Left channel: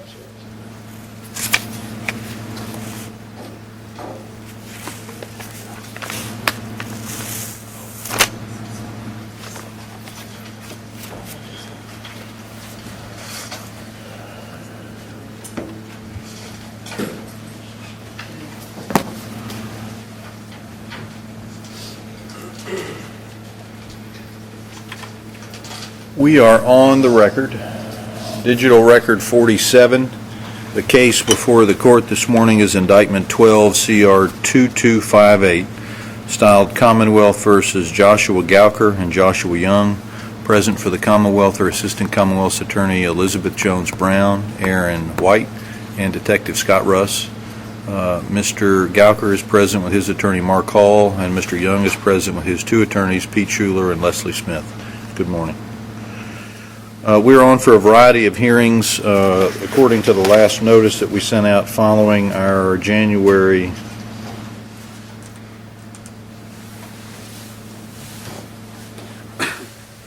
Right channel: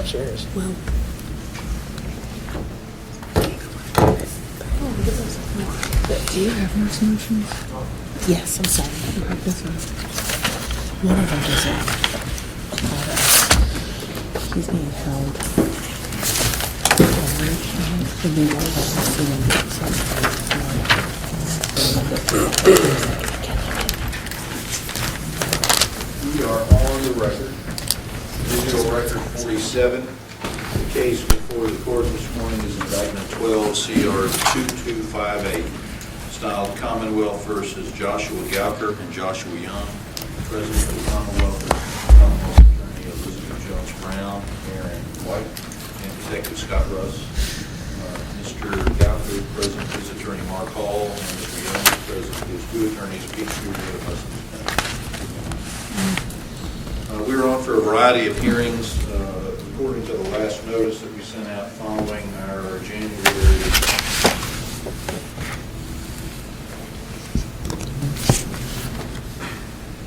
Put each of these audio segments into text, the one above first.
I'm serious. Well, do you have those motions? Yes, I'm sorry. One of them does not. He's being held. We are on the record. Digital record 47. The case before the court this morning is indictment 12 CR 2258, styled Commonwealth versus Joshua Gouker and Joshua Young. Present for the Commonwealth are Assistant Commonwealth's Attorney Elizabeth Jones Brown, Aaron White, and Detective Scott Russ. Mr. Gouker is present with his attorney Mark Hall, and Mr. Young is present with his two attorneys Pete Schuler and Leslie Smith. Good morning. We're on for a variety of hearings according to the last notice that we sent out following our January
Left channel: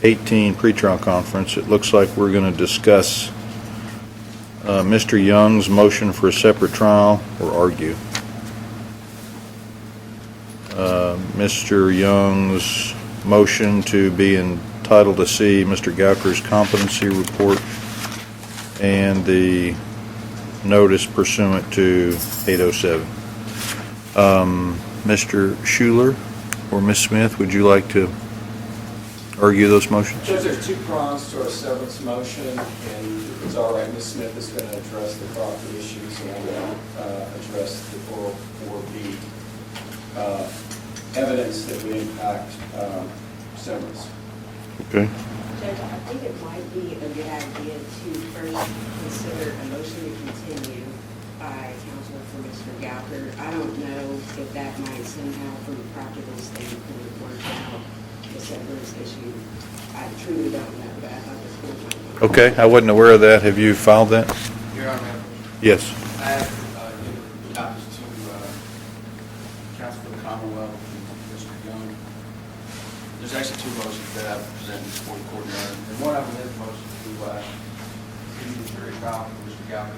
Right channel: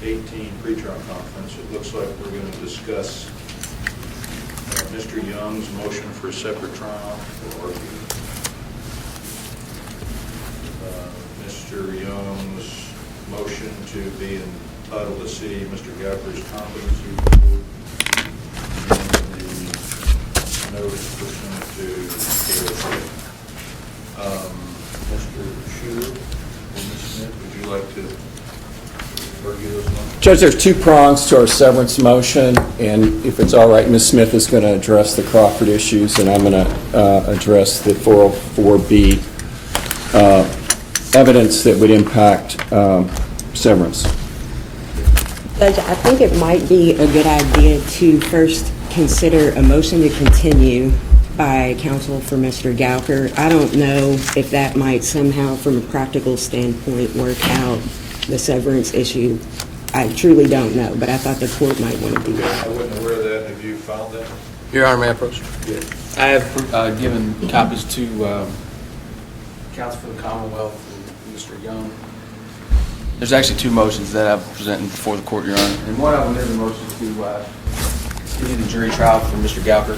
18 pretrial conference. It looks like we're going to discuss Mr. Young's motion for a separate trial or argue. Mr. Young's motion to be entitled to see Mr. Gouker's competency report and the notice pursuant to 807. Mr. Schuler or Ms. Smith, would you like to argue those motions? Judge, there's two prongs to our severance motion, and if it's all right, Ms. Smith is going to address the Crawford issues, and I'm going to address the 404B evidence that would impact severance. Okay. Judge, I think it might be a good idea to first consider a motion to continue by counsel for Mr. Gouker. I don't know if that might somehow, from a practical standpoint, work out the severance issue. I truly don't know, but I thought the court might want to. Okay, I wasn't aware of that. Have you filed that? Your Honor, may I approach? Yes. I have given copies to counsel for the Commonwealth and Mr. Young. There's actually two motions that I'm presenting before the court, Your Honor. And one of them is a motion to continue the jury trial for Mr. Gouker.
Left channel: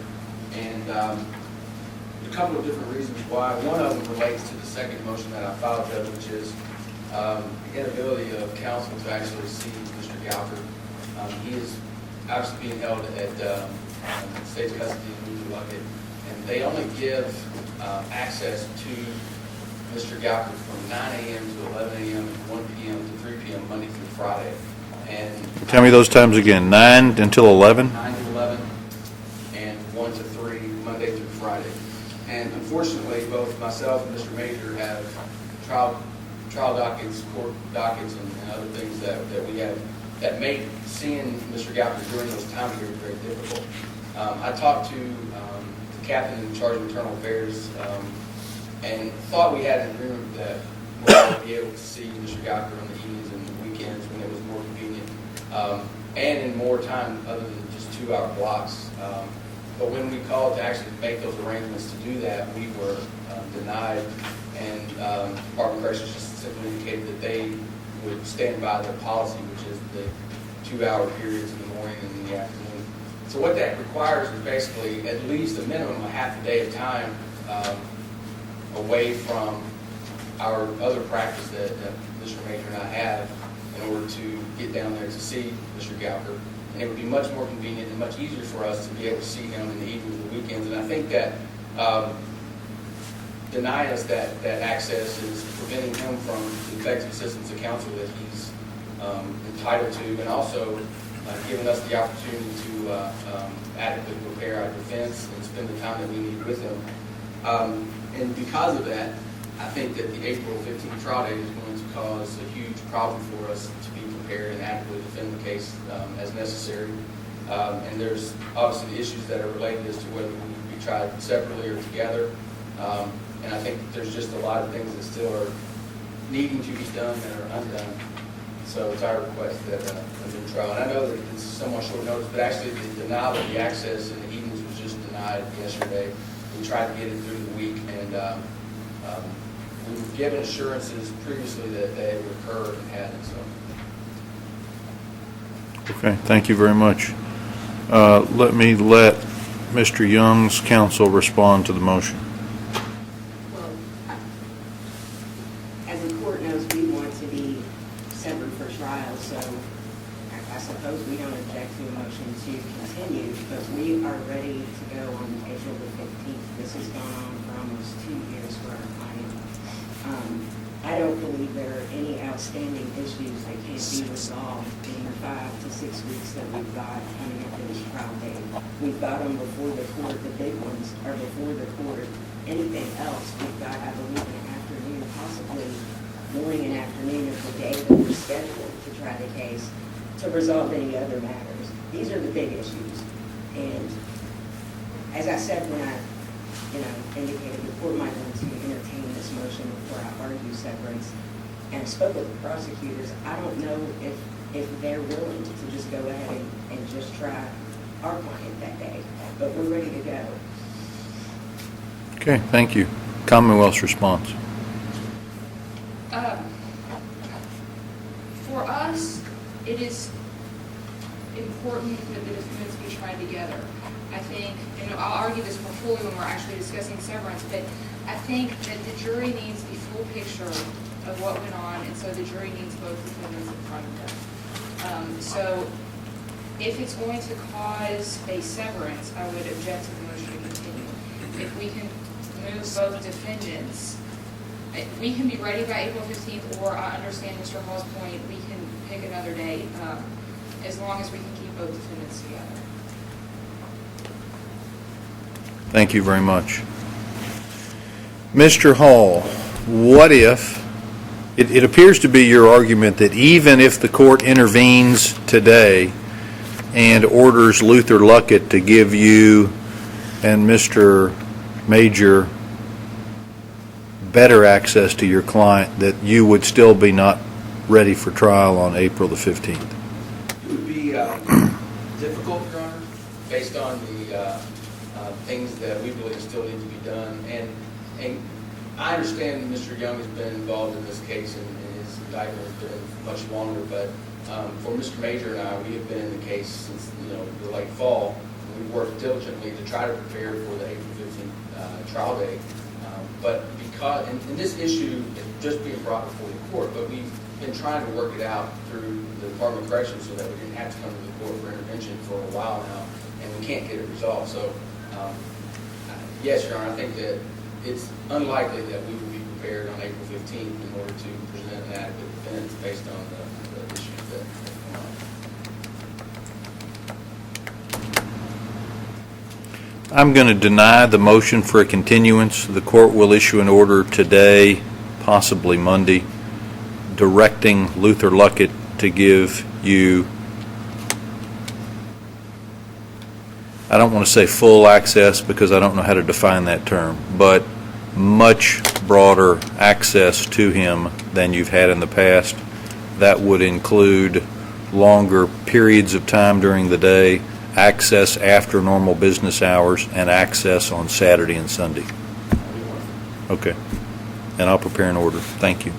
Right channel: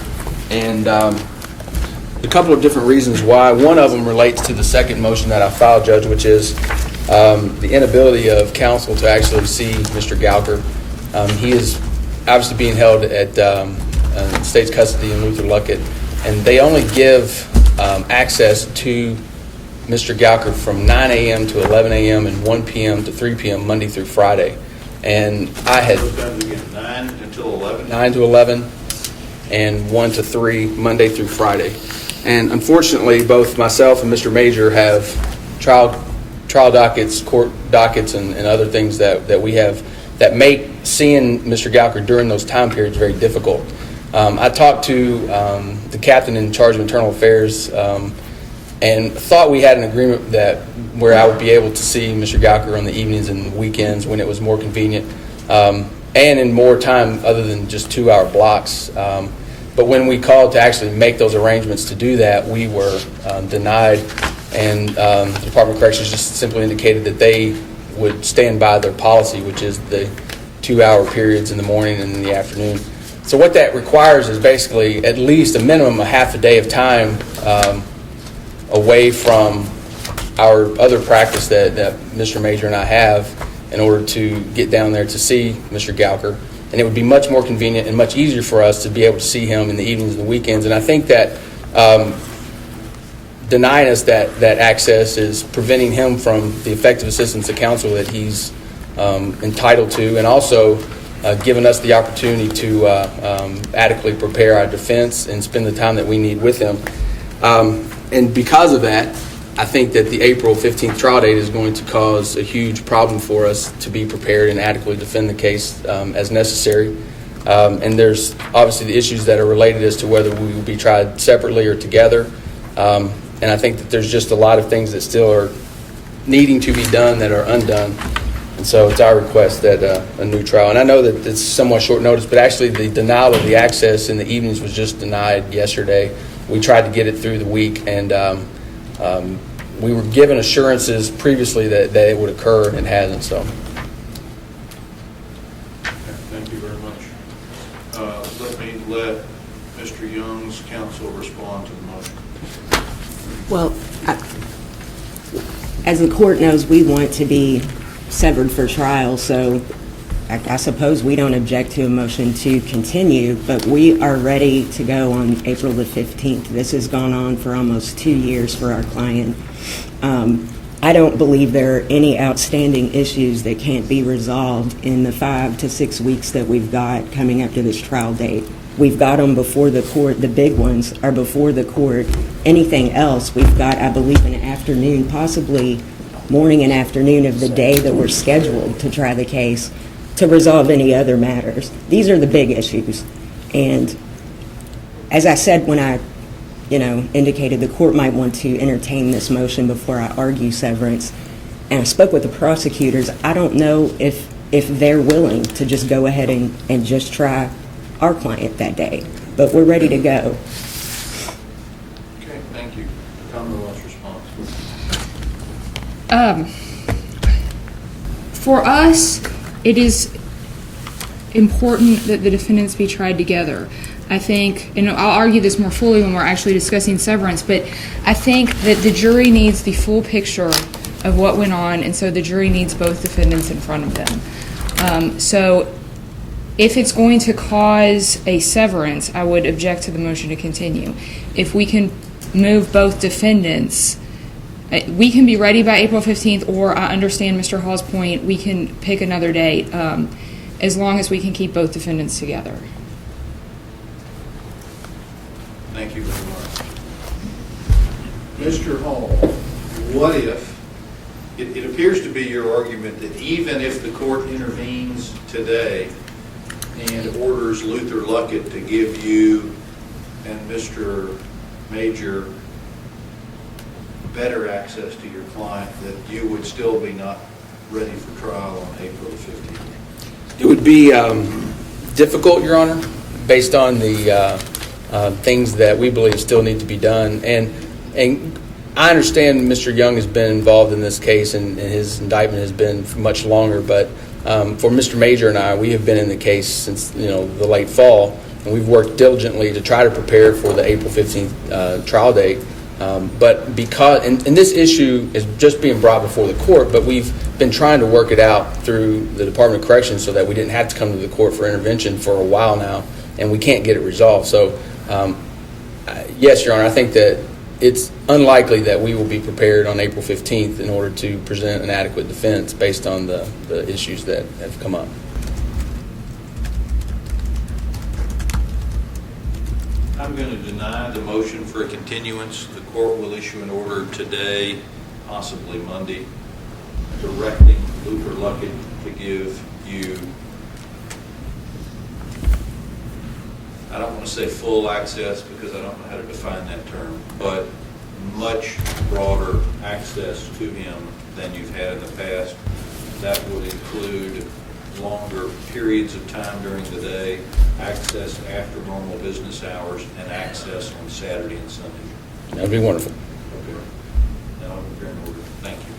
And a couple of different reasons why. One of them relates to the second motion that I filed, Judge, which is the inability of counsel to actually see Mr. Gouker. He is obviously being held at state's custody in Luther Luckett, and they only give access to Mr. Gouker from 9 a.m. to 11 a.m. and 1 p.m. to 3 p.m. Monday through Friday. And Tell me those times again. 9 until 11? 9 to 11 and 1 to 3 Monday through Friday. And unfortunately, both myself and Mr. Major have trial dockets, court dockets, and other things that we have that make seeing Mr. Gouker during those time periods very difficult. I talked to the captain in charge of internal affairs and thought we had an agreement that where I would be able to see Mr. Gouker on the evenings and the weekends when it was more convenient, and in more time other than just 2-hour blocks. But when we called to actually make those arrangements to do that, we were denied, and the Department of Corrections just simply indicated that they would stand by their policy, which is the 2-hour periods in the morning and in the afternoon. So what that requires is basically at least a minimum of half a day of time away from our other practice that Mr. Major and I have in order to get down there to see Mr. Gouker. And it would be much more convenient and much easier for us to be able to see him in the evenings and the weekends. And I think that denying us that access is preventing him from the effective assistance of counsel that he's entitled to, and also giving us the opportunity to adequately prepare our defense and spend the time that we need with him. And because of that, I think that the April 15th trial date is going to cause a huge problem for us to be prepared and adequately defend the case as necessary. And there's obviously the issues that are related as to whether we will be tried separately or together. And I think that there's just a lot of things that still are needing to be done that are undone. And so it's our request that a new trial, and I know that it's somewhat short notice, but actually the denial of the access in the evenings was just denied yesterday. We tried to get it through the week, and we were given assurances previously that it would occur, and it hasn't. So. Okay, thank you very much. Let Mr. Young's counsel respond to the motion? Well, as the court knows, we want to be severed for trial, so I suppose we don't object to a motion to continue, but we are ready to go on April the 15th. This has gone on for almost 2 years for our client. I don't believe there are any outstanding issues that can't be resolved in the 5 to 6 weeks that we've got coming up to this trial date. We've got them before the court. The big ones are before the court. Anything else, we've got, I believe, an afternoon, possibly morning and afternoon of the day that we're scheduled to try the case to resolve any other matters. These are the big issues. And as I said when I indicated the court might want to entertain this motion before I argue severance, and I spoke with the prosecutors, I don't know if they're willing to just go ahead and just try our client that day. But we're ready to go. Okay, thank you. Commonwealth's response. For us, it is important that the defendants be tried together. I think, and I'll argue this more fully when we're actually discussing severance, but I think that the jury needs the full picture of what went on, and so the jury needs both defendants in front of them. So if it's going to cause a severance, I would object to the motion to continue. If we can move both defendants, we can be ready by April 15th, or I understand Mr. Hall's point, we can pick another date, as long as we can keep both defendants together. Thank you very much. Mr. Hall, what if, it appears to be your argument that even if the court intervenes today and orders Luther Luckett to give you and Mr. Major better access to your client, that you would still be not ready for trial on April the 15th? It would be difficult, Your Honor, based on the things that we believe still need to be done. And I understand Mr. Young has been involved in this case, and his indictment has been for much longer, but for Mr. Major and I, we have been in the case since the late fall, and we've worked diligently to try to prepare for the April 15th trial date. But because, and this issue is just being brought before the court, but we've been trying to work it out through the Department of Corrections so that we didn't have to come to the court for intervention for a while now, and we can't get it resolved. So, yes, Your Honor, I think that it's unlikely that we will be prepared on April 15th in order to present an adequate defense based on the issues that have come up. I'm going to deny the motion for a continuance. The court will issue an order today, possibly Monday, directing Luther Luckett to give you, I don't want to say full access because I don't know how to define that term, but much broader access to him than you've had in the past. That would include longer periods of time during the day, access after normal business hours, and access on Saturday and Sunday. That would be wonderful. Okay. And I'll prepare an order. Thank you.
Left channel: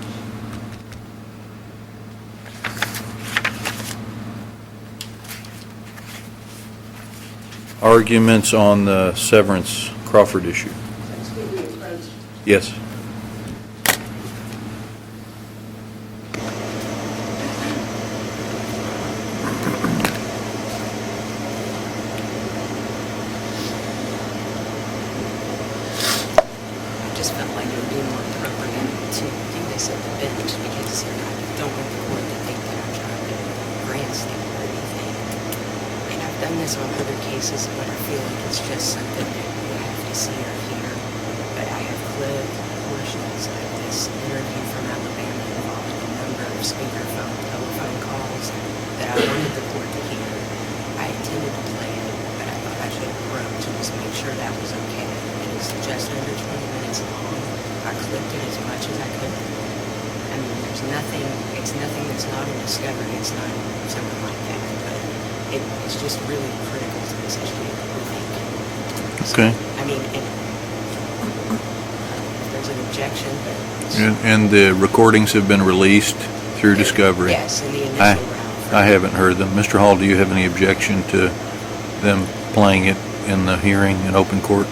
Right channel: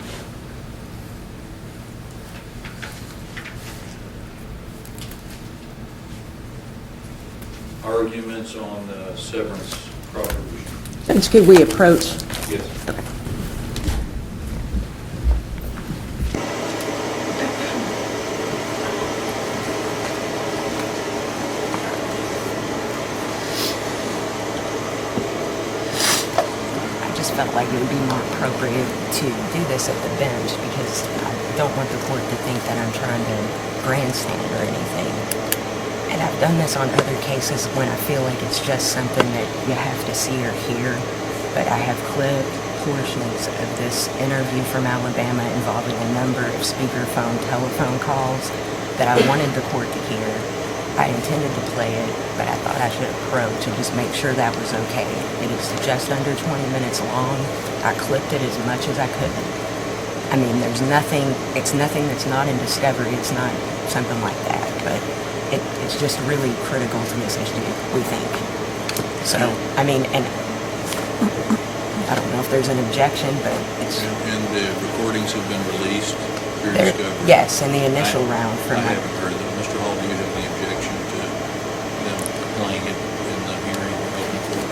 Arguments on the severance Crawford issue? Judge, could we approach? Yes. I just felt like it would be more appropriate to do this at the bench because I don't want the court to think that I'm trying to grandstand or anything. And I've done this on other cases when I feel like it's just something that you have to see or hear. But I have clipped portions of this interview from Alabama involving a number of speakerphone telephone calls that I wanted the court to hear. I intended to play it, but I thought I should approach and just make sure that was okay. It is just under 20 minutes long. I clipped it as much as I could. I mean, there's nothing, it's nothing that's not in discovery. It's not something like that, but it's just really critical to this issue, we think. So, Okay. I mean, and I don't know if there's an objection, but it's... And the recordings have been released through discovery? Yes, in the initial round. I haven't heard them. Mr. Hall, do you have any objection to them playing it in the hearing in open court?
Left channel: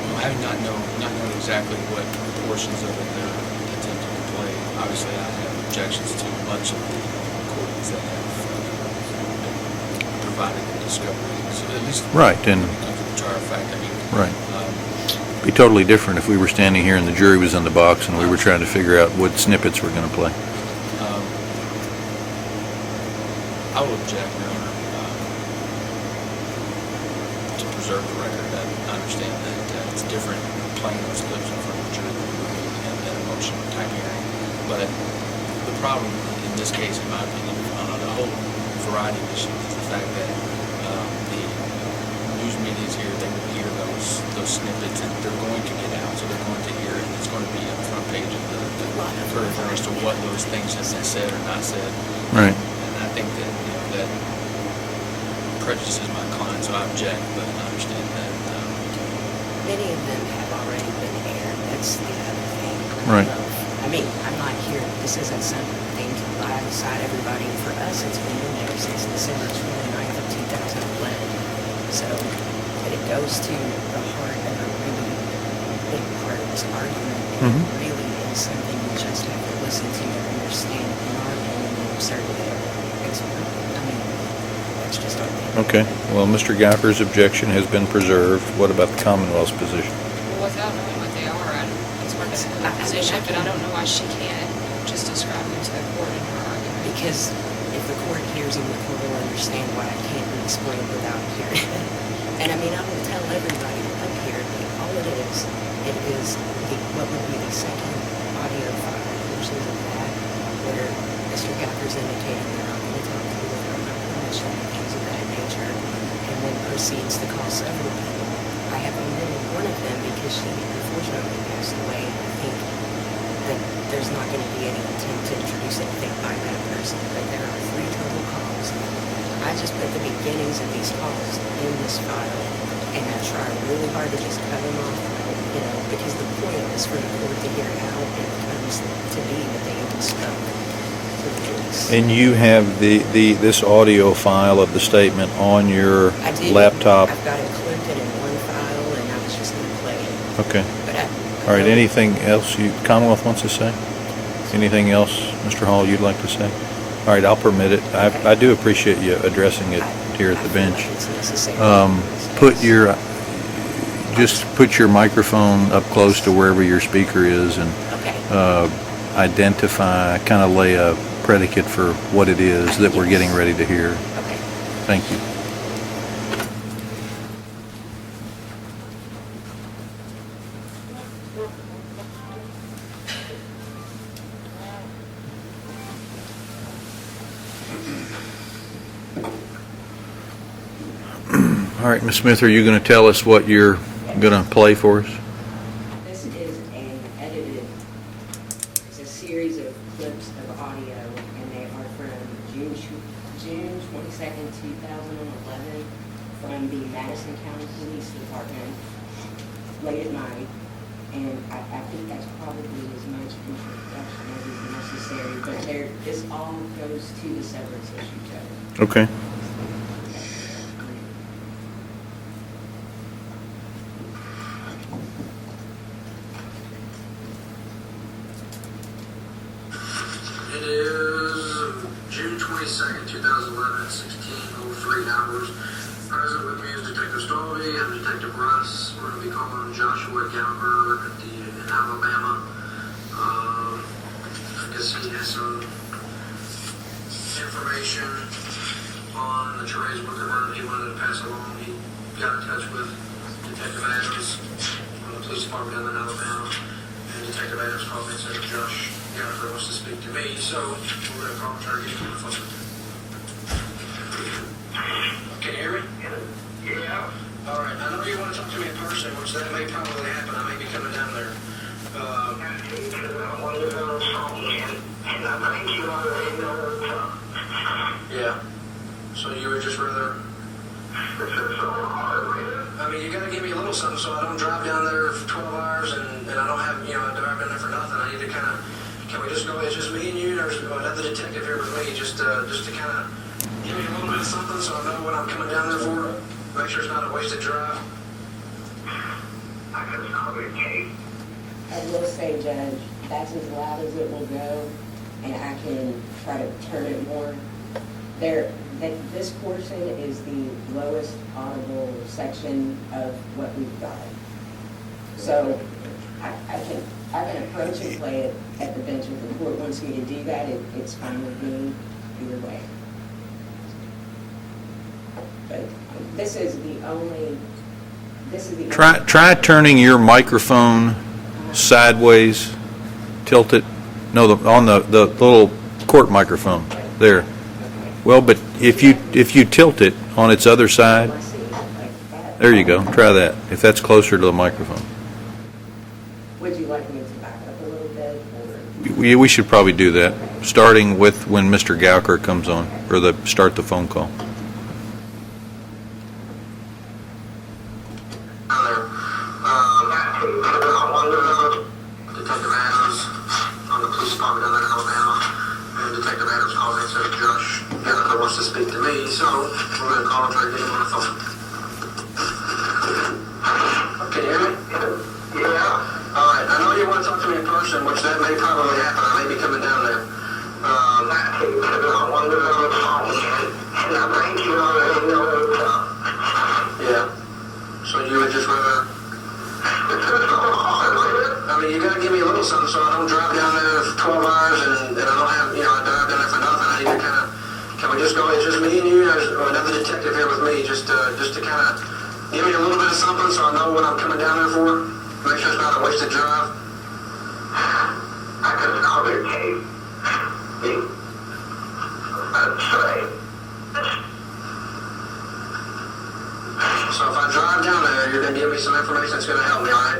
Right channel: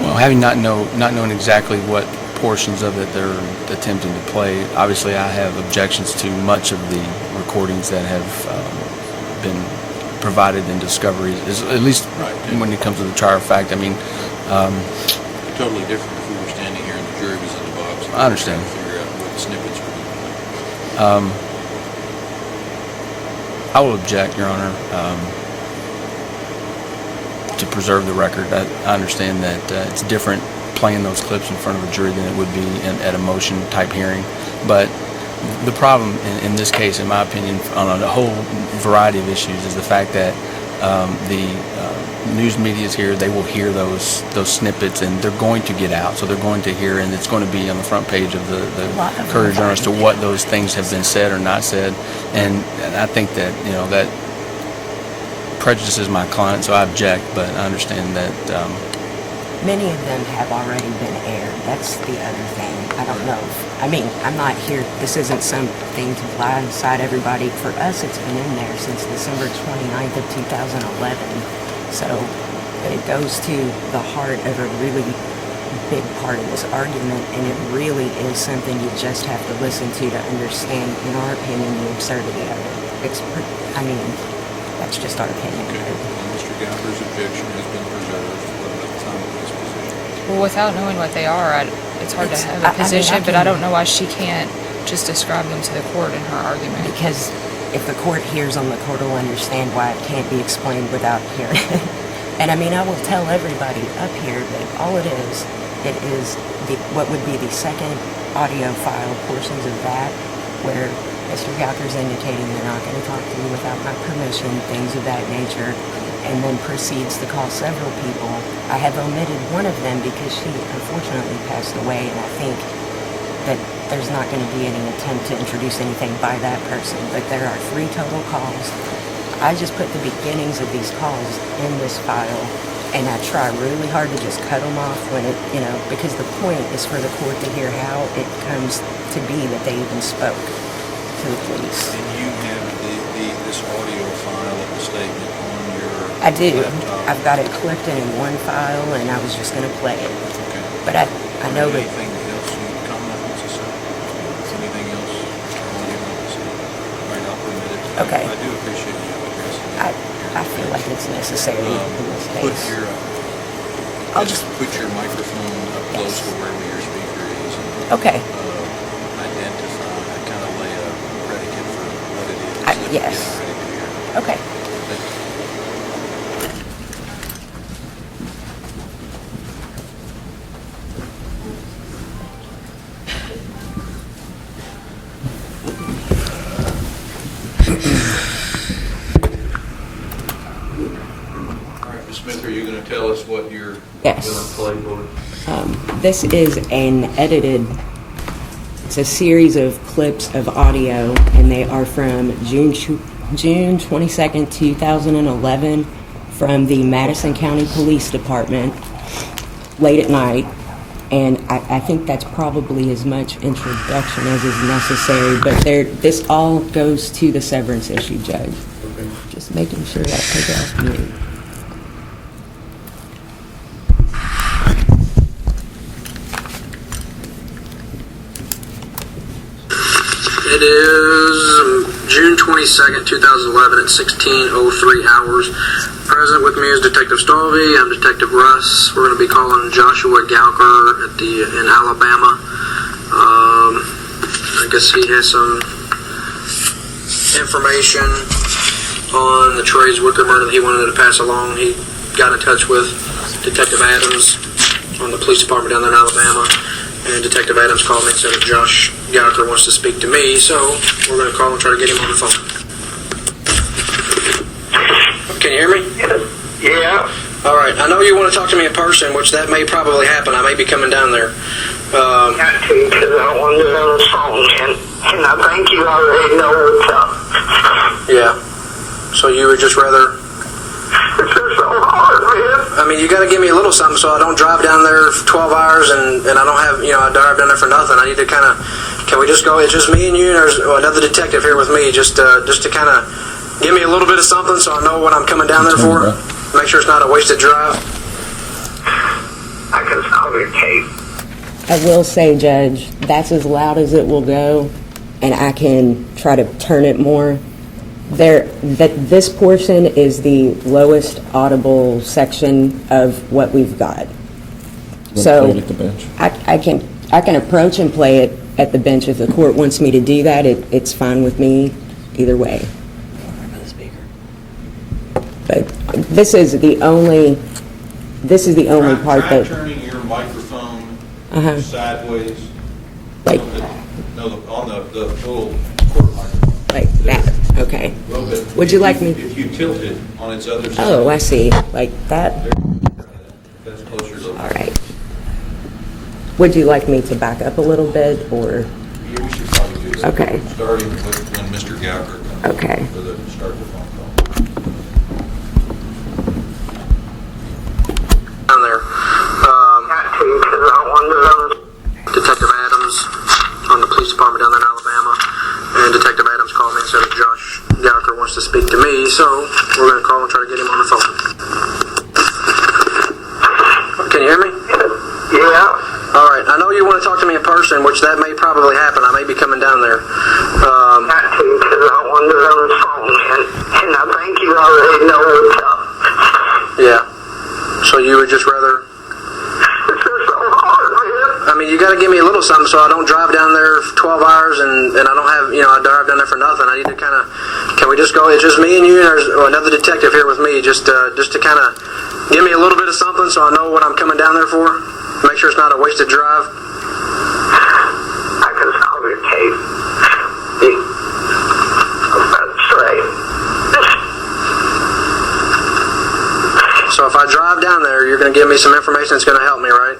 Well, having not knowing exactly what portions of it they're attempting to play, obviously I have objections to much of the recordings that have been provided in discovery, at least Right, and- when it comes to the trial fact. I mean, Right. It'd be totally different if we were standing here and the jury was in the box and we were trying to figure out what snippets we're going to play. I will object, Your Honor, to preserve the record. I understand that it's different playing those clips in front of a jury than it would be at a motion-type hearing. But the problem in this case, in my opinion, on a whole variety of issues, is the fact that the news media is here. They will hear those snippets, and they're going to get out. So they're going to hear, and it's going to be on the front page of the Courier Journal as to what those things have been said or not said. And I think that that prejudices my client, so I object. But I understand that. Many of them have already been aired. That's the other thing. I don't Right. know. I mean, I'm not here, this isn't something to blindside everybody. For us, it's been in there since December 29th of 2011. So, but it goes to the heart of a really big part of this argument, and it really is something you just have to listen to understand, in our opinion, the absurdity of it. I mean, that's just our opinion. Okay, well, Mr. Gouker's objection has been preserved. What about the Commonwealth's position? Well, without knowing what they are, it's hard to have a position, but I don't know why she can't just describe them to the court in her argument. Because if the court hears them, the court will understand why it can't be explained without hearing it. And I mean, I will tell everybody up here that all it is what would be the second audio file portions of that, where Mr. Gouker's indicating they're not going to talk to me without my permission, things of that nature, and then proceeds to call several people. I have omitted one of them because she unfortunately passed away, and I think that there's not going to be any attempt to introduce anything by that person, but there are 3 total calls. I just put the beginnings of these calls in this file, and I try really hard to just cut them off when it, because the point is for the court to hear how it comes to be that they even spoke to the police. And you have this audio file of the statement on your I do. laptop? I've got it clipped in one file, and I was just going to play it. Okay. But I All right, know that- anything else Commonwealth wants to say? Anything else, Mr. Hall, you'd like to say? All right, I'll permit it. Okay. I do appreciate you addressing it here at the feel bench. like it's necessary in this case. Put your microphone up close to wherever your speaker is and Okay. identify, kind of lay a predicate for what it is that we're yes. getting ready to hear. Okay. Thank you. All right, Ms. Smith, are you going to tell us what you're Yes. going to play for us? This is it's a series of clips of audio, and they are from June 22nd, 2011, from the Madison County Police Department, late at night. And I think that's probably as much introduction as is necessary, but this all goes to the severance issue, Judge. Okay. Just making sure that I take it off mute. It is June 22nd, 2011 at 16:03 hours. Present with me is Detective Stalvey. I'm Detective Russ. We're going to be calling Joshua Gouker in Alabama. I guess he has some information on the Trey's Gouker murder that he wanted to pass along. He got in touch with Detective Adams on the police department down there in Alabama. And Detective Adams called me and said that Josh Gouker wants to speak to me, so we're going to call and try to get him on the phone. Can you hear me? Yeah. All right. I know you want to talk to me in person, which that may probably happen. I may be coming down there. Got to, because I wanted to know the phone, and I think you already know what's up. Yeah. So you would just rather... It's just so hard, man. I mean, you got to give me a little something so I don't drive down there for 12 hours and I don't have, I drive down there for nothing. I need to kind of Can we just go, it's just me and you, and there's another detective here with me, just to kind of give me a little bit of something so I know what I'm coming down there for? Make sure it's not a wasted drive. I can solve your case. I will say, Judge, that's as loud as it will go, and I can try to turn it more. This portion is the lowest audible section of what we've got. So Play it at the bench. I can approach and play it at the bench if the court wants me to do that. It's fine with me either way. But this is the only part. Try turning your microphone sideways, tilt it, on the little court microphone. Like there. that. Okay. Well, but Would you like me- if you tilt it on its other side. Oh, I see. Like that? There you go. Try that, if that's closer to the microphone. Right. Would you like me to back up a little bit, or? We should probably do that. Okay. Starting with when Mr. Gouker comes Okay. on, or start the phone call. Down there. Detective Adams on the police department down there in Alabama, and Detective Adams called me and said that Josh Gouker wants to speak to me, so we're going to call and try to get him on the phone. Can you hear me? Yeah. All right. I know you want to talk to me in person, which that may probably happen. I may be coming down there. Got to, because I wanted to on the phone, and I think you already know what's up. Yeah. So you would just rather... This is so hard, man. I mean, you got to give me a little something so I don't drive down there for 12 hours and I don't have, I drive down there for nothing. I need to kind of... Can we just go? It's just me and you, and there's another detective here with me, just to kind of give me a little bit of something so I know what I'm coming down there for. Make sure it's not a wasted drive. I can solve your case. That's right. So if I drive down there, you're going to give me some information that's going to help me, right?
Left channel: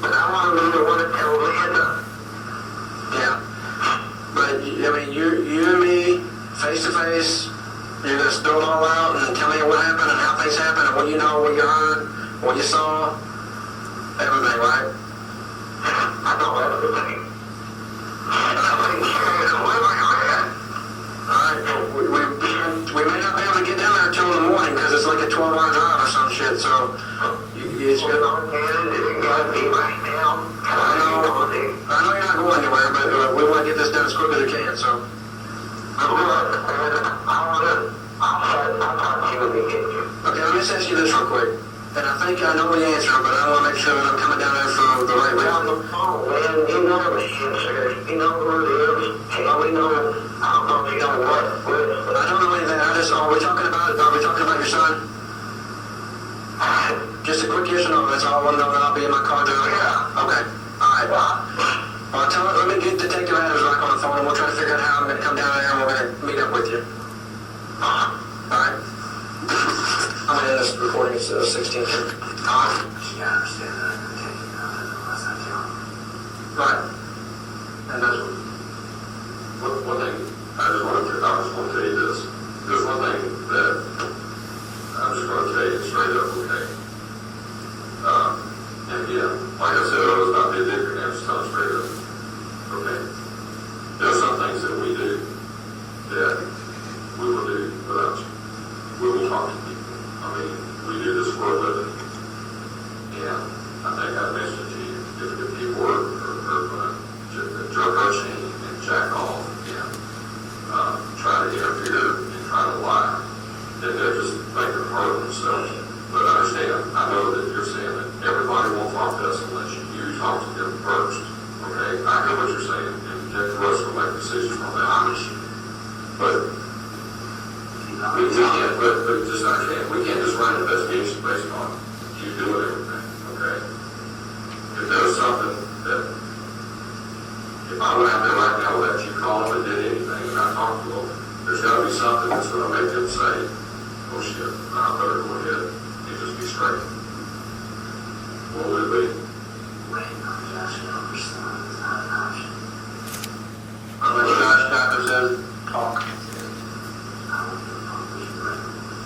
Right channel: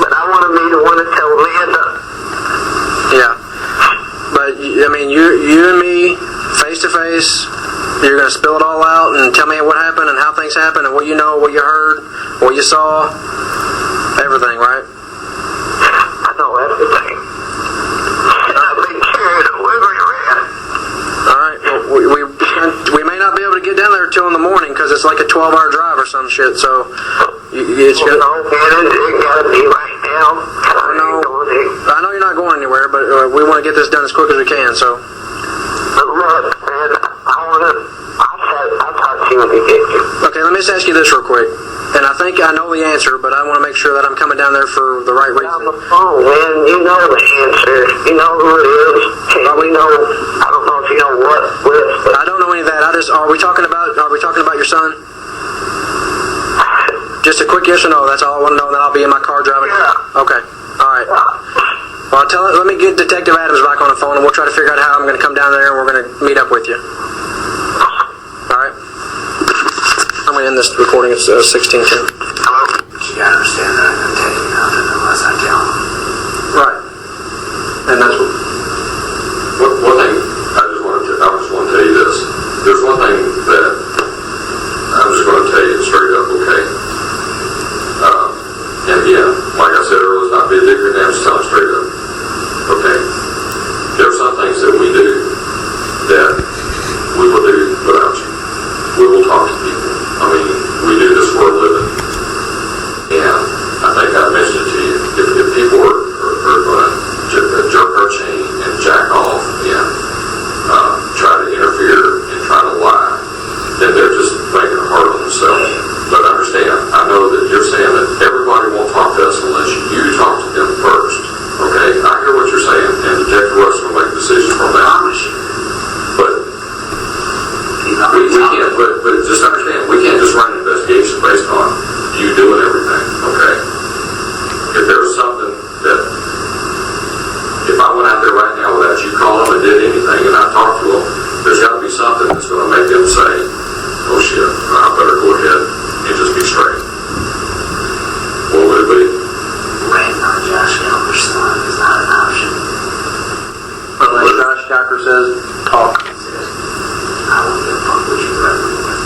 But I want to be the one to tell Linda. Yeah. But, I mean, you and me, face to face, you're going to spill it all out and tell me what happened and how things happened and what you know, what you heard, what you saw, everything, right? I know everything. And I've been carried everywhere. All right. Well, we may not be able to get down there till in the morning because it's like a 12-hour drive or some shit. So it's You good. know, man, it got to be right now. I know you're not going anywhere, but we want to get this done as quick as we can. So But look, man, I'll talk to you when we get here. okay, let me just ask you this real quick. And I think I know the answer, but I want to make sure that I'm coming down there for the right On reason. the phone, man, you know the answer. You know who it is. And we know, I don't know if you know what with, but I don't know any of that. Are we talking about your son? Just a quick yes or no. That's all I want to know. Then I'll be in my car driving. Yeah. Okay. All right. Well, let me get Detective Adams back on the phone, and we'll try to figure out how I'm going to come down there, and we're going to meet up with you. All right. I'm going to end this recording. It's 16:10. You gotta understand that I'm gonna take you nothing unless I tell them. Right. And that's what. One thing, I just want to tell you this. There's one thing that I'm just going to tell you straight up, okay? And again, like I said, it was not be a dick or damn, just tell them straight up. Okay? There are some things that we do that we will do without you. We will talk to people. I mean, we do this for a living. And I think I mentioned it to you. If people are going to jerk our chain and jack off and try to interfere and try to lie, then they're just making it hard on themselves. But understand, I know that you're saying that everybody won't talk to us unless you talk to them first. Okay? I hear what you're saying, and Detective Russ will make a decision from that. But we can't, but just understand, we can't just run an investigation based on you doing everything, okay? If there was something that, if I went out there right now without you calling and did anything and I talked to them, there's got to be something that's going to make them say, oh shit, I better go ahead and just be straight. What would it be? Waiting on Josh Gouker's son is not an option. Unless Josh Gouker says, talk. I won't give a fuck what you threaten me with.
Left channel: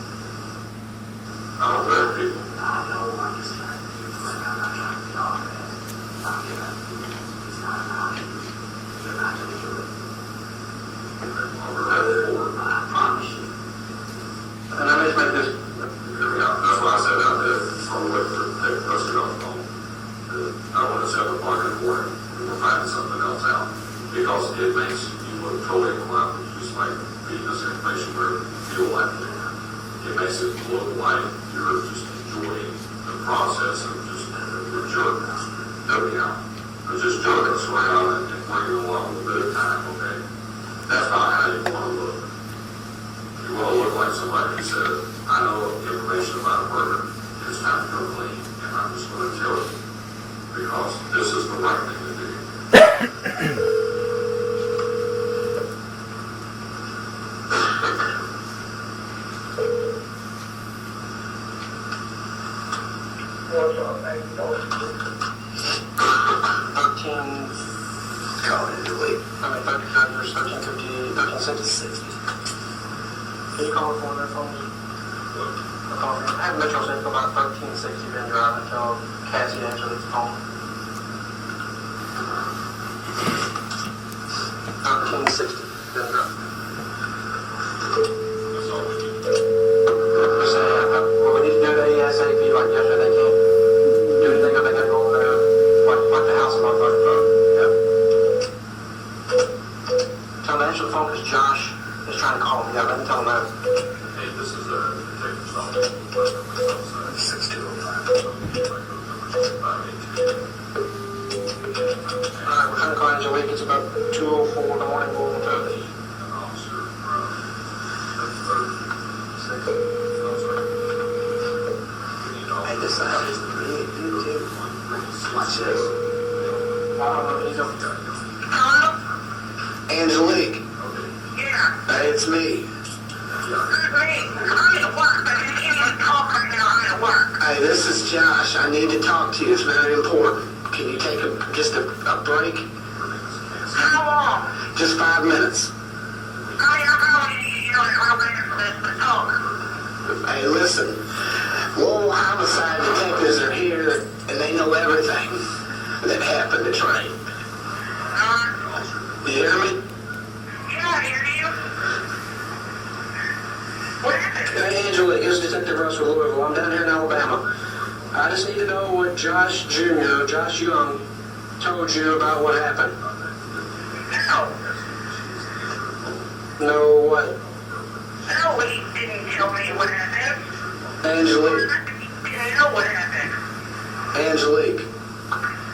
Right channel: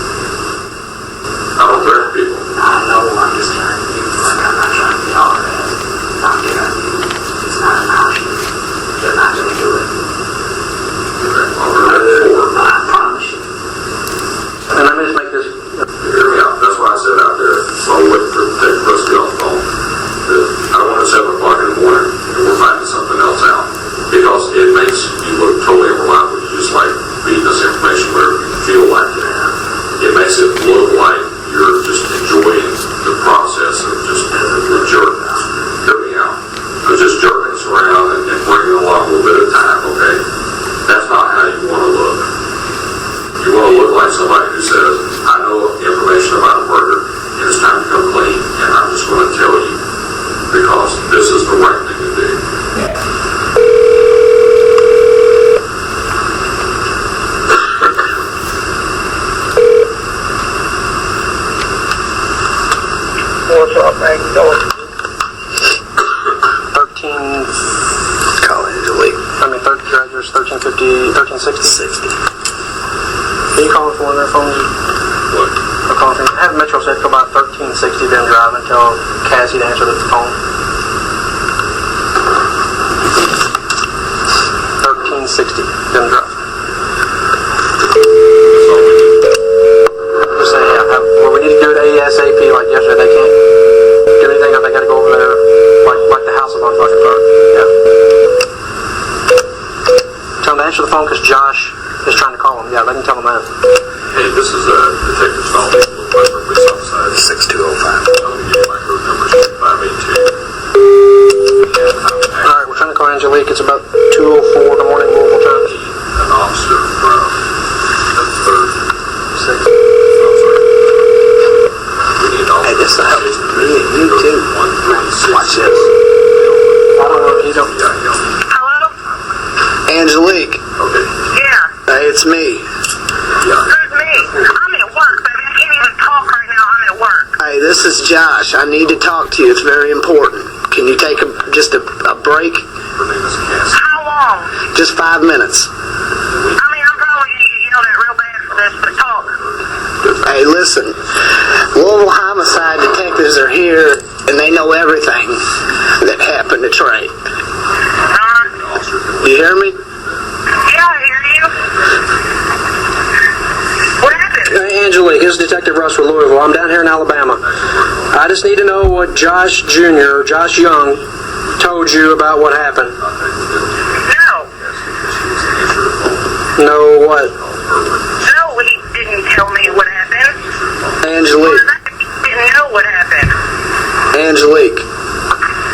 I don't threaten people. I know I'm just trying to do like I'm not trying to be all that. I'm getting There's 1350, 1360. Can you call for one of their phones? What? Or call for, have Metro said till about 1360 been driving, tell Cassie to answer the phone. 1360 been driving. Just say, yeah, well, we need to do it ASAP like yesterday. They can't do anything if they gotta go over there like the house is on fucking fire. Yeah. Tell them to answer the phone because Josh is trying to call him. Yeah, they can tell him that. Hey, this is a detective's phone. Police officer. 6205. I'll give you my code number, 582. Alright, we're trying to call Angelique. It's about 2:04 in the morning, Louisville time. An officer from the 3rd. 6th. We need an officer. Hey, this will help me and you too. Watch this. I don't know if he's on. Hello? Angelique. Okay. Yeah. Hey, it's me. Yeah. Who's me? I'm at work, but I can't even talk right now. I'm at work. Hey, this is Josh. I need to talk to you. It's very important. Can you take just a break? Her name is Cassie. How long? Just 5 minutes. I mean, I'm going to you know that real bad for this, but talk. Hey, listen. Louisville homicide detectives are here, and they know everything that happened to Trey. You hear me? Yeah, I hear you. What happened? Hey, Angelique, this is Detective Russ with Louisville. I'm down here in Alabama. I just need to know what Josh Jr., Josh Young, told you about what happened. No. No, what? No, he didn't tell me what happened. Angelique. I didn't know what happened. Angelique.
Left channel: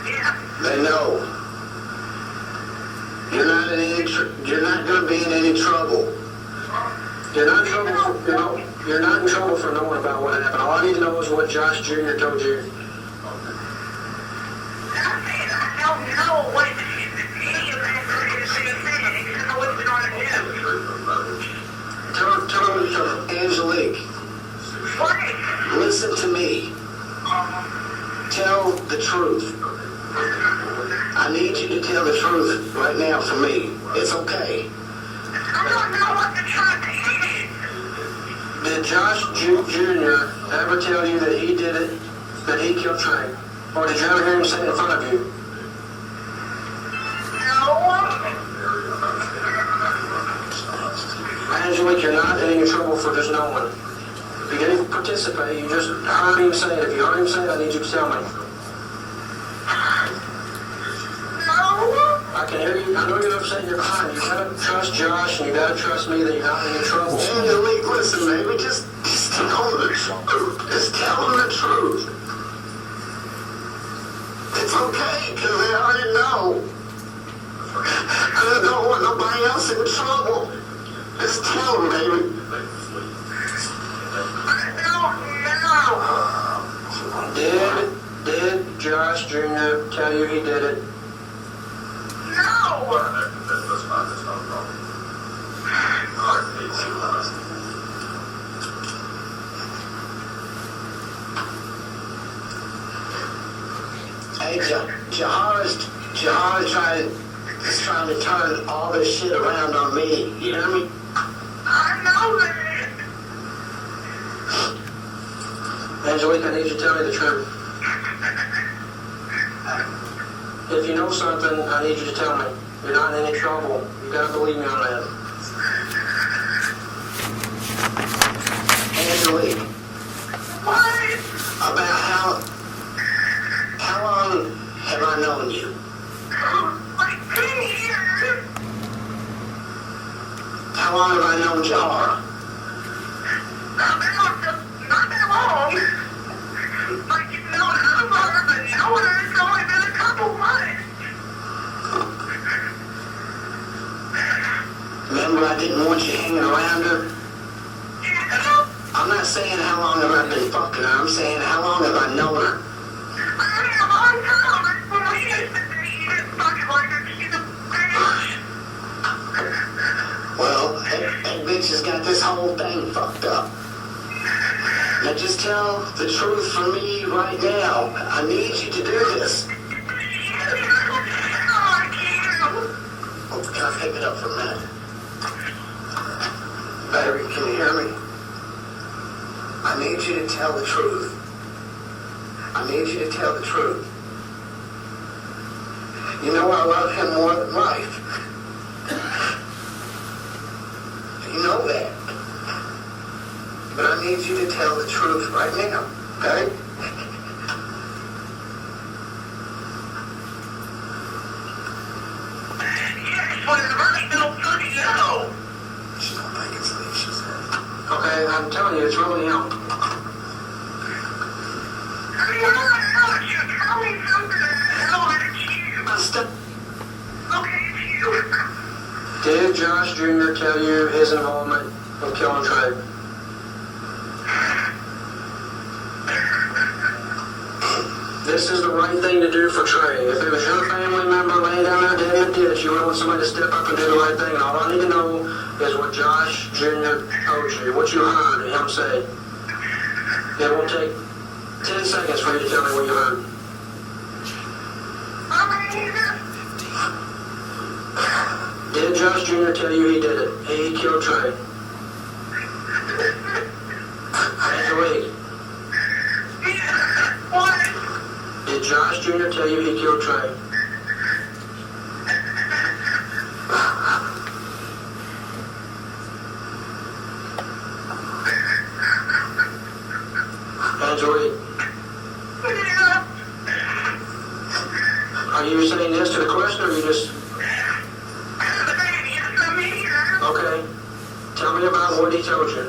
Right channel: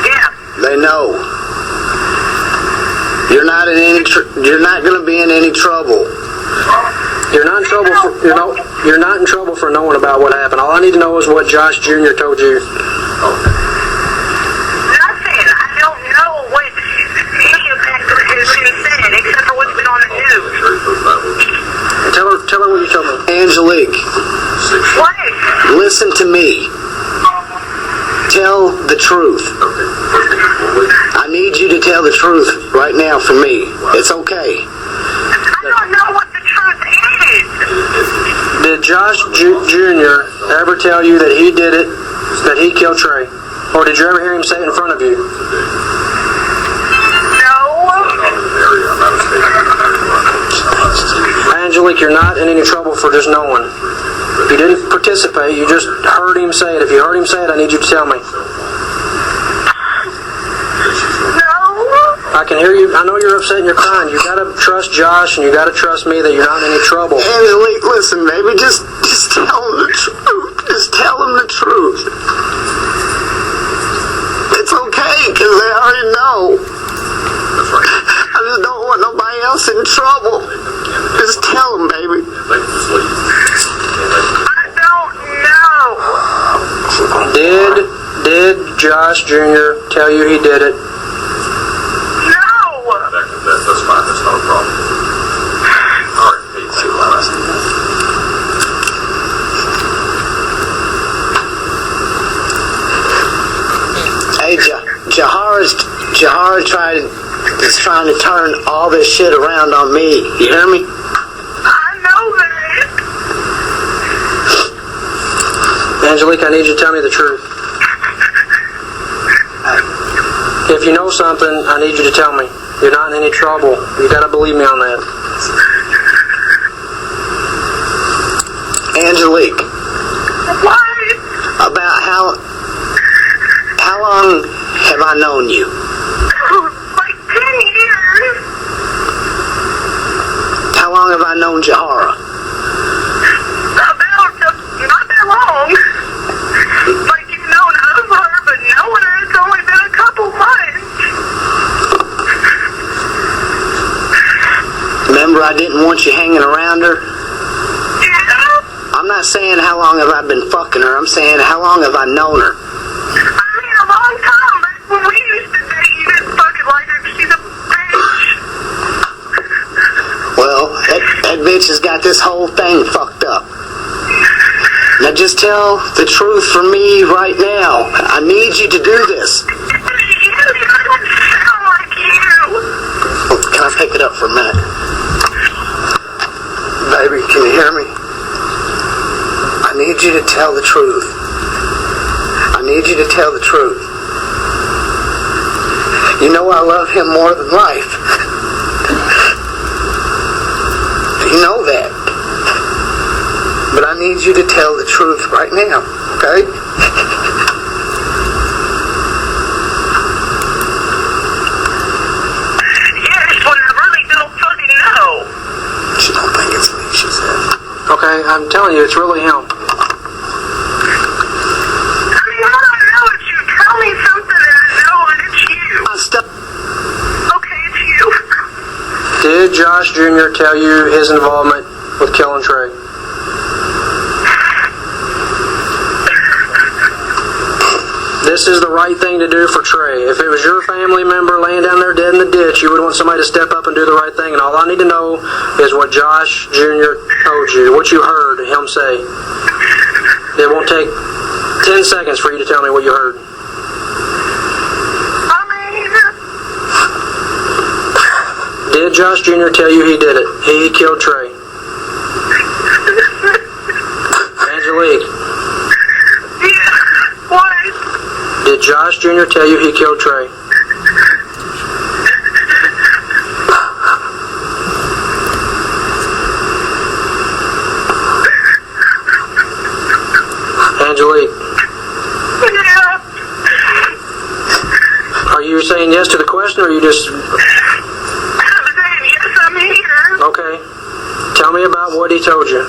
Yeah. They know. You're not in any. You're not going to be in any trouble. You're not in trouble for, you're not in trouble for knowing about what happened. All I need to know is what Josh Jr. told you. Nothing. I don't know what any of that has been said, except for what's been on the news. Tell her what you told me. Angelique, What? listen to me. Tell the truth. I need you to tell the truth right now for me. It's okay. I don't know what the truth is. Did Josh Jr. ever tell you that he did it, that he killed Trey? Or did you ever hear him say it in front of you? No. Angelique, you're not in any trouble for just knowing. You didn't participate, you just heard him say it. If you heard him say it, I need you to tell me. I can hear you. I know you're upset and you're crying. You gotta trust Josh and you gotta trust me that you're not in any trouble. Angelique, listen, baby, just tell him the truth. Just tell him the truth. It's okay, because they already know. I just don't want nobody else in trouble. Just tell them, baby. I don't know. Did Josh Jr. tell you he did it? No. That's fine. That's not a problem. All right. Hey, see you later. Hey, Jahar is trying to turn all this shit around on me. You hear me? I know that. Angelique, I need you to tell me the truth. If you know something, I need you to tell me. You're not in any trouble. You gotta believe me on that. Angelique, What? about how long have I known you? Like 10 years. How long have I known Jahara? About not that long. Like you've known of her, but knowing her, it's only been a couple months. Remember, I didn't want you hanging around her? Yeah. I'm not saying how long have I been fucking her. I'm saying how long have I known her? I mean, a long time, but when we used to date, you didn't fucking like her 'cause she's a bitch. Well, that bitch has got this whole thing fucked up. Now just tell the truth for me right now. I need you to do this. You don't sound like you. Can I take up for a minute. Baby, can you hear me? I need you to tell the truth. I need you to tell the truth. You know I love him more than life. You know that. But I need you to tell the truth right now, okay? Yes, but I really don't fucking know. She don't think it's me, she said. Okay, I'm telling you, it's really him. I mean, all I know is you tell me something and I know it's you. Okay, it's you. Did Josh Jr. tell you his involvement with killing Trey? This is the right thing to do for Trey. If it was your family member laying down there dead in the ditch, you would want somebody to step up and do the right thing. And all I need to know is what Josh Jr. told you, what you heard him say. It won't take 10 seconds for you to tell me what you heard. Did Josh Jr. tell you he did it? He killed Trey. Angelique. What? Did Josh Jr. tell you he killed Trey? Angelique. Yeah. Are you saying yes to the question or are you just... Yes, I'm here. Okay. Tell me about what he told you.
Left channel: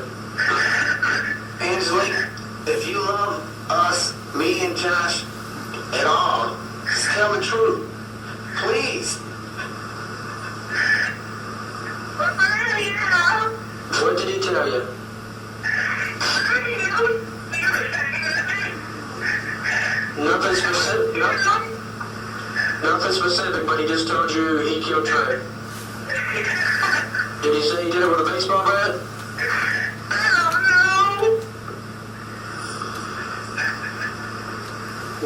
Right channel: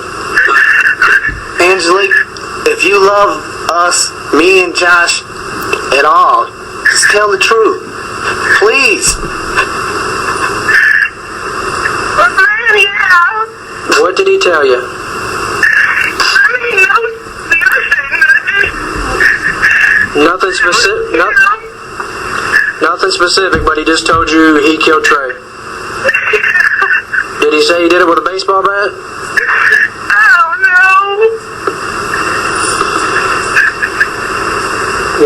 Angelique, if you love us, me and Josh, at all, just tell the truth. Please. Yeah. What did he tell you? Nothing specific. Nothing specific, but he just told you he killed Trey. Did he say he did it with a baseball bat?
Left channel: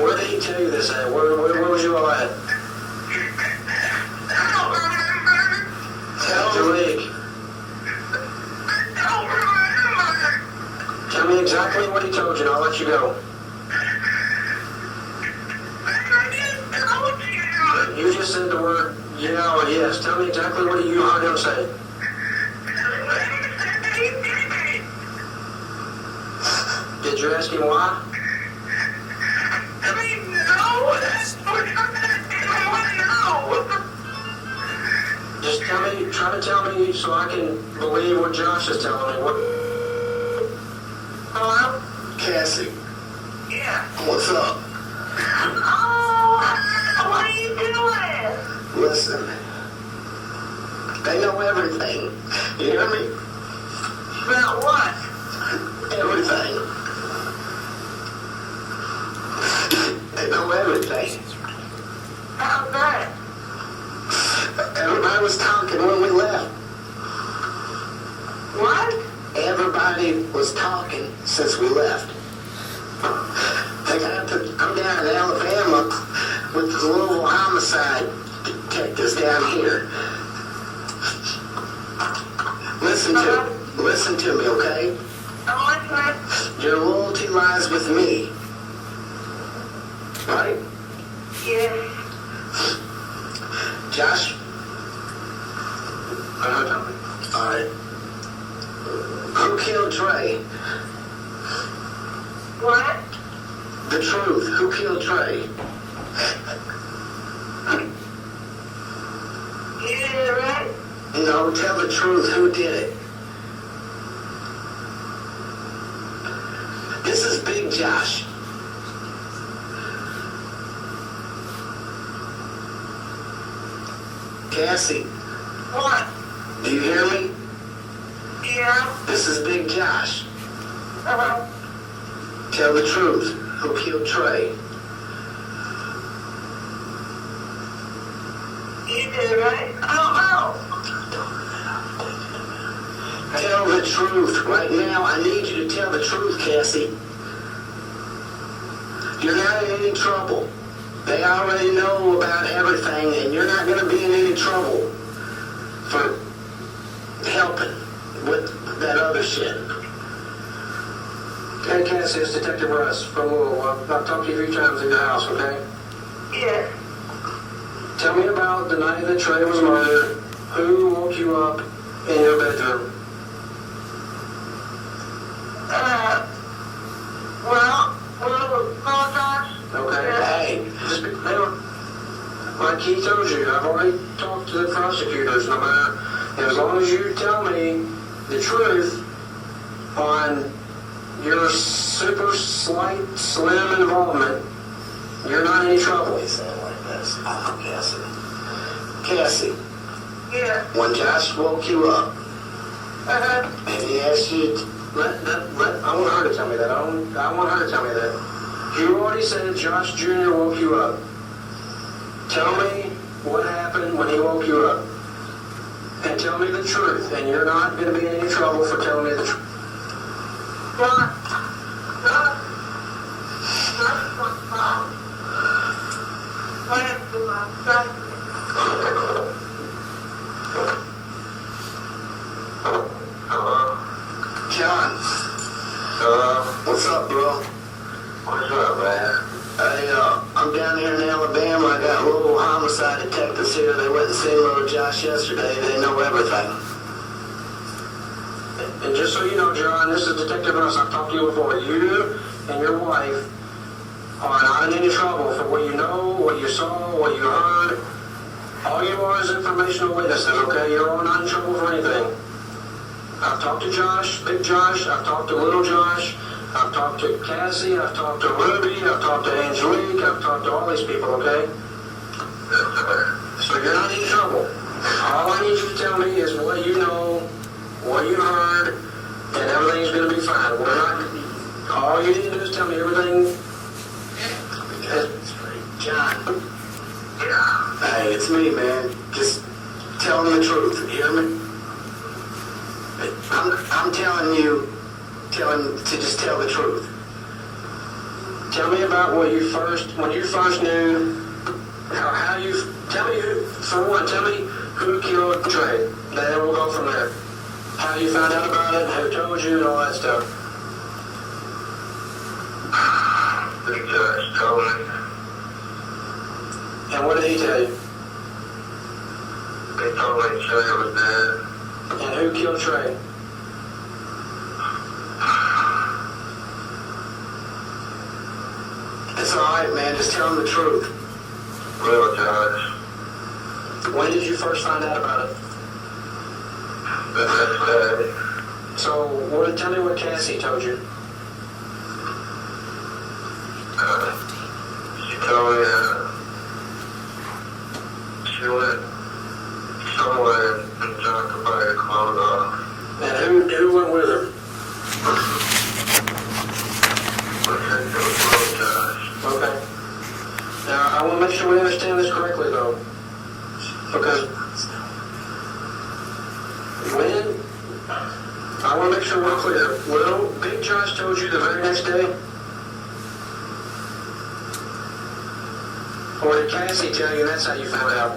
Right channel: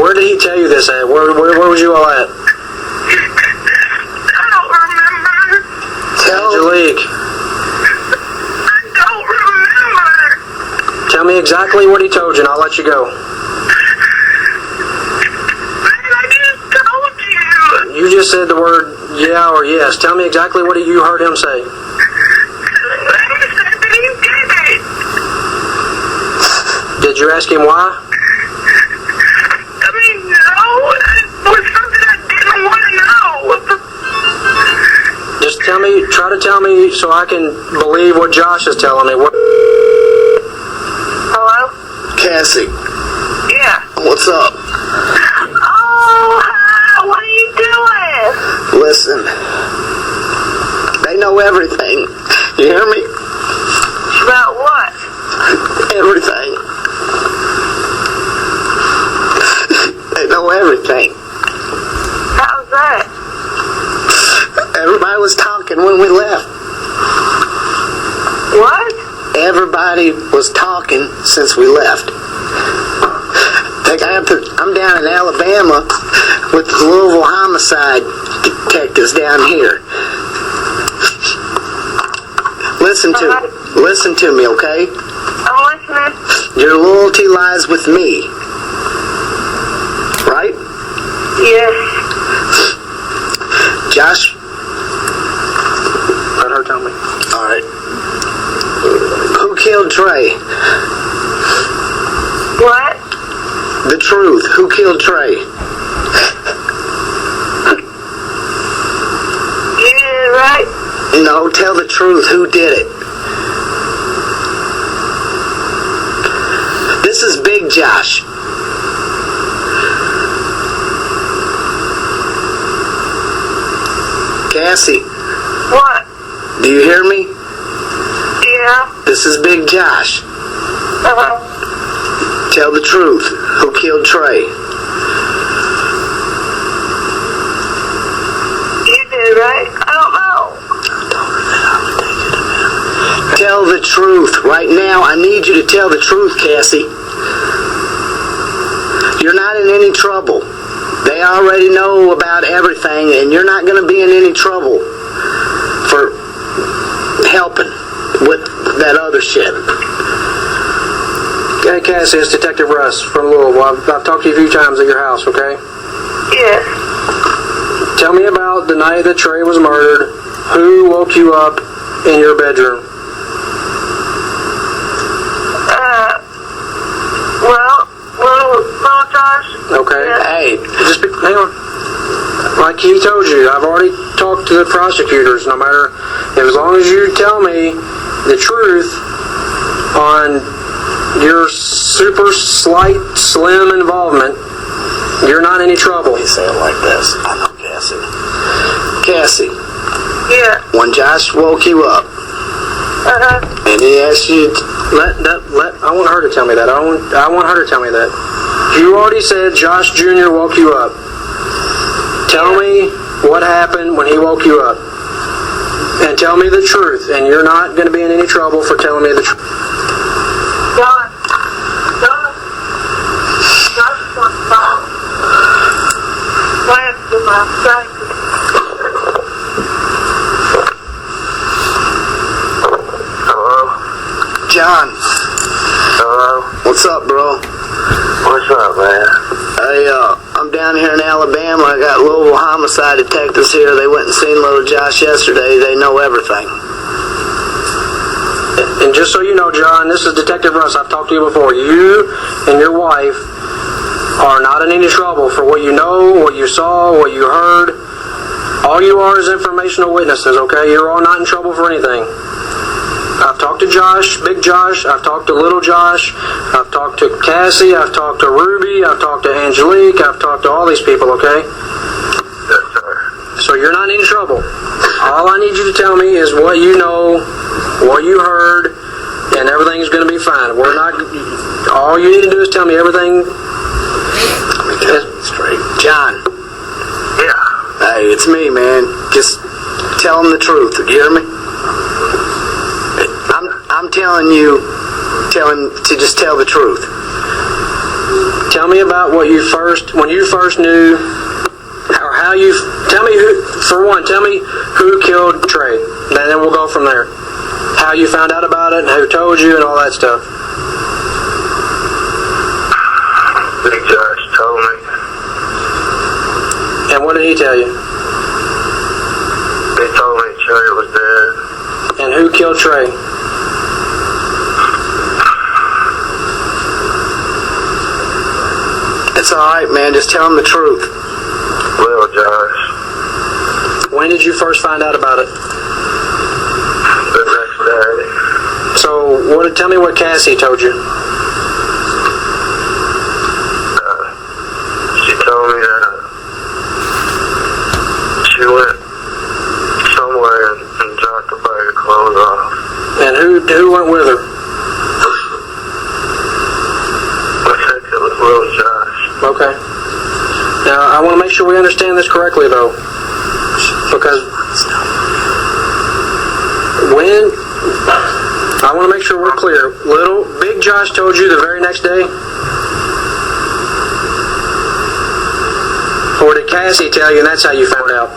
Where did he tell you this at? Where was you all at? Angelique. Tell me exactly what he told you and I'll let you go. You just said the word yeah or yes. Tell me exactly what you heard him say. Did you ask him why? Just try to tell me so I can believe what Josh is telling me. Hello? Cassie, Yeah. what's up? Oh, hi. What are you doing? Listen, they know everything. You hear me? About what? Everything. They know everything. How's that? Everybody was talking when we left. What? Everybody was talking since we left. I'm down in Alabama with the Louisville homicide detectives down here. Listen to me, okay? I'm listening. Your loyalty lies with me. Right? Yes. Josh? Let her tell me. All right. Who killed Trey? What? The truth. Who killed Trey? You did it right? No, tell the truth. Who did it? This is Big Josh. Cassie, What? do you hear me? Yeah. This is Big Josh. Uh-huh. Tell the truth. Who killed Trey? You did it right? I don't know. Tell the truth. Right now, I need you to tell the truth, Cassie. You're not in any trouble. They already know about everything, and you're not going to be in any trouble for a shit. Okay, Cassie, it's Detective Russ from Louisville. I've talked to you a few times at your house, okay? Yes. Tell me about the night that Trey was murdered. Who woke you up in your bedroom? Well, Josh. Okay. Yeah. Hey, just hang on. Like he told you, I've already talked to the prosecutors. No matter, as long as you tell me the truth on your super slight, slim involvement, you're not in any trouble. You say it like this. I know, Cassie. Cassie, Yeah. when Josh woke you up and he asked you, I want her to tell me that. I want her to tell me that. You already said Josh Jr. woke you up. Tell me what happened when he woke you up. And tell me the truth. And you're not going to be in any trouble for telling me the truth. Josh. John. Hello? What's up, bro? What's up, man? Hey, I'm down here in Alabama. I got Louisville homicide detectives here. They went and seen little Josh yesterday. They know everything. And just so you know, John, this is Detective Russ. I've talked to you before. You and your wife are not in any trouble for what you know, what you saw, what you heard. All you are is informational witnesses, okay? You're all not in trouble for anything. I've talked to Josh, Big Josh. I've talked to Little Josh. I've talked to Cassie. I've talked to Ruby. I've talked to Angelique. I've talked to all these people, okay? Yes, sir. So you're not in any trouble. All I need you to tell me is what you know, what you heard, and everything's going to be fine. We're not... All you need to do is tell me everything. Straight. John. Yeah. Hey, it's me, man. Just tell them the truth. You hear me? I'm telling you to just tell the truth. Tell me about when you first knew, or how you, tell me who, for one, tell me who killed Trey. And then we'll go from there. How you found out about it, and who told you, and all that stuff. Big Josh told me. And what did he tell you? They told me Trey was dead. And who killed Trey? It's all right, man. Just tell them the truth. Well, Josh, When did you first find out about it? the next day, So, tell me what Cassie told you. she told me that she went somewhere and dropped a bag of clothes off. And who went with her? I think it was Little Josh. Okay. Now, I want to make sure we understand this correctly, though. Because I want to make sure we're clear. Big Josh told you the very next day? Or did Cassie tell you and that's how you found out?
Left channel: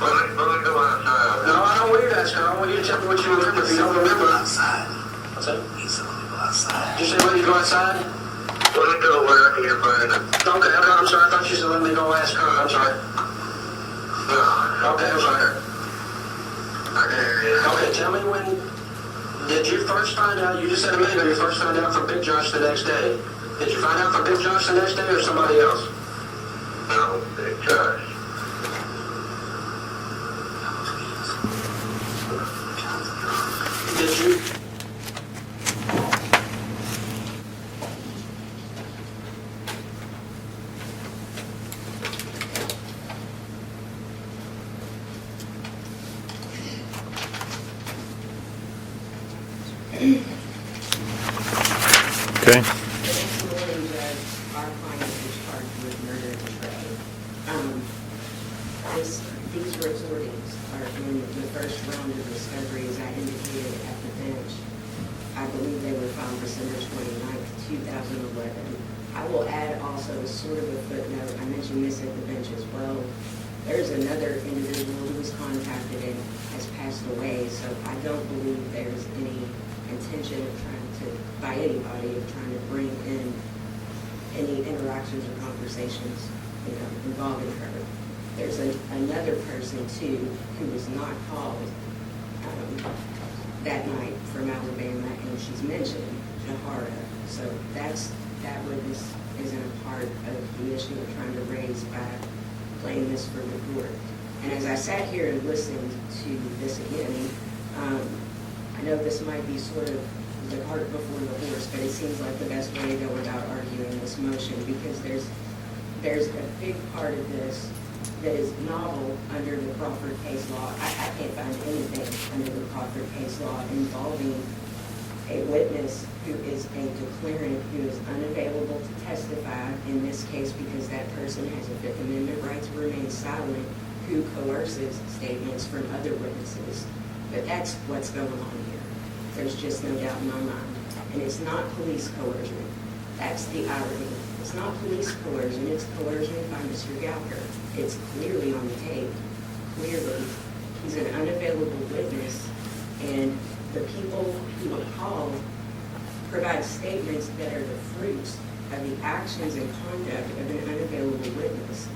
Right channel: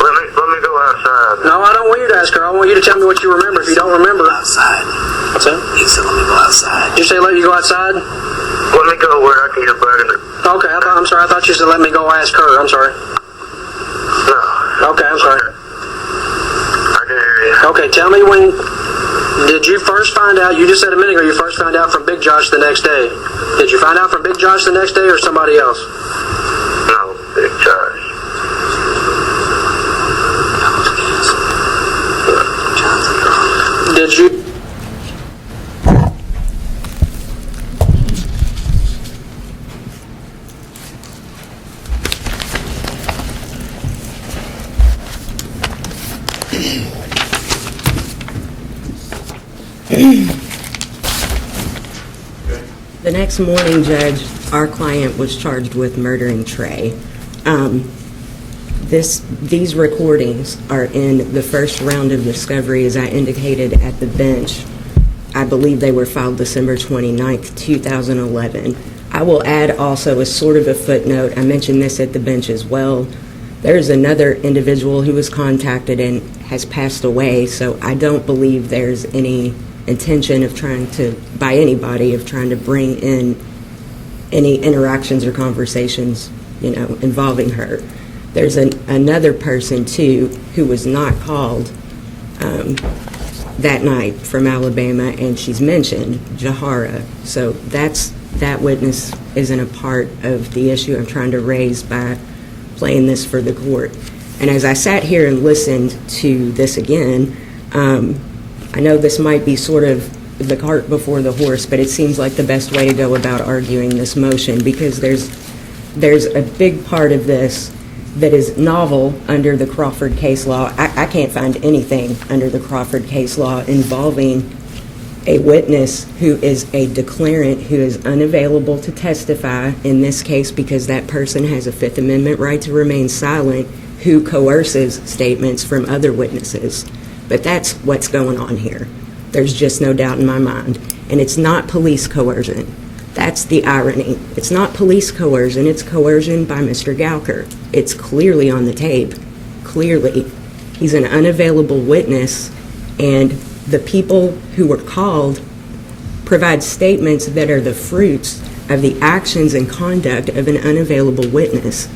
Let me go outside. No, I don't want you to ask her. I want you to tell me what you remember if you don't remember. Outside. What's that? He said, let me go outside. Did you say let you go outside? Let me go where I can get back in it. Okay, I'm sorry. I thought you said let me go ask her. I'm sorry. No. Okay, I'm sorry. I can hear you. Okay, tell me when did you first find out, you just said a minute ago you first found out from Big Josh the next day. Did you find out from Big Josh the next day or somebody else? No, Big Josh. Did you? Okay. The next morning, Judge, our client was charged with murdering Trey. These recordings are in the first round of discovery, as I indicated at the bench. I believe they were filed December 29th, 2011. I will add also as sort of a footnote, I mentioned this at the bench as well, there's another individual who was contacted and has passed away, so I don't believe there's any intention of trying to, by anybody, of trying to bring in any interactions or conversations, involving her. There's another person, too, who was not called that night from Alabama, and she's mentioned, Jahara. So that witness isn't a part of the issue I'm trying to raise by playing this for the court. And as I sat here and listened to this again, I know this might be sort of the cart before the horse, but it seems like the best way to go about arguing this motion, because there's a big part of this that is novel under the Crawford case law. I can't find anything under the Crawford case law involving a witness who is a declarant who is unavailable to testify, in this case because that person has a Fifth Amendment right to remain silent, who coerces statements from other witnesses. But that's what's going on here. There's just no doubt in my mind. And it's not police coercion. That's the irony. It's not police coercion, it's coercion by Mr. Gouker. It's clearly on the tape. Clearly. He's an unavailable witness, and the people who were called provide statements that are the fruits of the actions and conduct of an unavailable witness.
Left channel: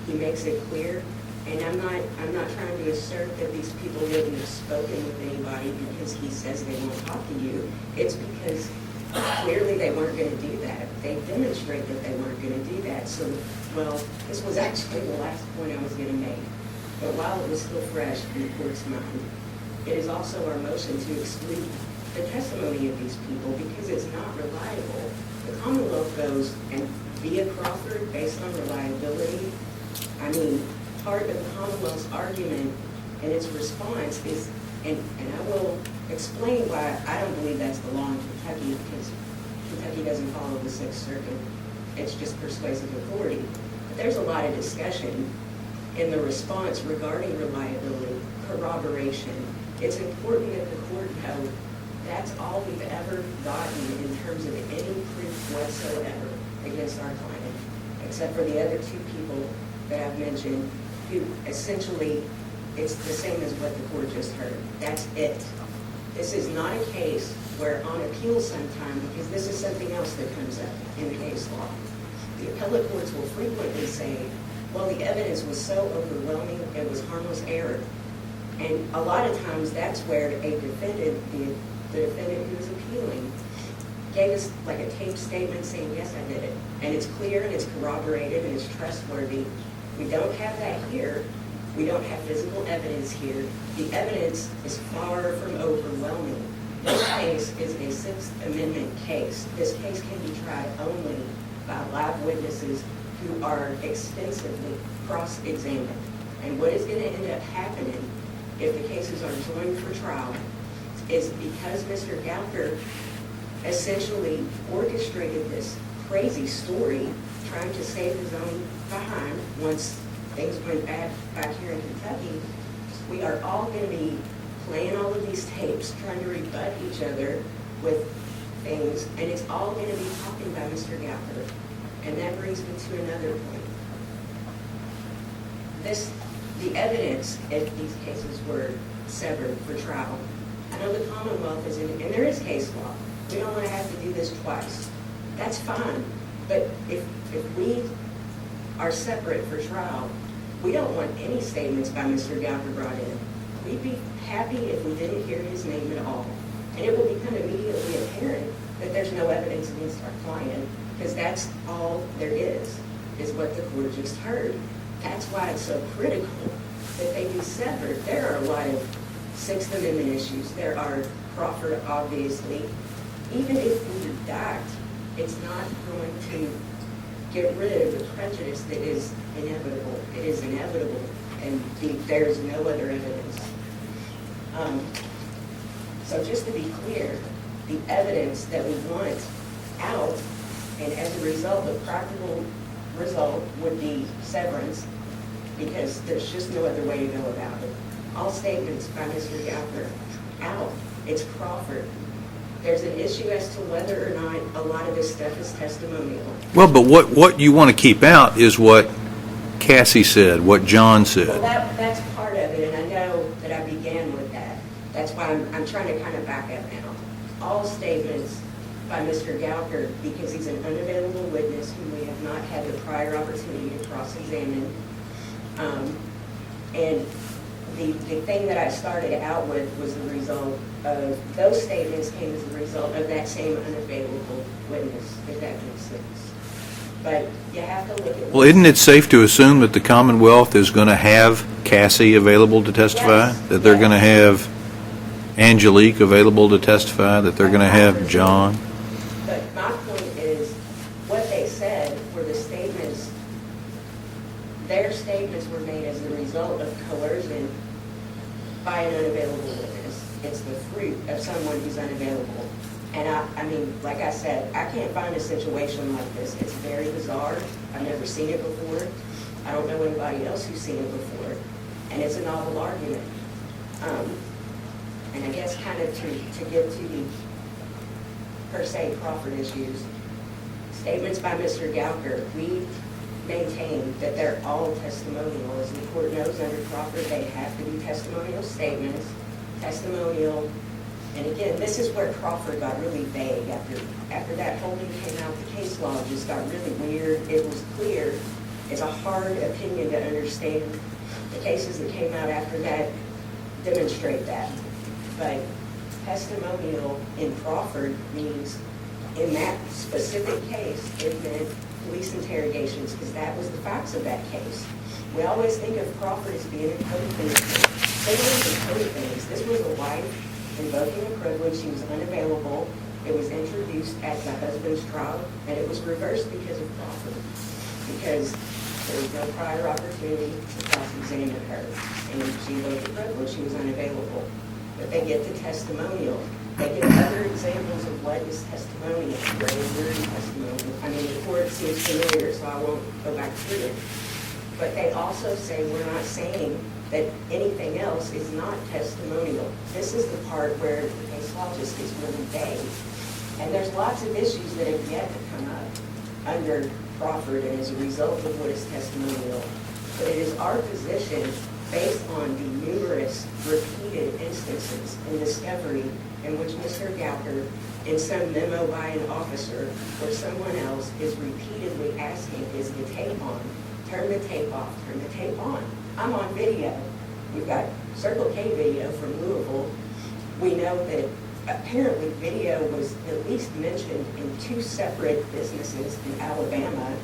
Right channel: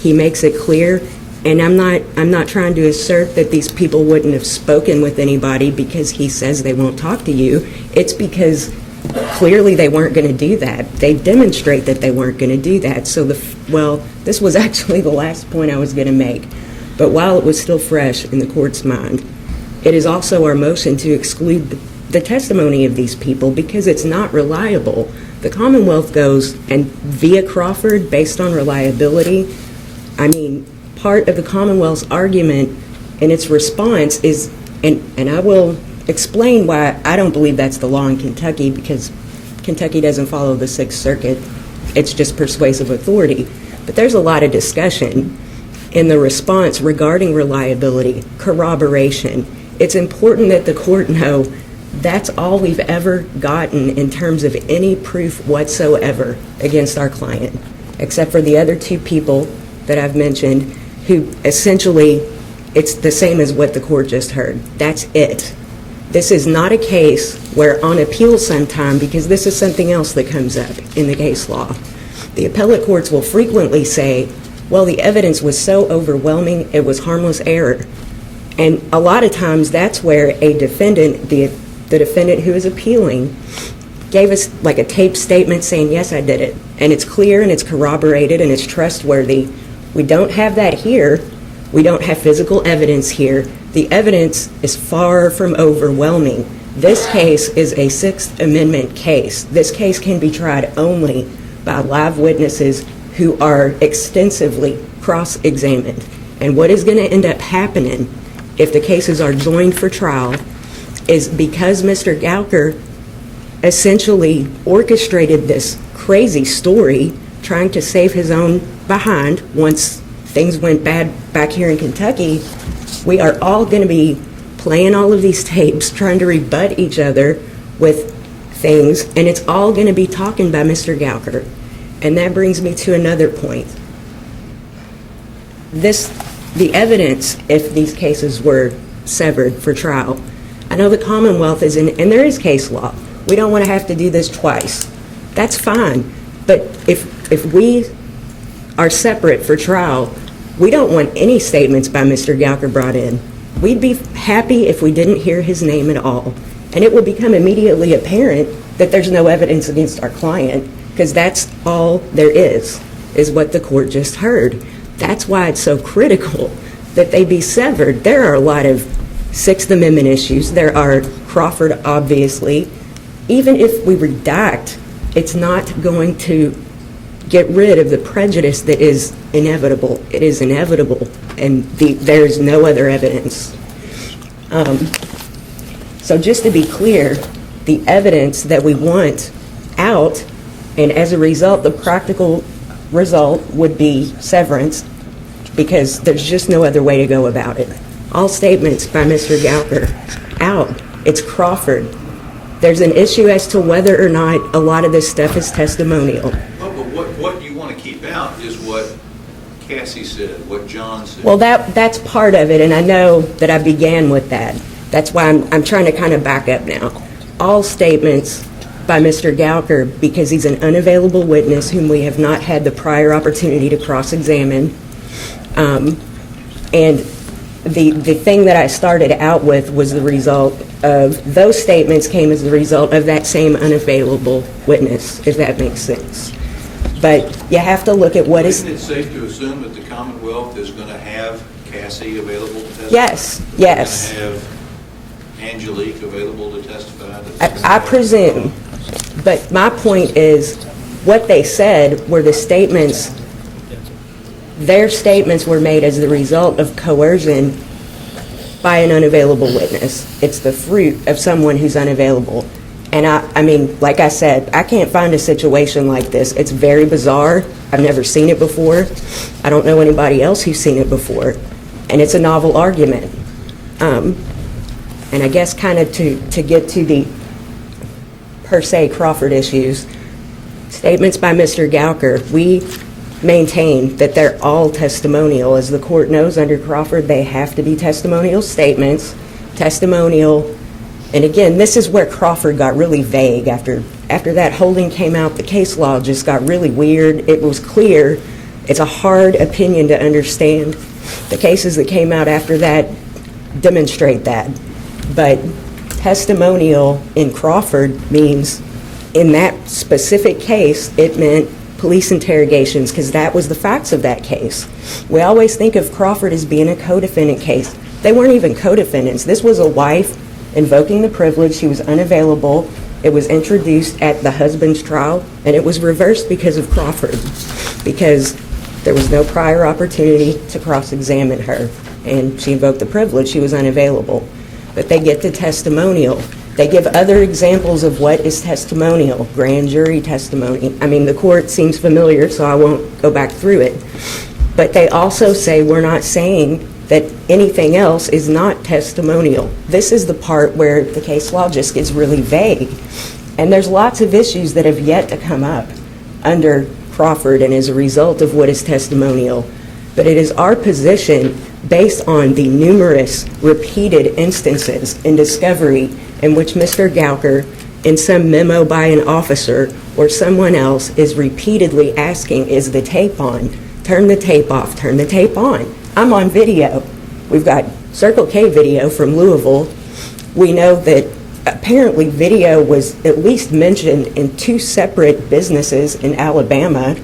He makes it clear, and I'm not trying to assert that these people wouldn't have spoken with anybody because he says they won't talk to you. It's because clearly they weren't going to do that. They demonstrate that they weren't going to do that. So this was actually the last point I was going to make. But while it was still fresh in the court's mind, it is also our motion to exclude the testimony of these people because it's not reliable. The Commonwealth goes, and via Crawford, based on reliability, part of the Commonwealth's argument and its response is, and I will explain why I don't believe that's the law in Kentucky, because Kentucky doesn't follow the Sixth Circuit. It's just persuasive authority. But there's a lot of discussion in the response regarding reliability, corroboration. It's important that the court know that's all we've ever gotten in terms of any proof whatsoever against our client, except for the other two people that I've mentioned, who essentially, it's the same as what the court just heard. That's it. This is not a case where on appeal sometime, because this is something else that comes up in the case law, the appellate courts will frequently say, well, the evidence was so overwhelming, it was harmless error. And a lot of times that's where a defendant, the defendant who is appealing, gave us like a taped statement saying, yes, I did it. And it's clear and it's corroborated and it's trustworthy. We don't have that here. We don't have physical evidence here. The evidence is far from overwhelming. This case is a Sixth Amendment case. This case can be tried only by live witnesses who are extensively cross-examined. And what is going to end up happening if the cases are joined for trial is, because Mr. Gouker essentially orchestrated this crazy story trying to save his own behind once things went bad back here in Kentucky, we are all going to be playing all of these tapes, trying to rebut each other with things, and it's all going to be talking by Mr. Gouker. And that brings me to another point. The evidence, if these cases were severed for trial, I know the Commonwealth is in, and there is case law. We don't want to have to do this twice. That's fine. But if we are separate for trial, we don't want any statements by Mr. Gouker brought in. We'd be happy if we didn't hear his name at all. And it will become immediately apparent that there's no evidence against our client, because that's all there is what the court just heard. That's why it's so critical that they be severed. There are a lot of Sixth Amendment issues. There are Crawford, obviously. Even if we redact, it's not going to get rid of the prejudice that is inevitable. It is inevitable, and there's no other evidence. So just to be clear, the evidence that we want out, and as a result, the practical result would be severance, because there's just no other way to go about it. All statements by Mr. Gouker out. It's Crawford. There's an issue as to whether or not a lot of this stuff is testimonial. Well, but what you want to keep out is what Cassie said, what John said. Well, that's part of it, and I know that I began with that. That's why I'm trying to kind of back up now. all statements by Mr. Gouker because he's an unavailable witness whom we have not had the prior opportunity to cross-examine. And the thing that I started out with was the result of, those statements came as the result of that same unavailable witness, if that makes sense. But you have to look at what Well, isn't it safe to assume that the Commonwealth is going to have Cassie available to testify? Yes, That they're yes. going to have Angelique available to testify? That they're going to I have presume. John? But my point is, what they said were the statements, their statements were made as the result of coercion by an unavailable witness. It's the fruit of someone who's unavailable. And I mean, like I said, I can't find a situation like this. It's very bizarre. I've never seen it before. I don't know anybody else who's seen it before. And it's a novel argument. And I guess kind of to get to the per se Crawford issues, statements by Mr. Gouker, we maintain that they're all testimonial. As the court knows, under Crawford, they have to be testimonial statements, testimonial. And again, this is where Crawford got really vague. After that holding came out, the case law just got really weird. It was clear. It's a hard opinion to understand. The cases that came out after that demonstrate that. But testimonial in Crawford means, in that specific case, it meant police interrogations, because that was the facts of that case. We always think of Crawford as being a co-defendant case. They weren't even co-defendants. This was a wife invoking the privilege. She was unavailable. It was introduced at the husband's trial, and it was reversed because of Crawford, because there was no prior opportunity to cross-examine her, and she invoked the privilege. She was unavailable. But they get to testimonial. They give other examples of what is testimonial, grand jury testimony. I mean, the court seems familiar, so I won't go back through it. But they also say we're not saying that anything else is not testimonial. This is the part where the case law just gets really vague. And there's lots of issues that have yet to come up under Crawford and as a result of what is testimonial. But it is our position, based on the numerous repeated instances in discovery in which Mr. Gouker, in some memo by an officer or someone else, is repeatedly asking, is the tape on? Turn the tape off, turn the tape on. I'm on video. We've got Circle K video from Louisville. We know that apparently video was at least mentioned in 2 separate businesses in Alabama.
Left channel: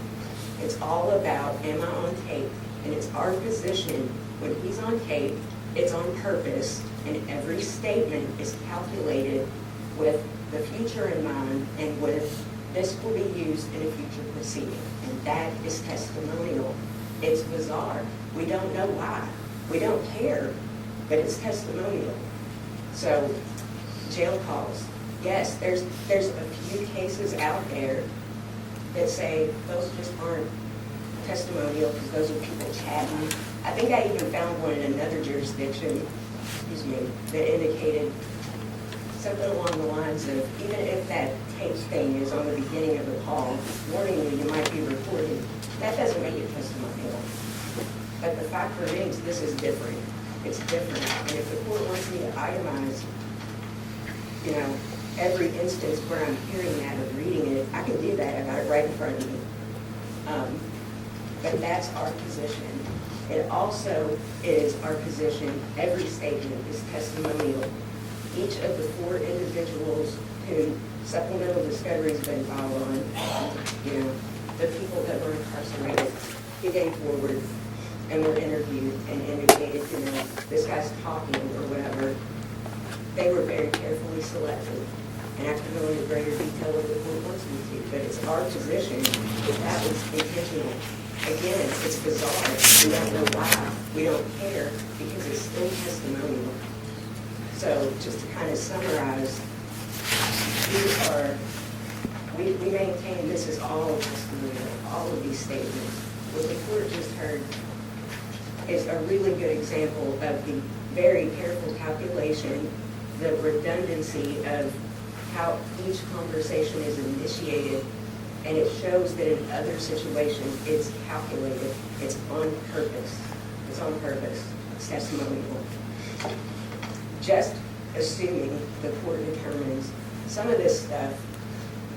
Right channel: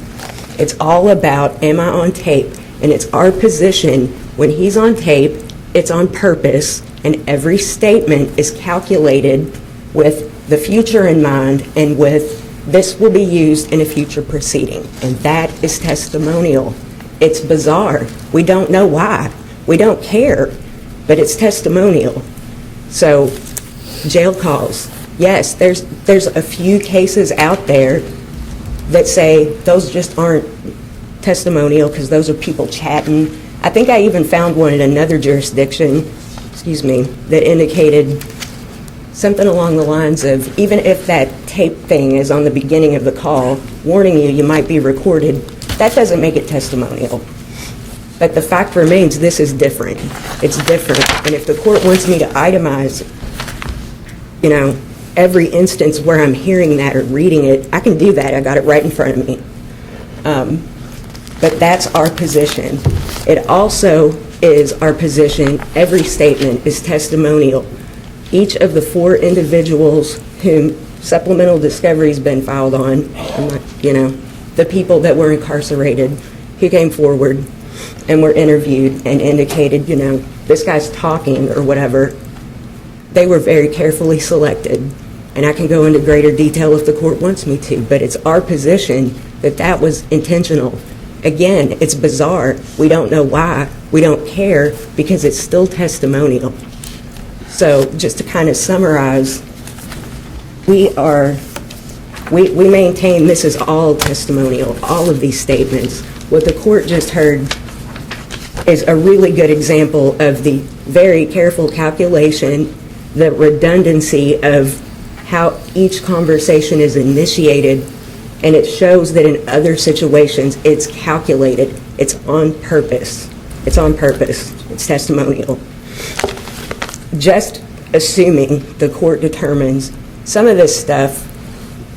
It's all about, am I on tape? And it's our position, when he's on tape, it's on purpose, and every statement is calculated with the future in mind and with this will be used in a future proceeding. And that is testimonial. It's bizarre. We don't know why. We don't care, but it's testimonial. So, jail calls. Yes, there's a few cases out there that say those just aren't testimonial because those are people chatting. I think I even found one in another jurisdiction, that indicated something along the lines of, even if that tape thing is on the beginning of the call, warning you might be recorded, that doesn't make it testimonial. But the fact remains, this is different. It's different. And if the court wants me to itemize, every instance where I'm hearing that or reading it, I can do that. I got it right in front of me. But that's our position. It also is our position, every statement is testimonial. Each of the 4 individuals whom supplemental discovery has been filed on, the people that were incarcerated, who came forward and were interviewed and indicated, this guy's talking or whatever, they were very carefully selected. And I can go into greater detail if the court wants me to, but it's our position that that was intentional. Again, it's bizarre. We don't know why. We don't care because it's still testimonial. So just to kind of summarize, we maintain this is all testimonial, all of these statements. What the court just heard is a really good example of the very careful calculation, the redundancy of how each conversation is initiated, and it shows that in other situations it's calculated. It's on purpose. It's on purpose. It's testimonial. Just assuming the court determines some of this stuff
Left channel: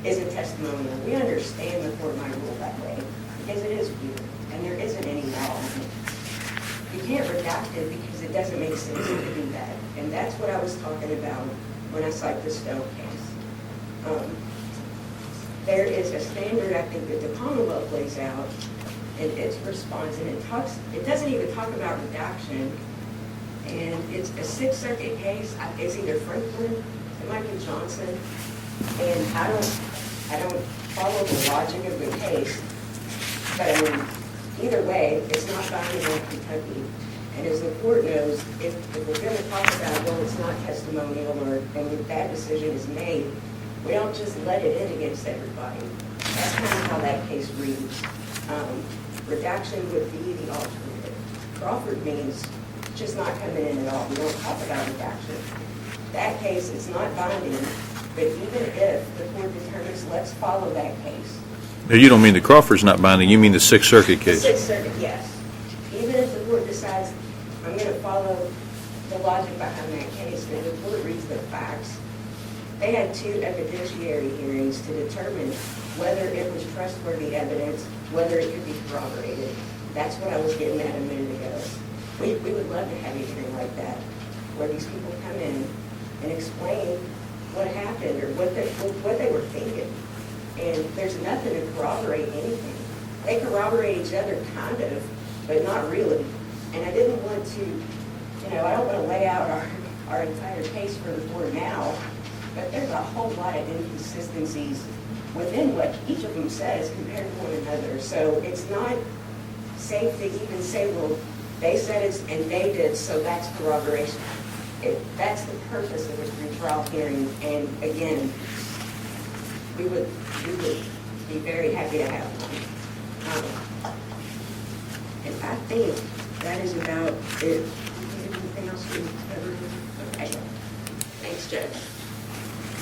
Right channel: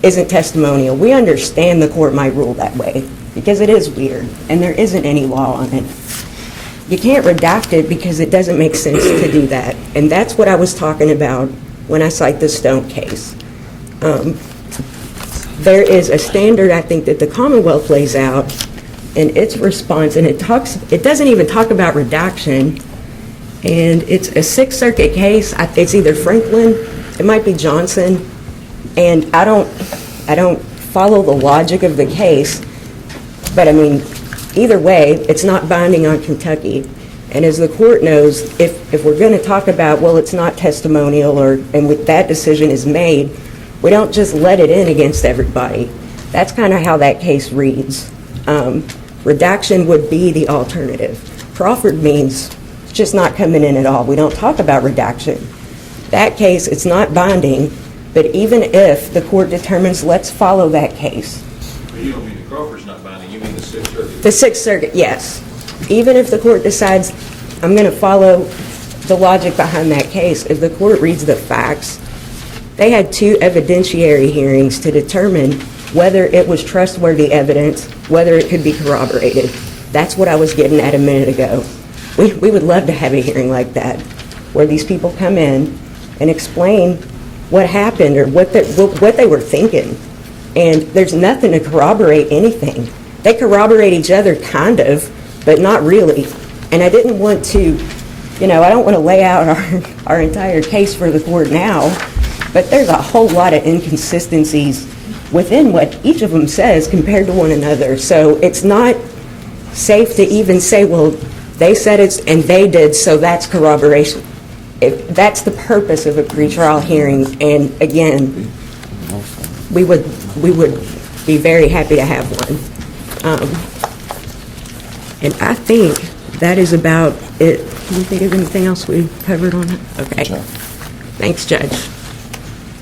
isn't testimonial. We understand the court might rule that way because it is weird and there isn't any law on it. You can't redact it because it doesn't make sense to do that. And that's what I was talking about when I cite the Stone case. There is a standard, I think, that the Commonwealth lays out in its response, and it doesn't even talk about redaction. And it's a Sixth Circuit case. It's either Franklin, it might be Johnson, and I don't follow the logic of the case, but I mean, either way, it's not binding on Kentucky. And as the court knows, if we're going to talk about, well, it's not testimonial, and with that decision is made, we don't just let it in against everybody. That's kind of how that case reads. Redaction would be the alternative. Crawford means just not coming in at all. We don't talk about redaction. That case, it's not binding, but even if the court determines, let's follow that case. Now, you don't mean the Crawford's not binding, you mean the Sixth Circuit case? The Sixth Circuit, yes. Even if the court decides, I'm going to follow the logic behind that case, if the court reads the facts, they had 2 evidentiary hearings to determine whether it was trustworthy evidence, whether it could be corroborated. That's what I was getting at a minute ago. We would love to have a hearing like that, where these people come in and explain what happened or what they were thinking. And there's nothing to corroborate anything. They corroborate each other, kind of, but not really. And I didn't want to, I don't want to lay out our entire case for the court now, but there's a whole lot of inconsistencies within what each of them says compared to one another. So it's not safe to even say, well, they said it's and they did, so that's corroboration. That's the purpose of a pretrial hearing. And again, we would be very happy to have one. And I think that is about it. Can you think of anything else we covered on it? Okay. Thanks, Judge.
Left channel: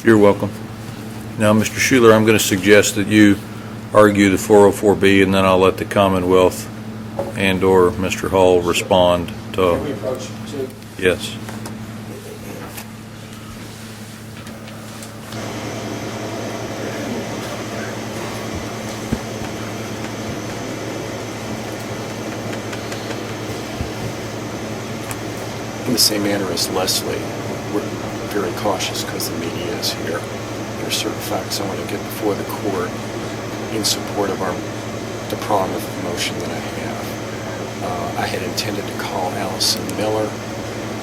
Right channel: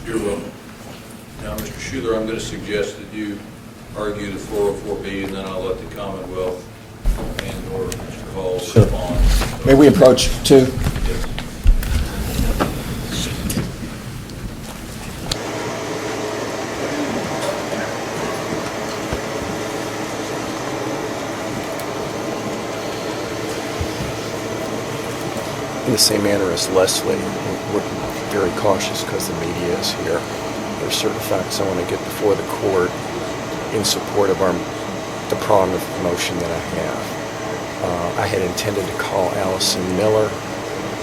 You're welcome. Now, Mr. Schuler, I'm going to suggest that you argue the 404B, and then I'll let the Commonwealth and/or Mr. Hall respond. May we approach 2? Yes. In the same manner as Leslie, we're very cautious because the media is here. There are certain facts I want to get before the court in support of the prong of the motion that I have. I had intended to call Allison Miller,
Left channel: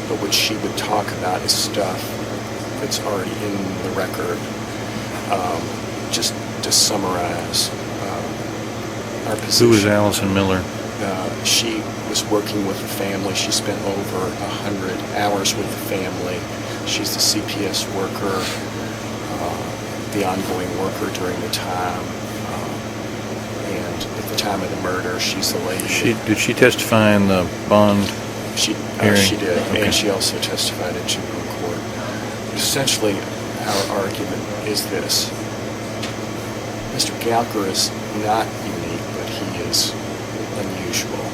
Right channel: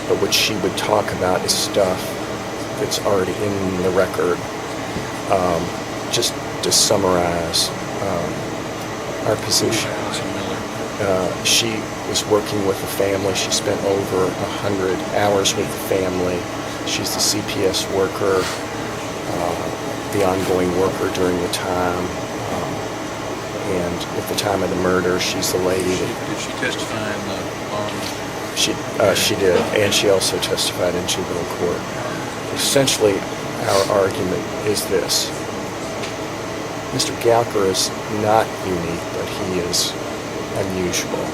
but what she would talk about is stuff that's already in the record. Just to summarize our position. Who is Allison Miller? She was working with the family. She spent over 100 hours with the family. She's the CPS worker, the ongoing worker during the time. And at the time of the murder, she's the lady. Did she testify in the bond? She did, and she also testified in juvenile court. Essentially, our argument is this. Mr. Gouker is not unique, but he is unusual.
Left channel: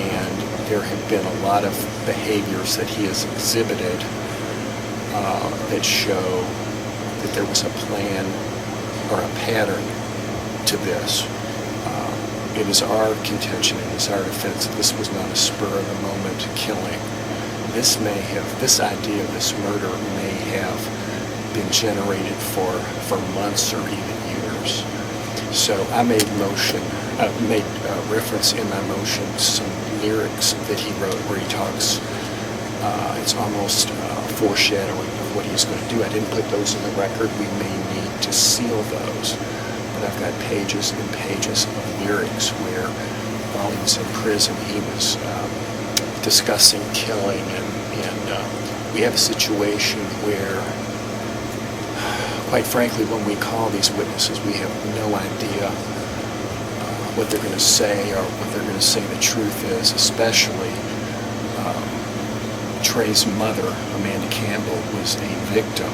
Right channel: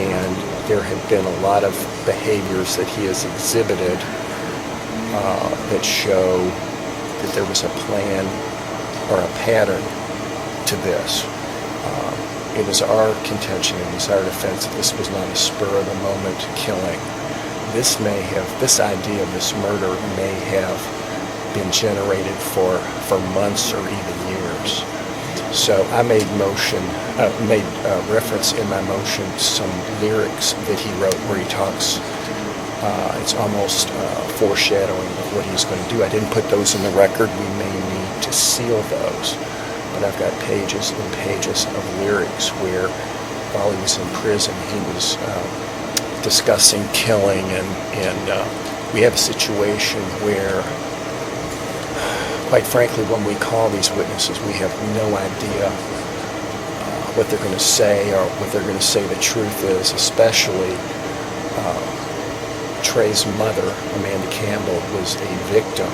And there have been a lot of behaviors that he has exhibited that show that there was a plan or a pattern to this. It is our contention, it is our defense that this was not a spur-of-the-moment killing. This idea of this murder may have been generated for months or even years. So I made reference in my motion to some lyrics that he wrote where he talks, it's almost foreshadowing of what he's going to do. I didn't put those in the record. We may need to seal those. But I've got pages and pages of lyrics where while he was in prison he was discussing killing, and we have a situation where, quite frankly, when we call these witnesses, we have no idea what they're going to say or what they're going to say the truth is, especially Trey's mother, Amanda Campbell, was a victim,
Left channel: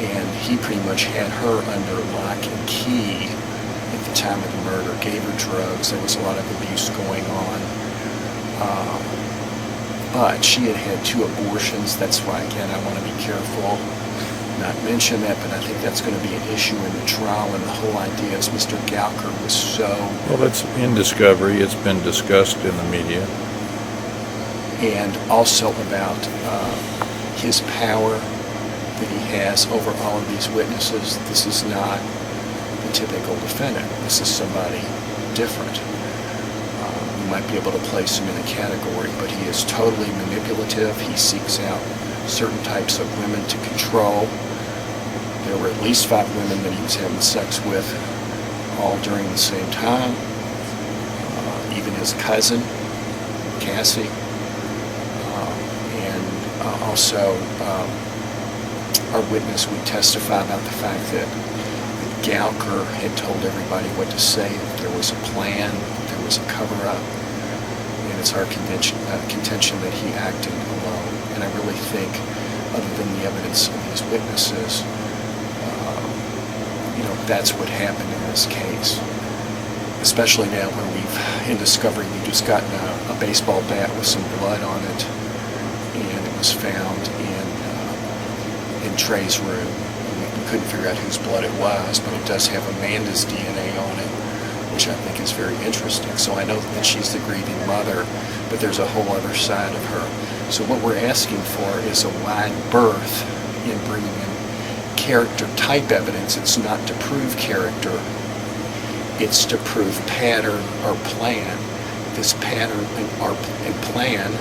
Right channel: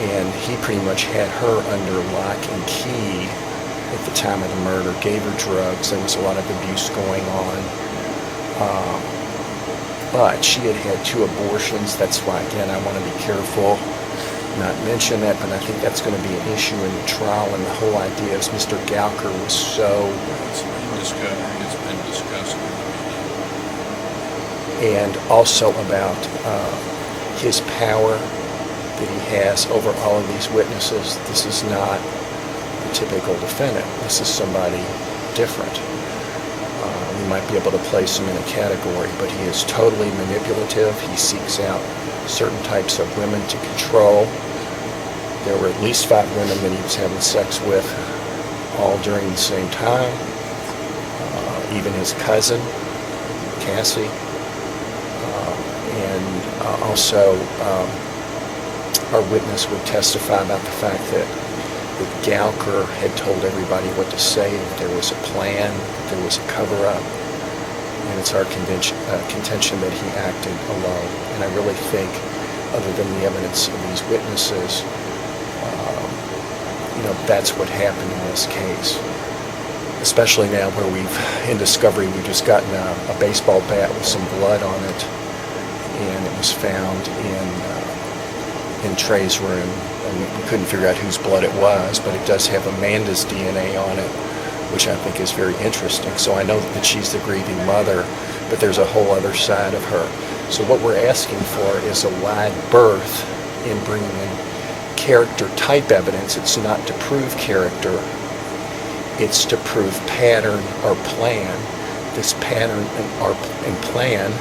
and he pretty much had her under lock and key at the time of the murder, gave her drugs, there was a lot of abuse going on. But she had had 2 abortions. That's why, again, I want to be careful not mention that, but I think that's going to be an issue in the trial, and the whole idea is Mr. Gouker was so... Well, it's in discovery. It's been discussed in the media. And also about his power that he has over all of these witnesses. This is not the typical defendant. This is somebody different. We might be able to place him in a category, but he is totally manipulative. He seeks out certain types of women to control. There were at least 5 women that he was having sex with, all during the same time. Even his cousin, Cassie. Also, our witness would testify about the fact that Gouker had told everybody what to say, that there was a plan, that there was a cover-up. And it's our contention that he acted alone. And I really think, other than the evidence of these witnesses, that's what happened in this case. Especially now where in discovery, we've just gotten a baseball bat with some blood on it. And it was found in Trey's room. And we couldn't figure out whose blood it was, but it does have Amanda's DNA on it, which I think is very interesting. So I know that she's the grieving mother, but there's a whole other side of her. So what we're asking for is a wide berth in bringing in character-type evidence. It's not to prove character. It's to prove pattern or plan. This pattern and plan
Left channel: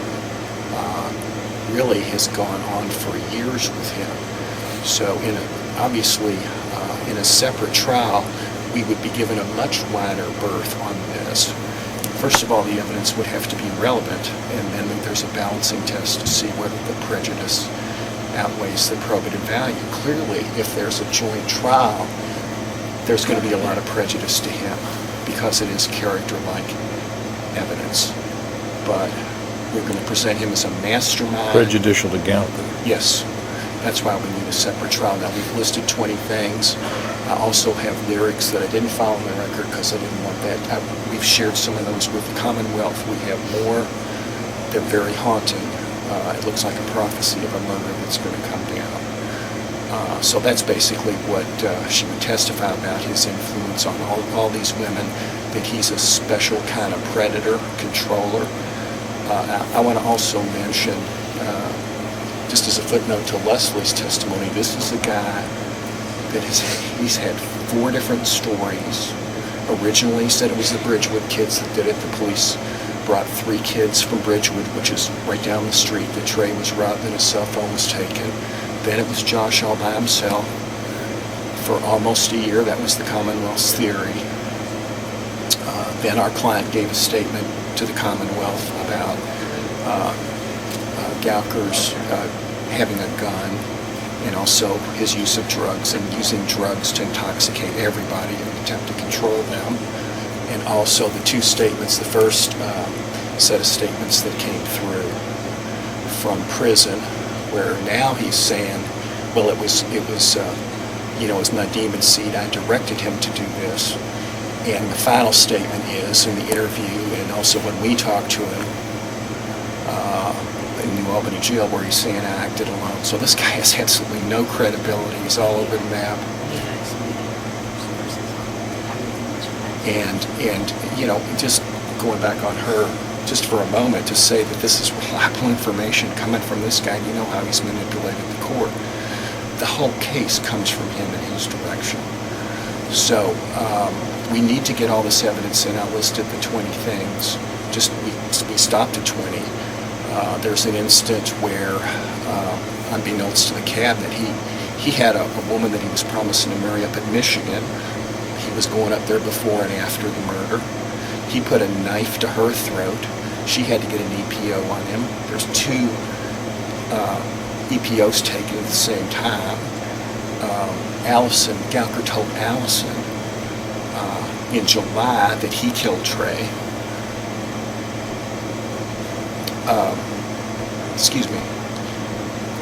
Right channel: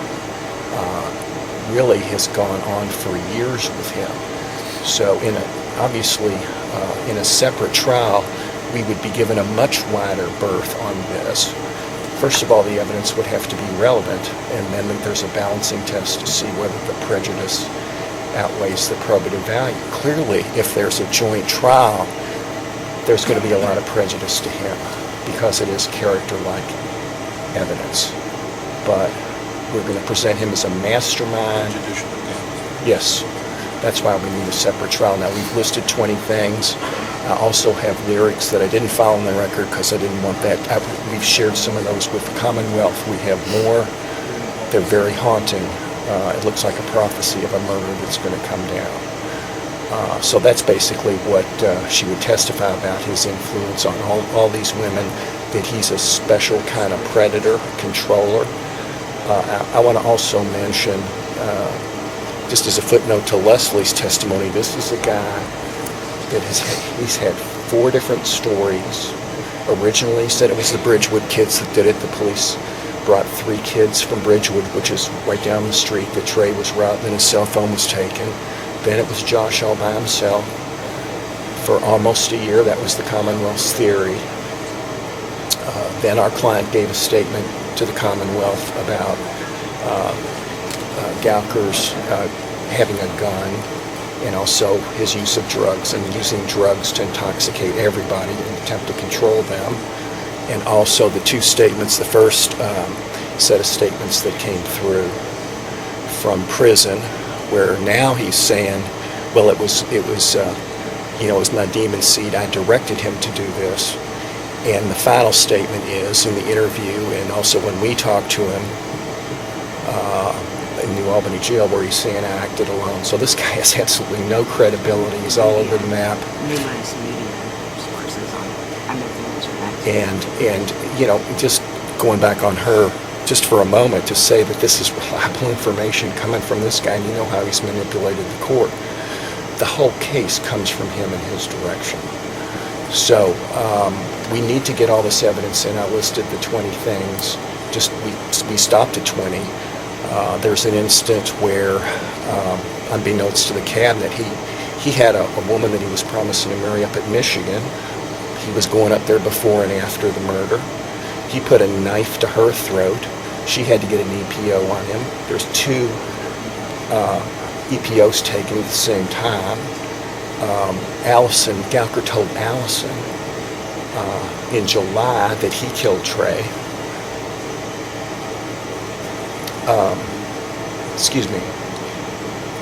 really has gone on for years with him. So obviously, in a separate trial, we would be given a much wider berth on this. First of all, the evidence would have to be relevant, and then there's a balancing test to see whether the prejudice outweighs the probative value. Clearly, if there's a joint trial, there's going to be a lot of prejudice to him because it is character-like evidence. But we're going to present him as a mastermind. Prejudicial to Gouker. Yes. That's why we need a separate trial. Now, we've listed 20 things. I also have lyrics that I didn't file on the record because I didn't want that. We've shared some of those with the Commonwealth. We have more. They're very haunting. It looks like a prophecy of a murder that's going to come down. So that's basically what she would testify about, his influence on all these women, that he's a special kind of predator, controller. I want to also mention, just as a footnote to Leslie's testimony, this is a guy that he's had 4 different stories. Originally, he said it was the Bridgewood kids that did it. The police brought 3 kids from Bridgewood, which is right down the street. The Trey was robbed and his cell phone was taken. Then it was Josh all by himself for almost a year. That was the Commonwealth's theory. Then our client gave a statement to the Commonwealth about Gouker's having a gun and also his use of drugs and using drugs to intoxicate everybody in an attempt to control them. And also the 2 statements, the first set of statements that came through from prison, where now he's saying, well, it was Nadim and Seed. I directed him to do this. And the final statement is in the interview, and also when we talked to him in New Albany jail, where he's saying I acted alone. So this guy has absolutely no credibility. He's all over the map. And just going back on her, just for a moment, to say that this is reliable information coming from this guy, and you know how he's manipulated the court. The whole case comes from him and his direction. So we need to get all this evidence in. I listed the 20 things. We stopped at 20. There's an instance where, unbeknownst to the cabinet, he had a woman that he was promising to marry up at Michigan. He was going up there before and after the murder. He put a knife to her throat. She had to get an EPO on him. There's 2 EPOs taken at the same time. Gouker told Allison in July that he killed Trey.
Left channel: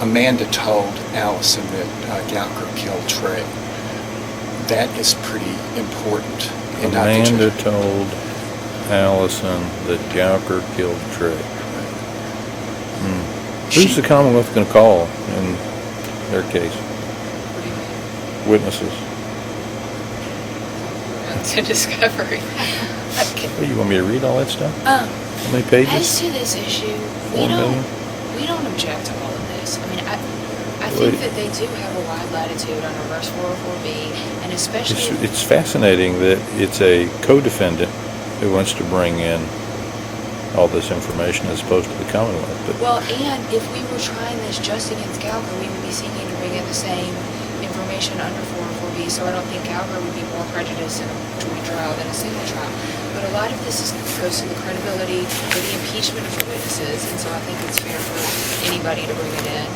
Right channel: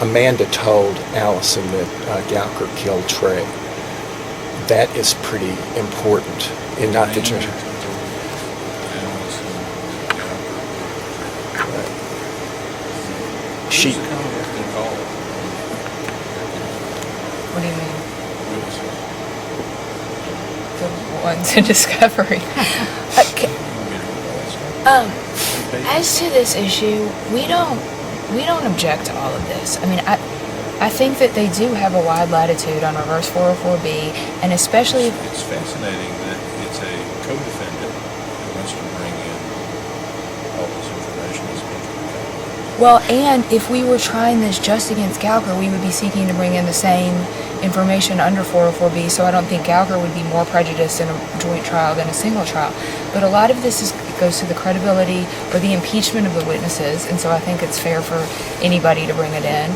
Amanda told Allison that Gouker killed Trey. That is pretty important. Amanda told Allison that Gouker killed Trey. Who's the Commonwealth going to call in their case? What do you mean? Witnesses. The ones in discovery. You want me to read all that stuff? How many As pages? to this issue, we don't object to all of this. I mean, I think that they do have a wide latitude on reverse 404B, and especially It's fascinating that it's a co-defendant who wants to bring in all this information as opposed to the Commonwealth. well, and if we were trying this just against Gouker, we would be seeking to bring in the same information under 404B, so I don't think Gouker would be more prejudiced in a joint trial than a single trial. But a lot of this goes to the credibility or the impeachment of the witnesses, and so I think it's fair for anybody to bring it in.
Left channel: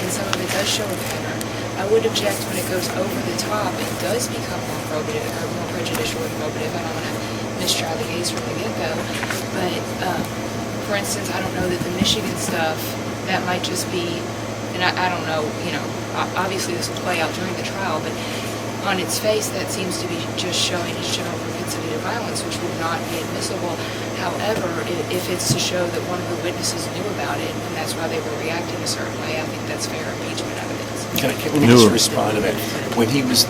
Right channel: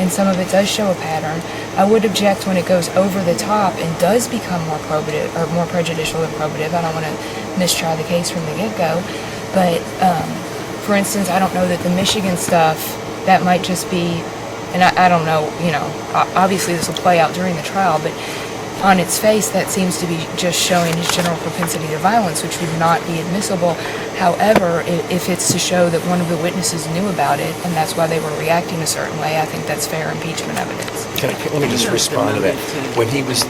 And some of it does show a pattern. I would object when it goes over the top and does become more probative or more prejudicial than probative. I don't want to mistry the case from the get-go. But, for instance, I don't know that the Michigan stuff, that might just be, and I don't know, obviously this will play out during the trial, but on its face, that seems to be just showing his general propensity to violence, which would not be admissible. However, if it's to show that one of the witnesses knew about it, and that's why they were reacting a certain way, I think that's fair impeachment evidence. Let me just respond to that. When he was,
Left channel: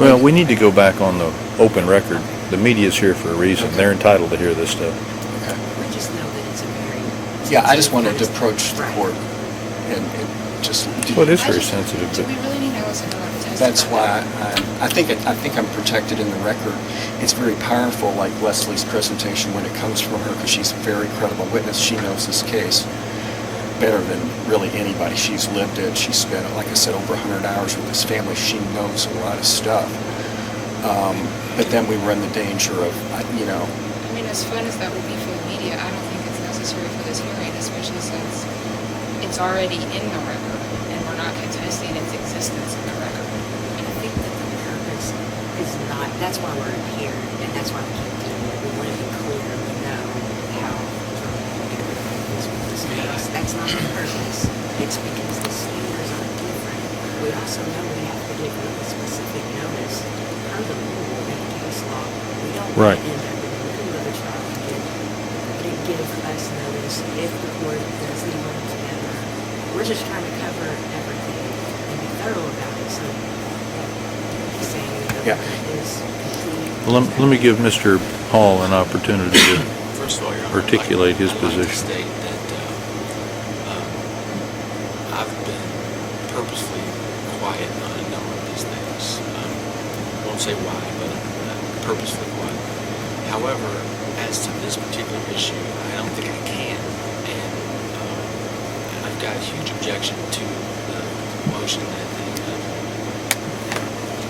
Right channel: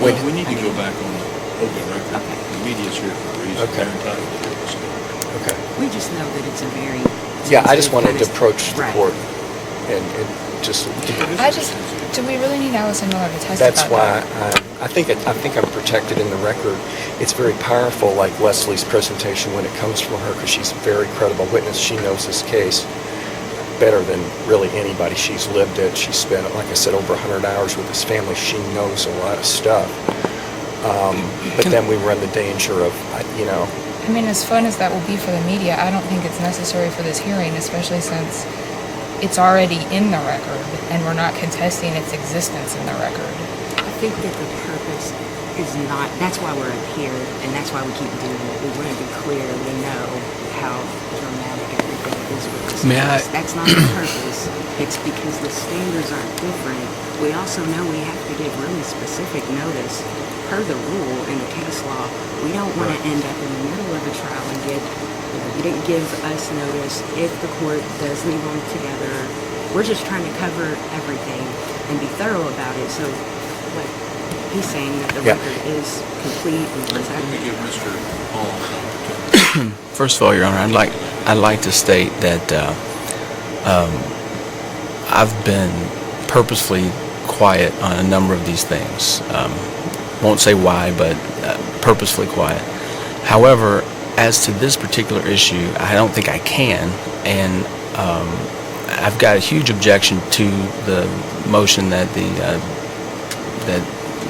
Well, we need to go back on the open record. The media's here for a reason. Okay. They're entitled to hear this stuff. okay. We just know that it's a very. Yeah, I just sensitive wanted kind to of- approach the Right. court and just. Well, it is I very just, sensitive. do we really need Allison Miller to testify? That's why I think I'm protected in the record. It's very powerful, like Leslie's presentation, when it comes from her, because she's a very credible witness. She knows this case better than really anybody. She's lived it. She's spent, like I said, over 100 hours with his family. She knows a lot of stuff. But then we run the danger of, I mean, as fun as that will be for the media, I don't think it's necessary for this hearing, especially since it's already in the record, and we're not contesting its existence in the record. I think that the purpose is not, that's why we're here, and that's why we keep doing it. We want to be clear, we know how dramatic everything is with this May I- case. That's not the purpose. It's because the standards aren't different. We also know we have to give really specific notice per the rule in the case law. We don't want Right. to end up in the middle of the trial and give us notice if the court does leave them together. We're just trying to cover everything and be thorough about it. So, like he's saying, that the Yeah. record is complete. and Let me give Mr. Hall an opportunity to First of all, Your Honor, articulate his I'd like to position. state that I've been purposefully quiet on a number of these things. Won't say why, but purposefully quiet. However, as to this particular issue, I don't think I can, and I've got a huge objection to the motion that that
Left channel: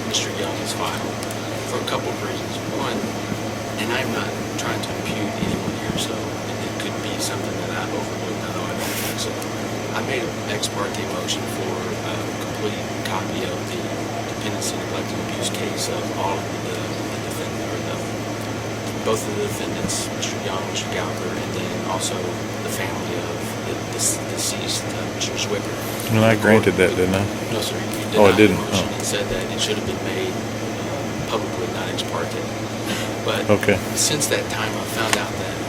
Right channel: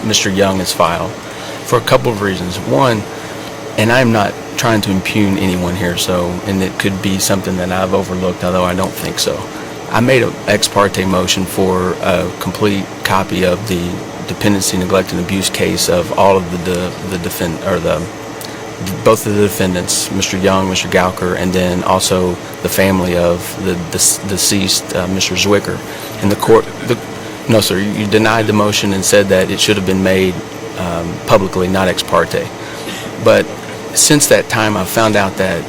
Mr. Young has filed for a couple of reasons. One, and I'm not trying to impugn anyone here, and it could be something that I've overlooked, although I don't think so. I made an ex parte motion for a complete copy of the dependency, neglect, and abuse case of all of both of the defendants, Mr. Young, Mr. Gouker, and then also the family of the deceased, Mr. Zwicker. And I granted that, didn't I? No, sir. You denied the didn't? motion and said that it should have been made publicly, not ex parte. But Okay. since that time, I've found out that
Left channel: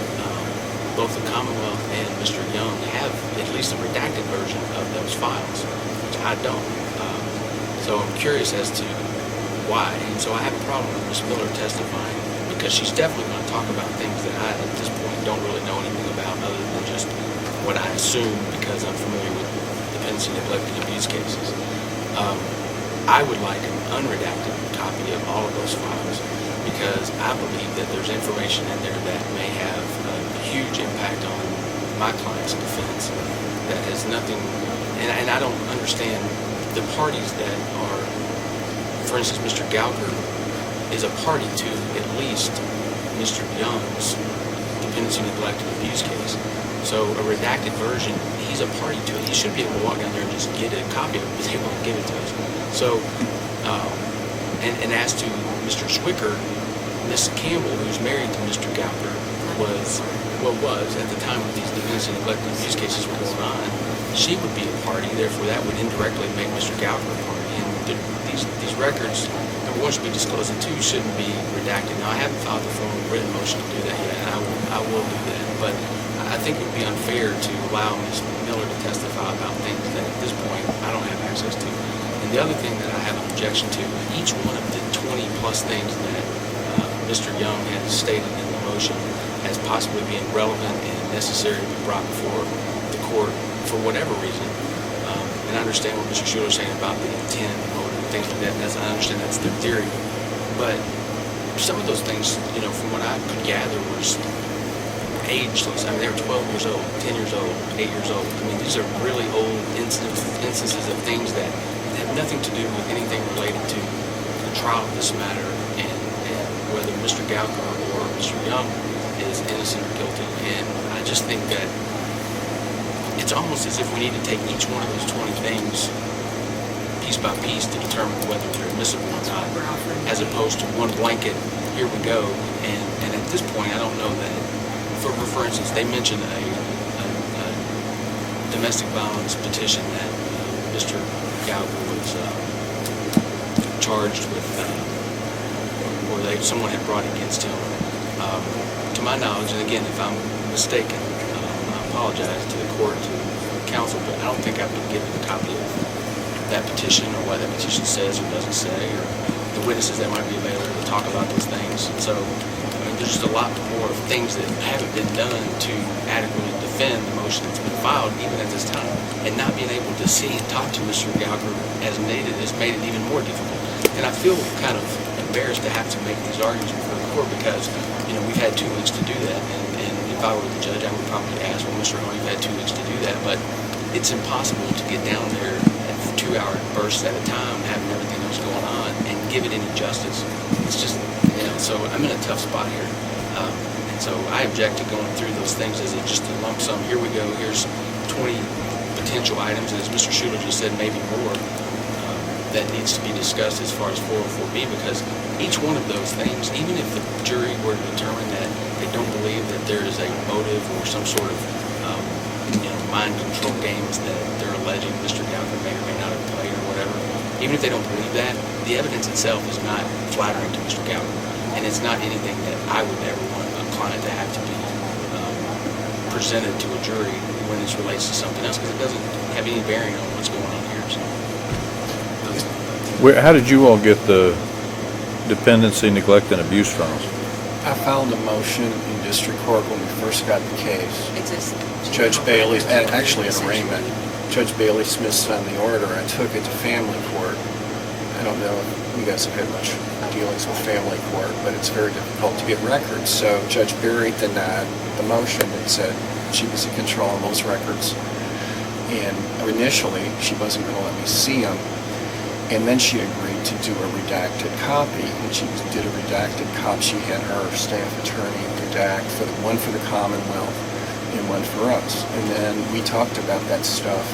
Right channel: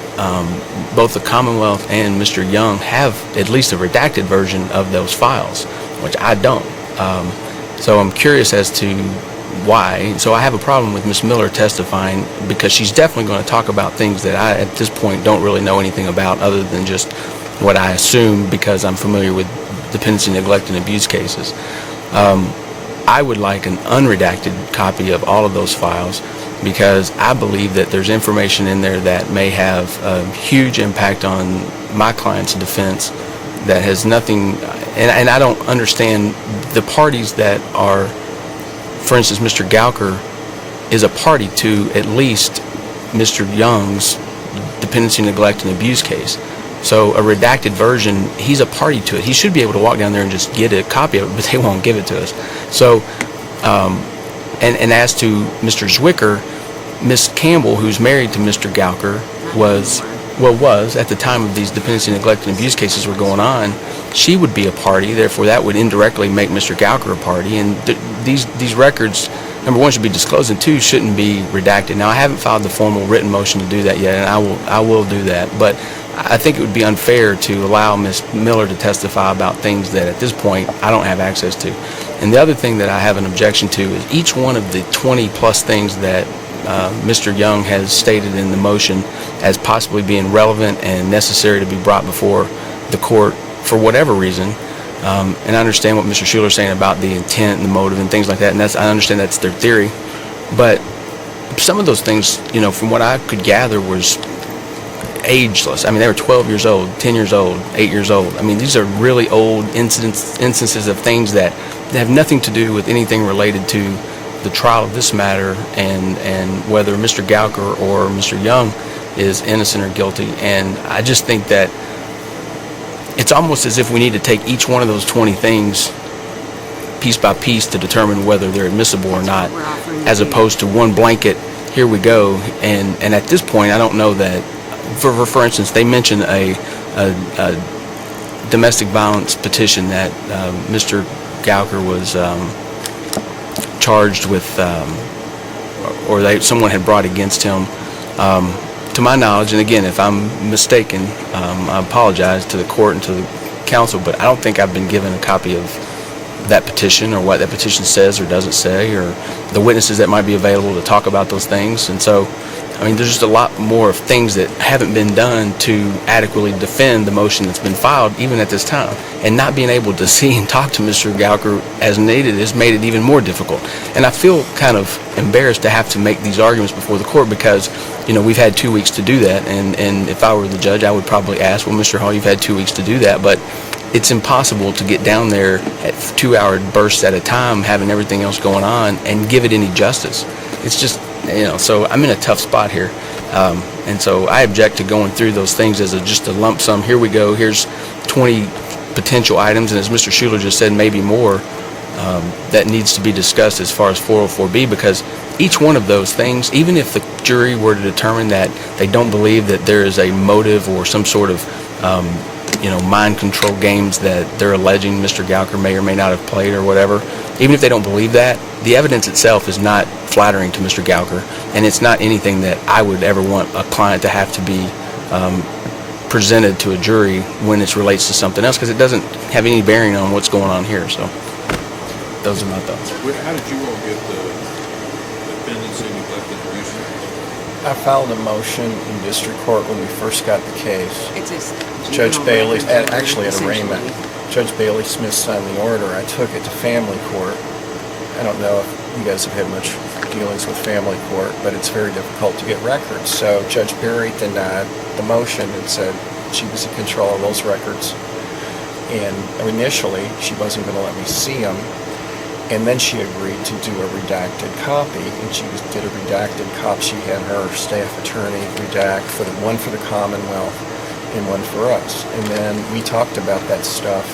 both the Commonwealth and Mr. Young have at least a redacted version of those files, which I don't. So I'm curious as to why. So I have a problem with Ms. Miller testifying because she's definitely going to talk about things that I, at this point, don't really know anything about other than just what I assume because I'm familiar with dependency, neglect, and abuse cases. I would like an unredacted copy of all of those files because I believe that there's information in there that may have a huge impact on my client's defense that has nothing, and I don't understand the parties that are, for instance, Mr. Gouker is a party to at least Mr. Young's dependency, neglect, and abuse case. So a redacted version, he's a party to it. He should be able to walk down there and just get a copy of it, but they won't give it to us. So, and as to Mr. Zwicker, Miss Campbell, who's married to Mr. Gouker, was at the time of these dependency, neglect, and abuse cases were going on, she would be a party. Therefore, that would indirectly make Mr. Gouker a party. And these records, number one, should be disclosed, and two, shouldn't be redacted. Now, I haven't filed the formal written motion to do that yet, and I will do that. But I think it would be unfair to allow Ms. Miller to testify about things that at this point I don't have access to. And the other thing that I have an objection to is each one of the 20-plus things that Mr. Young has stated in the motion as possibly being relevant and necessary to be brought before the court for whatever reason. And I understand what Mr. Schuler is saying about the intent and the motive and things like that, and I understand that's their theory. But some of those things, from what I could gather, was ageless. I mean, they were 12 years old, 10 years old, 8 years old. I mean, these are really old instances of things that have nothing to do with anything related to the trial of this matter and whether Mr. Gouker or Mr. Young is innocent or guilty. And I just think that it's almost as if we need to take each one of those 20 things piece by piece to determine whether they're admissible or not, as opposed to one blanket, here we go. And at this point, I don't know that, for instance, they mentioned a domestic violence petition that Mr. Gouker was charged with, or someone had brought against him. To my knowledge, and again, if I'm mistaken, I apologize to the court and to the council, but I don't think I've been given a copy of that petition or what that petition says or doesn't say, or the witnesses that might be available to talk about those things. And so, I mean, there's just a lot more of things that haven't been done to adequately defend the motion that's been filed, even at this time. And not being able to see and talk to Mr. Gouker as needed has made it even more difficult. And I feel kind of embarrassed to have to make these arguments before the court because, we've had 2 weeks to do that. And if I were the judge, I would probably ask, well, Mr. Hall, you've had 2 weeks to do that. But it's impossible to get down there at 2-hour bursts at a time, having everything else going on, and give it any justice. It's just, so I'm in a tough spot here. And so I object to going through those things as just a lump sum. Here we go. Here's 20 potential items, and as Mr. Schuler just said, maybe more that needs to be discussed as far as 404B, because each one of those things, even if the jury were to determine that they don't believe that there is a motive or some sort of mind control games that they're alleging Mr. Gouker may or may not have played or whatever, even if they don't believe that, the evidence itself is not flattering to Mr. Gouker, and it's not anything that I would ever want a client to have to be presented to a jury when it relates to something else, because it doesn't have any bearing on what's going on here. So those are my thoughts. How did you all get the dependency, neglect, and abuse trials? I filed a motion in district court when we first got the case. It's Judge Bailey, order, actually at arraignment, essentially. Judge Bailey Smith signed the order. I took it to family court. I don't know if you guys have had much dealings with family court, but it's very difficult to get records. So Judge Berry denied the motion and said she was in control of those records. And initially, she wasn't going to let me see them. And then she agreed to do a redacted copy, and she did a redacted copy. She had her staff attorney redact one for the Commonwealth and one for us. And then we talked about that stuff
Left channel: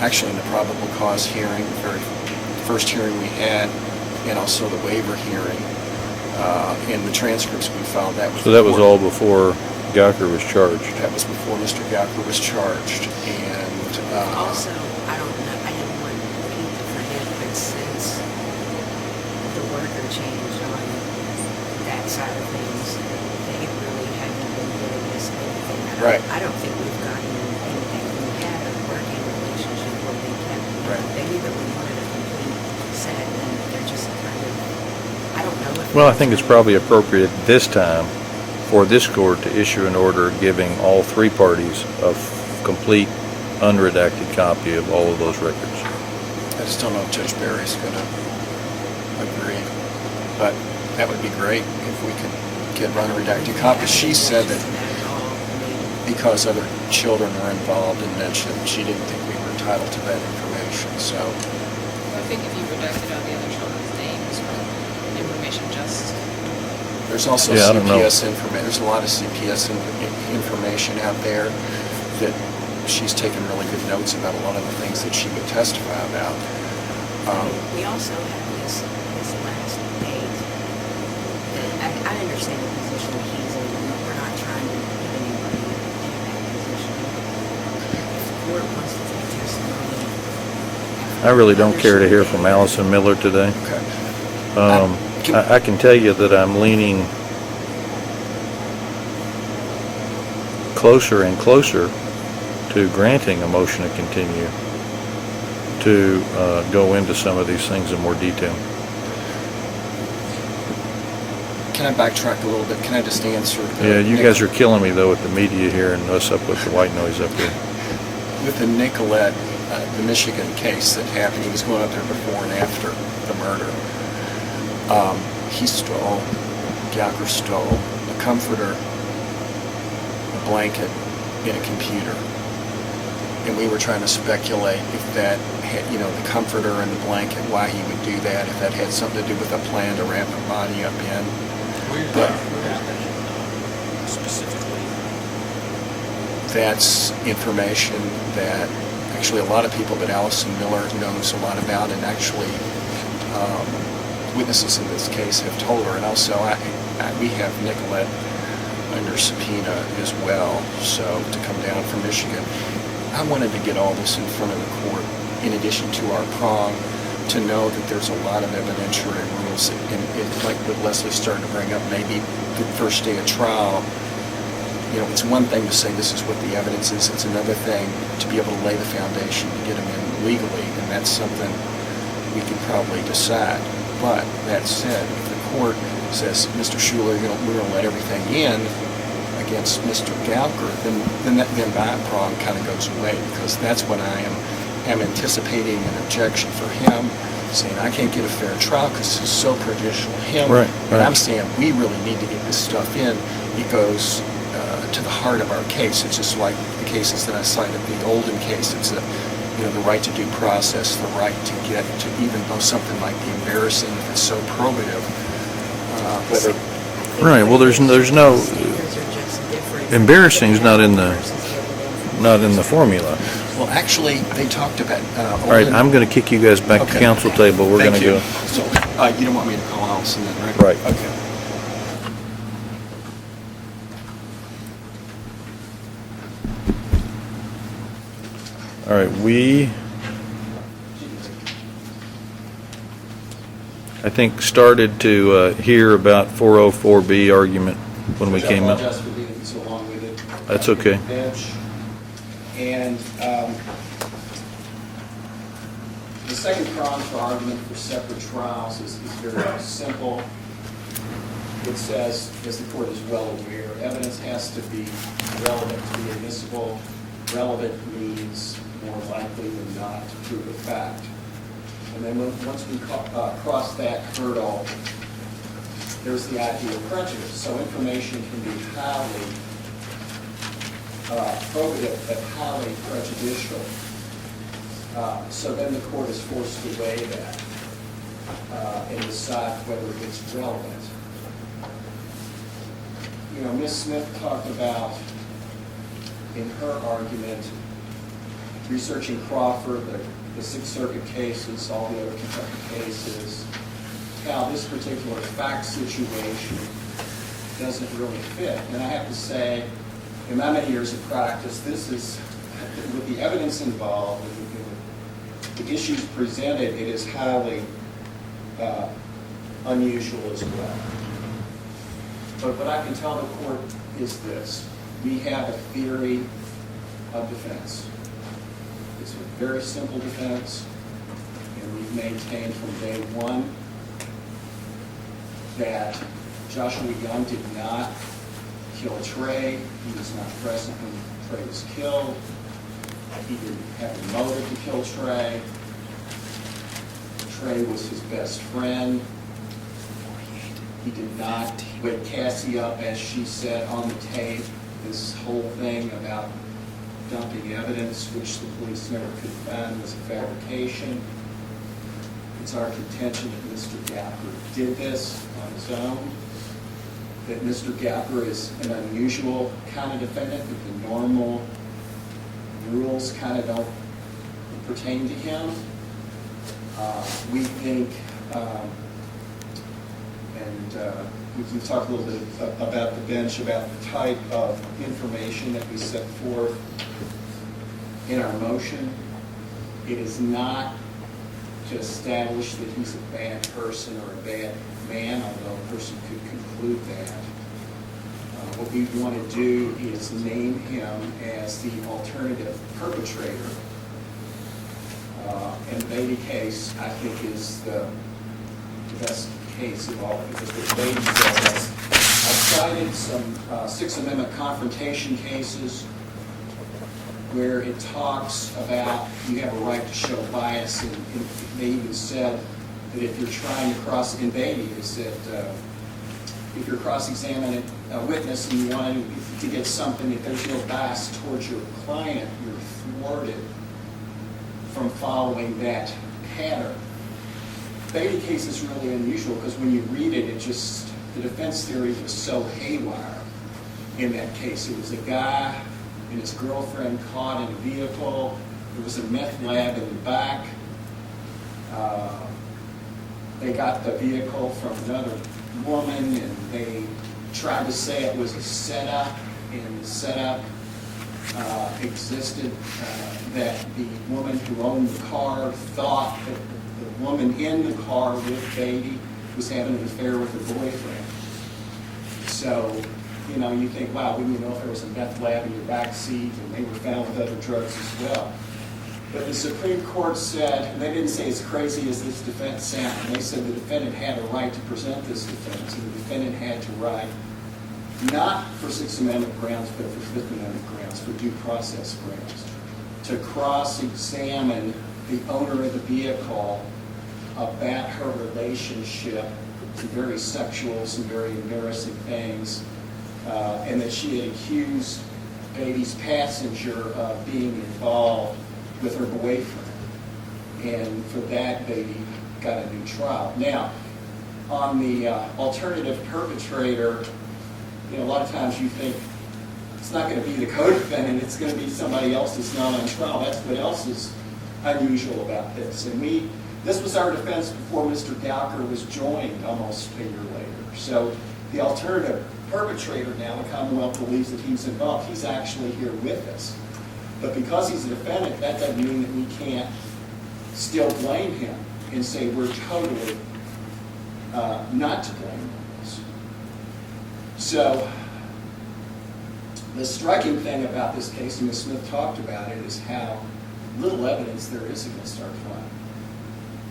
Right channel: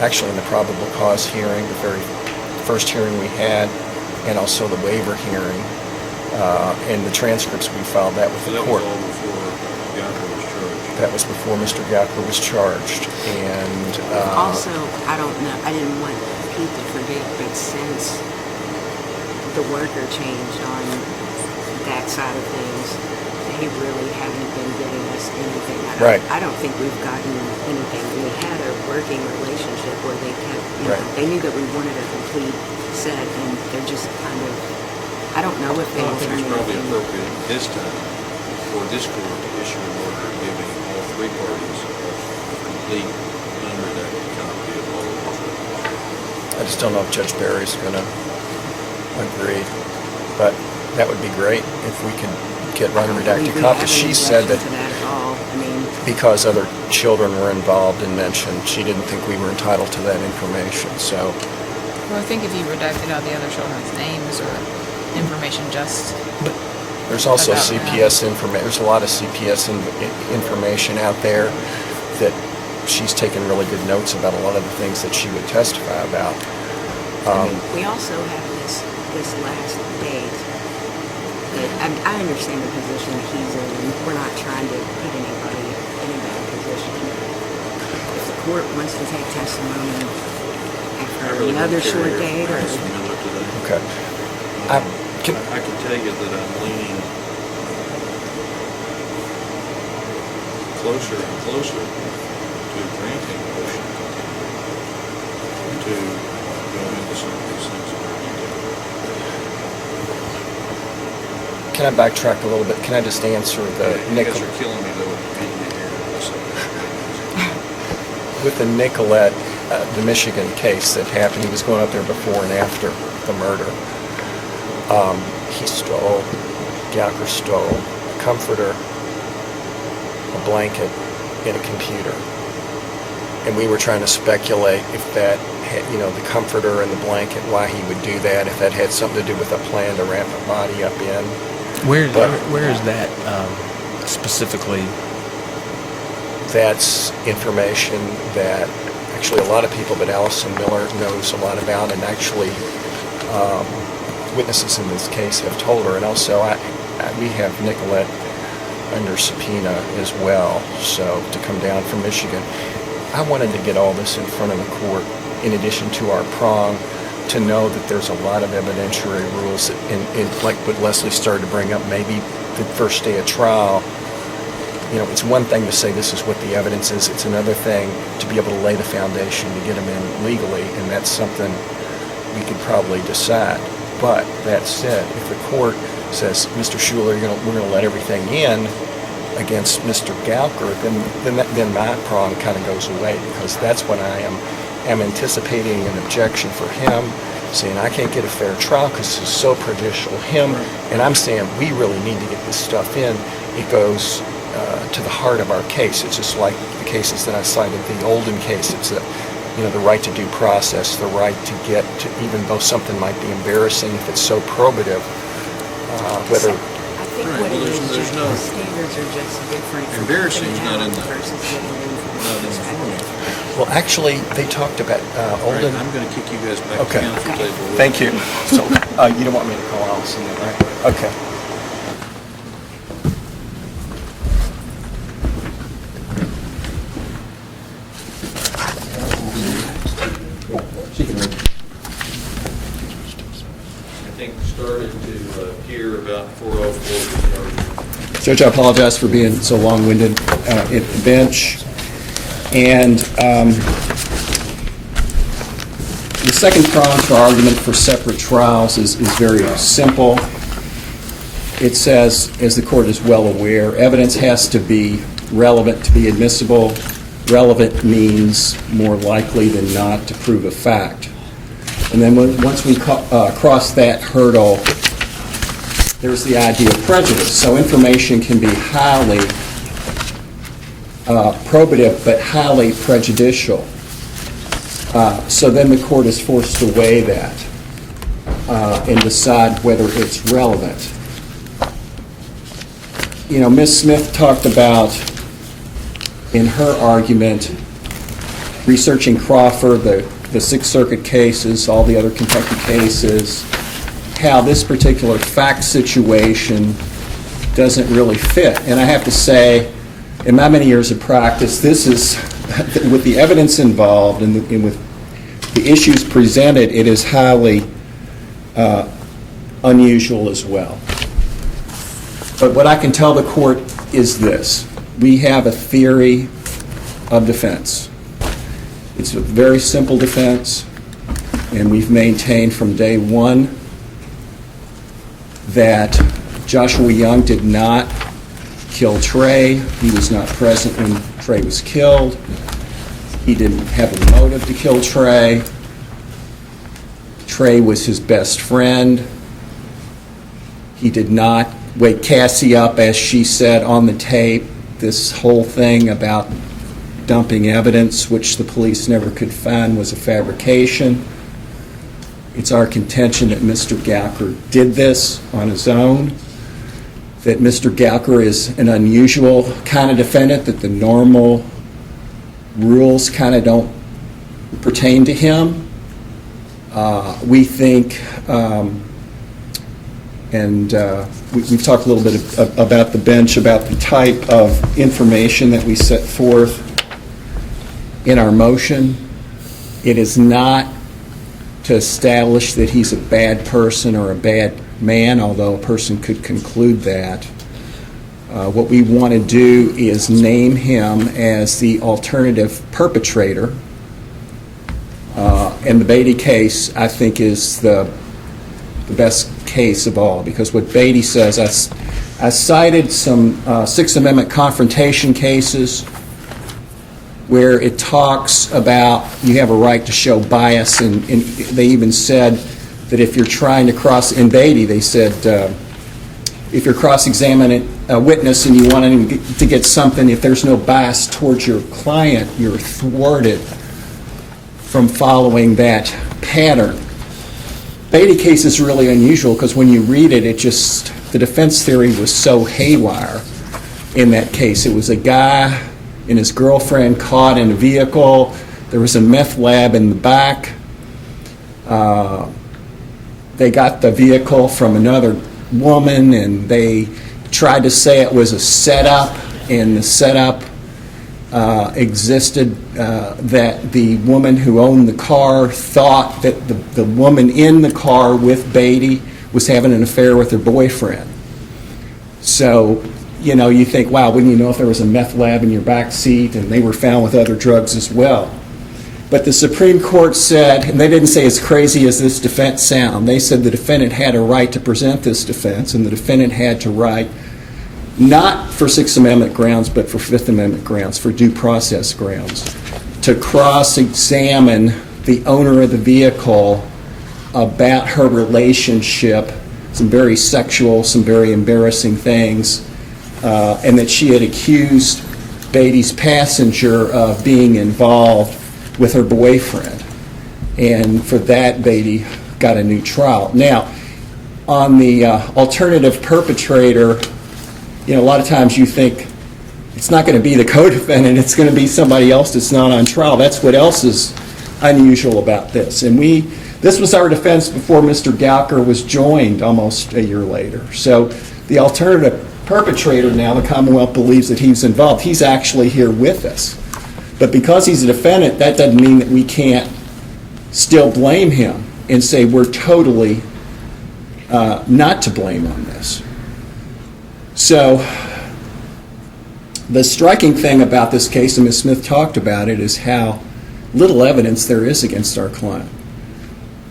actually in the probable cause hearing, the very first hearing we had, and also the waiver hearing. And the transcripts we filed, that was So that was all before Gouker was charged? That was before Mr. Gouker was charged. And Also, I don't know, I didn't want Pete to forget, but since the worker changed on that side of things, they really haven't been giving us anything. I don't think we've gotten anything. We had a working relationship where they kept, they knew that we wanted a complete set, and they're just kind of, I don't know if. Well, I think it's probably appropriate this time for this court to issue an order giving all three parties a complete, unredacted copy of all of those records. I just don't know if Judge Berry's going to agree, but that would be great if we can get unredacted copies. She said that because other children were involved and mentioned, she didn't think we were entitled to that information. So, Well, I think if you redacted out the other children's names or information, just there's also Yeah, I don't know. CPS information. There's a lot of CPS information out there that she's taken really good notes about a lot of the things that she would testify about. We also have this last date that I understand the position he's in, and we're not trying to put anybody in a bad position. If the court wants to take testimony after I really don't another care to short hear day from or- Allison Miller today. Okay. I can tell you that I'm leaning closer and closer to granting a motion to continue. to go into some of these things in more detail. Can I backtrack a little bit? Can I just answer the... Yeah, you guys are killing me, though, with the media here and us up with the white noise up here. With the Nicolette, the Michigan case that happened, he was going out there before and after the murder. He stole, Gouker stole a comforter, a blanket, and a computer. And we were trying to speculate if that had, the comforter and the blanket, why he would do that, if that had something to do with a plan to wrap a body up in. Where is that specifically? That's information that actually a lot of people, but Allison Miller knows a lot about, and actually witnesses in this case have told her. And also, we have Nicolette under subpoena as well, so to come down from Michigan. I wanted to get all this in front of the court, in addition to our prong, to know that there's a lot of evidentiary rules, and like what Leslie started to bring up, maybe the first day of trial, it's one thing to say this is what the evidence is, it's another thing to be able to lay the foundation to get them in legally, and that's something we could probably decide. But that said, if the court says, Mr. Schuler, we're going to let everything in against Mr. Gouker, then my prong kind of goes away, because that's when I am anticipating an objection for him, saying I can't get a fair trial because this is so prejudicial to him. Right. And I'm saying we really need to get this stuff in. It goes to the heart of our case. It's just like the cases that I cited, the Olden case. It's the right to due process, the right to get to, even though something might be embarrassing, if it's so probative, whether... Right, well, there's no... Embarrassing is not in the formula. Well, actually, they talked about... All right, I'm going to kick you guys back to council table. We're Thank going you. to go. So, you don't want me to call Allison then, right? Right. Okay. All right, we, I think, started to hear about 404B argument. Judge, I apologize for being so long-winded That's at okay. the bench. And the second prong for argument for separate trials is very simple. It says, as the court is well aware, evidence has to be relevant to be admissible. Relevant means more likely than not to prove a fact. And then once we cross that hurdle, there's the idea of prejudice. So information can be highly probative but highly prejudicial. So then the court is forced to weigh that and decide whether it's relevant. Ms. Smith talked about, in her argument, researching Crawford, the Sixth Circuit cases, all the other Kentucky cases, how this particular fact situation doesn't really fit. And I have to say, in my many years of practice, this is, with the evidence involved and with the issues presented, it is highly unusual as well. But what I can tell the court is this. We have a theory of defense. It's a very simple defense, and we've maintained from day one that Joshua Young did not kill Trey. He was not present when Trey was killed. He didn't have a motive to kill Trey. Trey was his best friend. He did not wake Cassie up, as she said on the tape, this whole thing about dumping evidence, which the police never could find, was a fabrication. It's our contention that Mr. Gouker did this on his own, that Mr. Gouker is an unusual kind of defendant, that the normal rules kind of don't pertain to him. We think, we've talked a little bit about the bench, about the type of information that we set forth in our motion. It is not to establish that he's a bad person or a bad man, although a person could conclude that. What we want to do is name him as the alternative perpetrator And the Beatty case, I think, is the best case of all, because what Beatty says, I cited some Sixth Amendment confrontation cases where it talks about you have a right to show bias, and they even said that if you're trying to in Beatty, they said, if you're cross-examining a witness and you want him to get something, if there's no bias towards your client, you're thwarted from following that pattern. Beatty case is really unusual because when you read it, the defense theory was so haywire in that case. It was a guy and his girlfriend caught in a vehicle. There was a meth lab in the back. They got the vehicle from another woman, and they tried to say it was a setup, and the setup existed that the woman who owned the car thought that the woman in the car with Beatty was having an affair with her boyfriend. So, you think, wow, wouldn't you know if there was a meth lab in your back seat, and they were found with other drugs as well. But the Supreme Court said, and they didn't say as crazy as this defense sound, they said the defendant had a right to present this defense, and the defendant had to right, not for Sixth Amendment grounds, but for Fifth Amendment grounds, for due process grounds, to cross-examine the owner of the vehicle about her relationship, some very sexual, some very embarrassing things, and that she had accused Beatty's passenger of being involved with her boyfriend. And for that, Beatty got a new trial. Now, on the alternative perpetrator, a lot of times you think it's not going to be the co-defendant, it's going to be somebody else that's not on trial. That's what else is unusual about this. And this was our defense before Mr. Gouker was joined almost a year later. So the alternative perpetrator now, the Commonwealth believes that he's involved. He's actually here with us. But because he's a defendant, that doesn't mean that we can't still blame him and say we're totally not to blame on this. So the striking thing about this case, and Ms. Smith talked about it, is how little evidence there is against our client.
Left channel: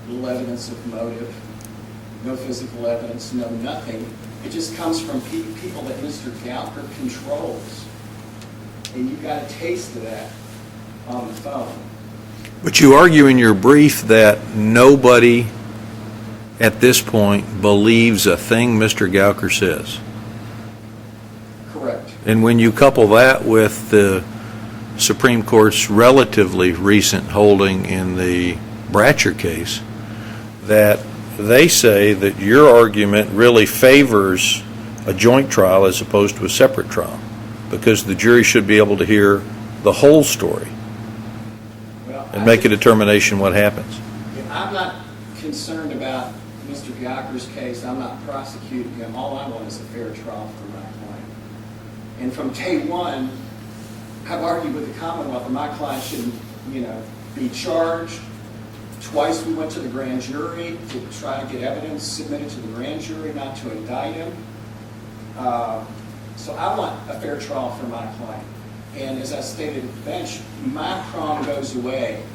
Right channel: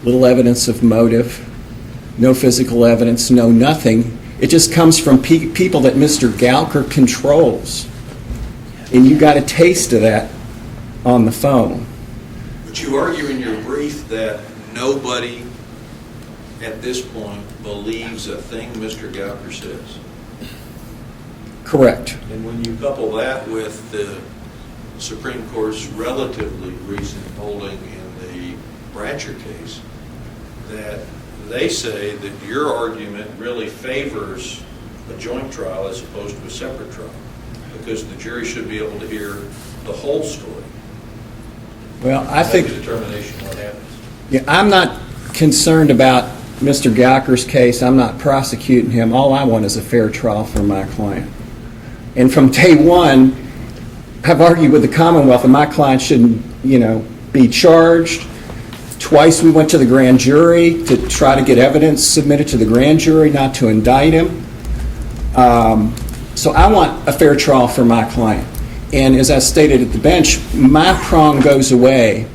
Little evidence of motive, no physical evidence, no nothing. It just comes from people that Mr. Gouker controls. And you got a taste of that on the phone. But you argue in your brief that nobody at this point believes a thing Mr. Gouker says. Correct. And when you couple that with the Supreme Court's relatively recent holding in the Bratcher case, that they say that your argument really favors a joint trial as opposed to a separate trial, because the jury should be able to hear the whole story. Well, I make think a determination what happens. Yeah, I'm not concerned about Mr. Gouker's case. I'm not prosecuting him. All I want is a fair trial for my client. And from day one, I've argued with the Commonwealth that my client shouldn't, be charged. Twice we went to the grand jury to try to get evidence submitted to the grand jury, not to indict him. So I want a fair trial for my client. And as I stated at the bench, my prong goes away.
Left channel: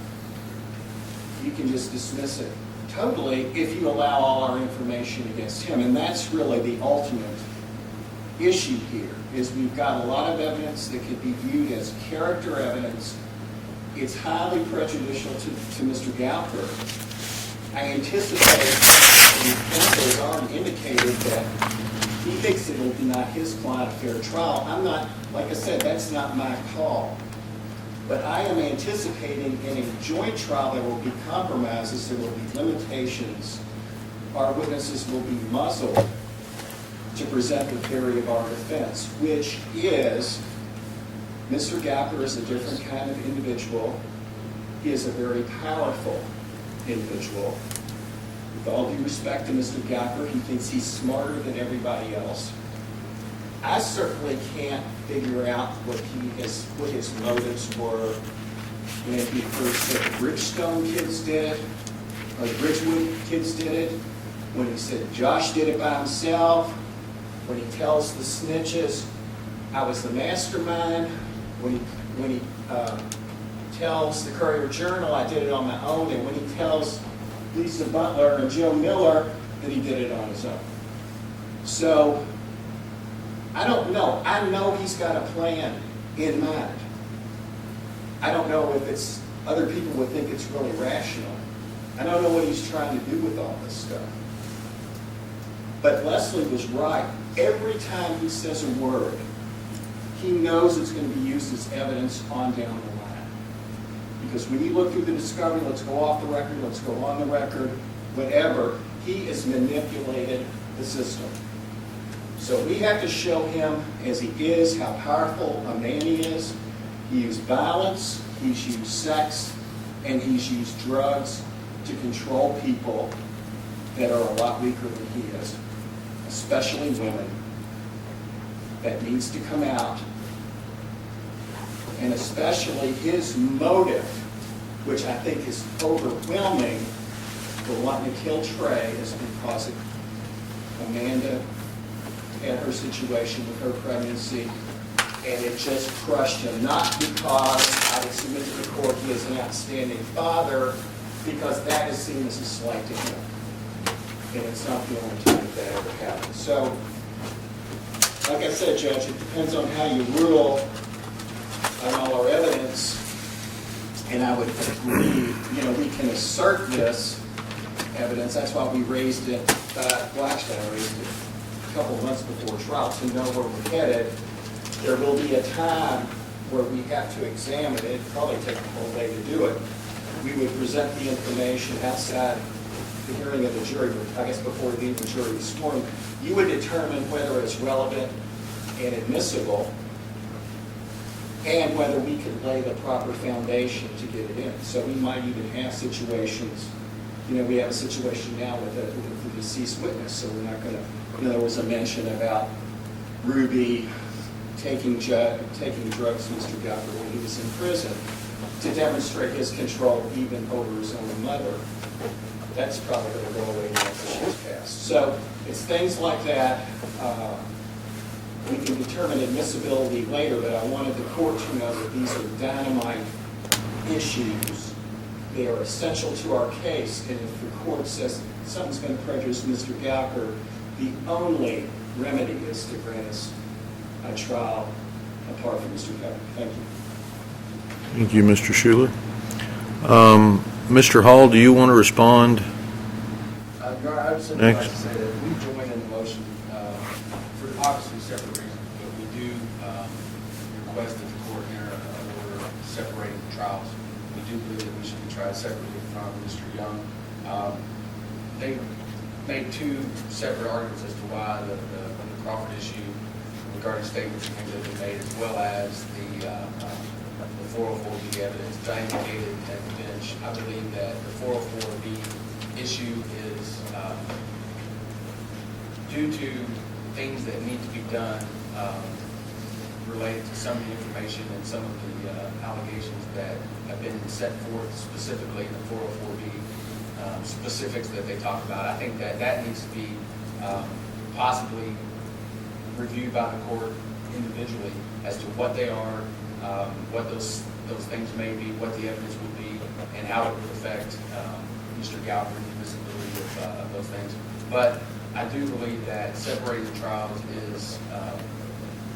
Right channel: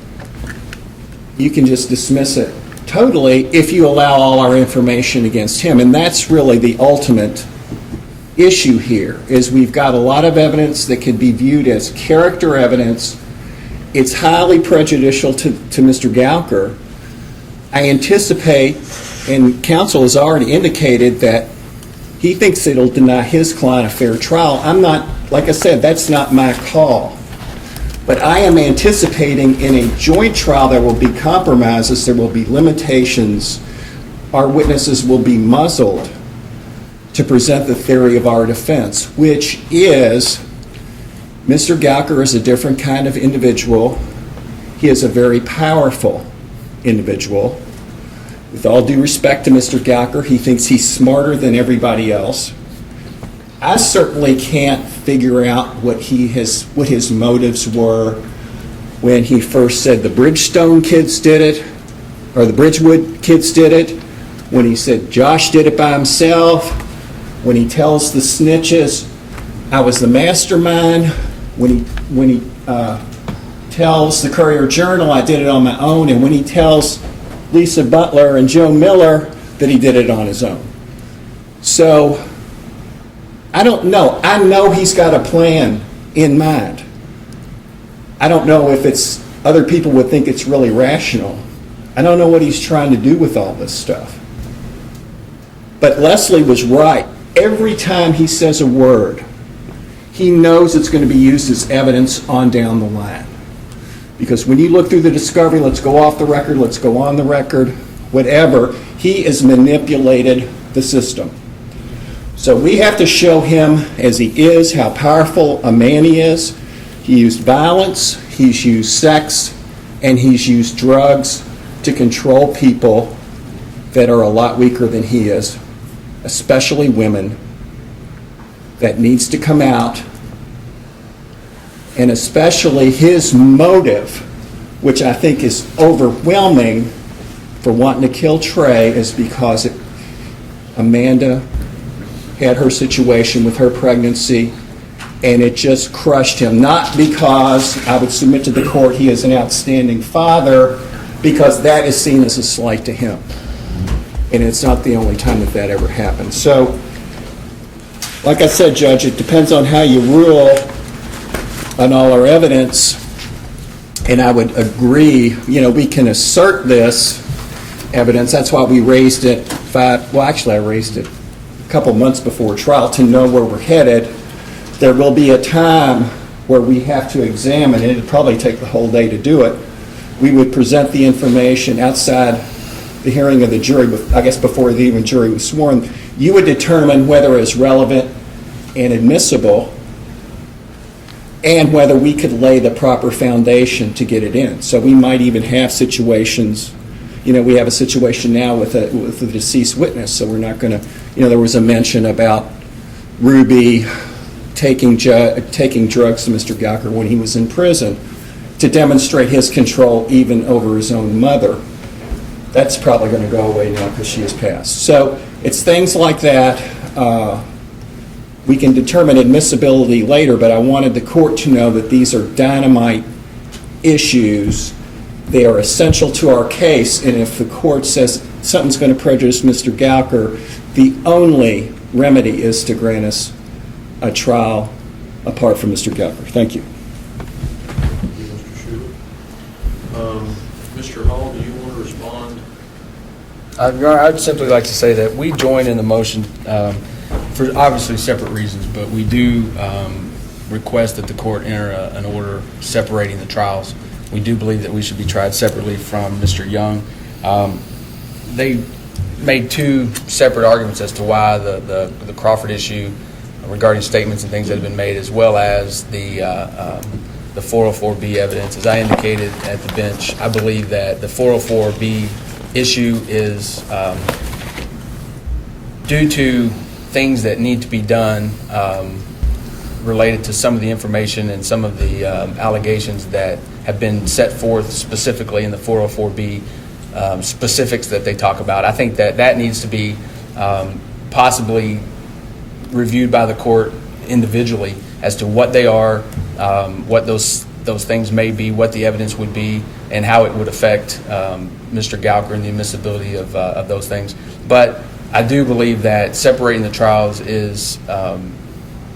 You can just dismiss it totally if you allow all our information against him. And that's really the ultimate issue here, is we've got a lot of evidence that could be viewed as character evidence. It's highly prejudicial to Mr. Gouker. I anticipate, and counsel has already indicated, that he thinks it'll deny his client a fair trial. I'm not, like I said, that's not my call. But I am anticipating in a joint trial there will be compromises, there will be limitations. Our witnesses will be muzzled to present the theory of our defense, which is Mr. Gouker is a different kind of individual. He is a very powerful individual. With all due respect to Mr. Gouker, he thinks he's smarter than everybody else. I certainly can't figure out what his motives were when he first said the Bridgestone kids did it, or the Bridgewood kids did it, when he said Josh did it by himself, when he tells the snitches I was the mastermind, when he tells the Courier-Journal, I did it on my own, and when he tells Lisa Butler and Joe Miller that he did it on his own. So, I don't know. I know he's got a plan in mind. I don't know if it's, other people would think it's really rational. I don't know what he's trying to do with all this stuff. But Leslie was right. Every time he says a word, he knows it's going to be used as evidence on down the line. Because when you look through the discovery, let's go off the record, let's go on the record, whatever, he has manipulated the system. So we have to show him as he is, how powerful a man he is. He used violence, he's used sex, and he's used drugs to control people that are a lot weaker than he is, especially women. That needs to come out. And especially his motive, which I think is overwhelming for wanting to kill Trey, is because Amanda had her situation with her pregnancy, and it just crushed him. Not because, I would submit to the court, he is an outstanding father, because that is seen as a slight to him. And it's not the only time that ever happened. So, like I said, Judge, it depends on how you rule on all our evidence, and I would agree, we can assert this evidence. That's why we raised it I raised it a couple months before trial to know where we're headed. There will be a time where we have to examine it. It'd probably take the whole day to do it. We would present the information outside the hearing of the jury, I guess before the even jury was sworn. You would determine whether it's relevant and admissible, and whether we could lay the proper foundation to get it in. So we might even have situations, we have a situation now with a deceased witness, so we're not going to, there was a mention about Ruby taking drugs to Mr. Gouker when he was in prison to demonstrate his control even over his own mother. That's probably going to go away now because she has passed. So it's things like that. We can determine admissibility later, but I wanted the court to know that these are dynamite issues. They are essential to our case, and if the court says something's going to prejudice Mr. Gouker, the only remedy is to grant us a trial apart from Mr. Gouker. Thank you. Thank you, Mr. Schuler. Mr. Hall, do you want to respond? Your Honor, I'd simply like to say that we join in the motion for obviously separate reasons, but we do request that the court enter an order separating the trials. We do believe that we should be tried separately from Mr. Young. They made two separate arguments as to why the Crawford issue regarding statements and things that have been made, as well as the 404B evidence. As I indicated at the bench, I believe that the 404B issue is due to things that need to be done related to some of the information and some of the allegations that have been set forth specifically in the 404B specifics that they talk about. I think that needs to be possibly reviewed by the court individually as to what they are, what those things may be, what the evidence would be, and how it would affect Mr. Gouker and the admissibility of those things. But I do believe that separating the trials is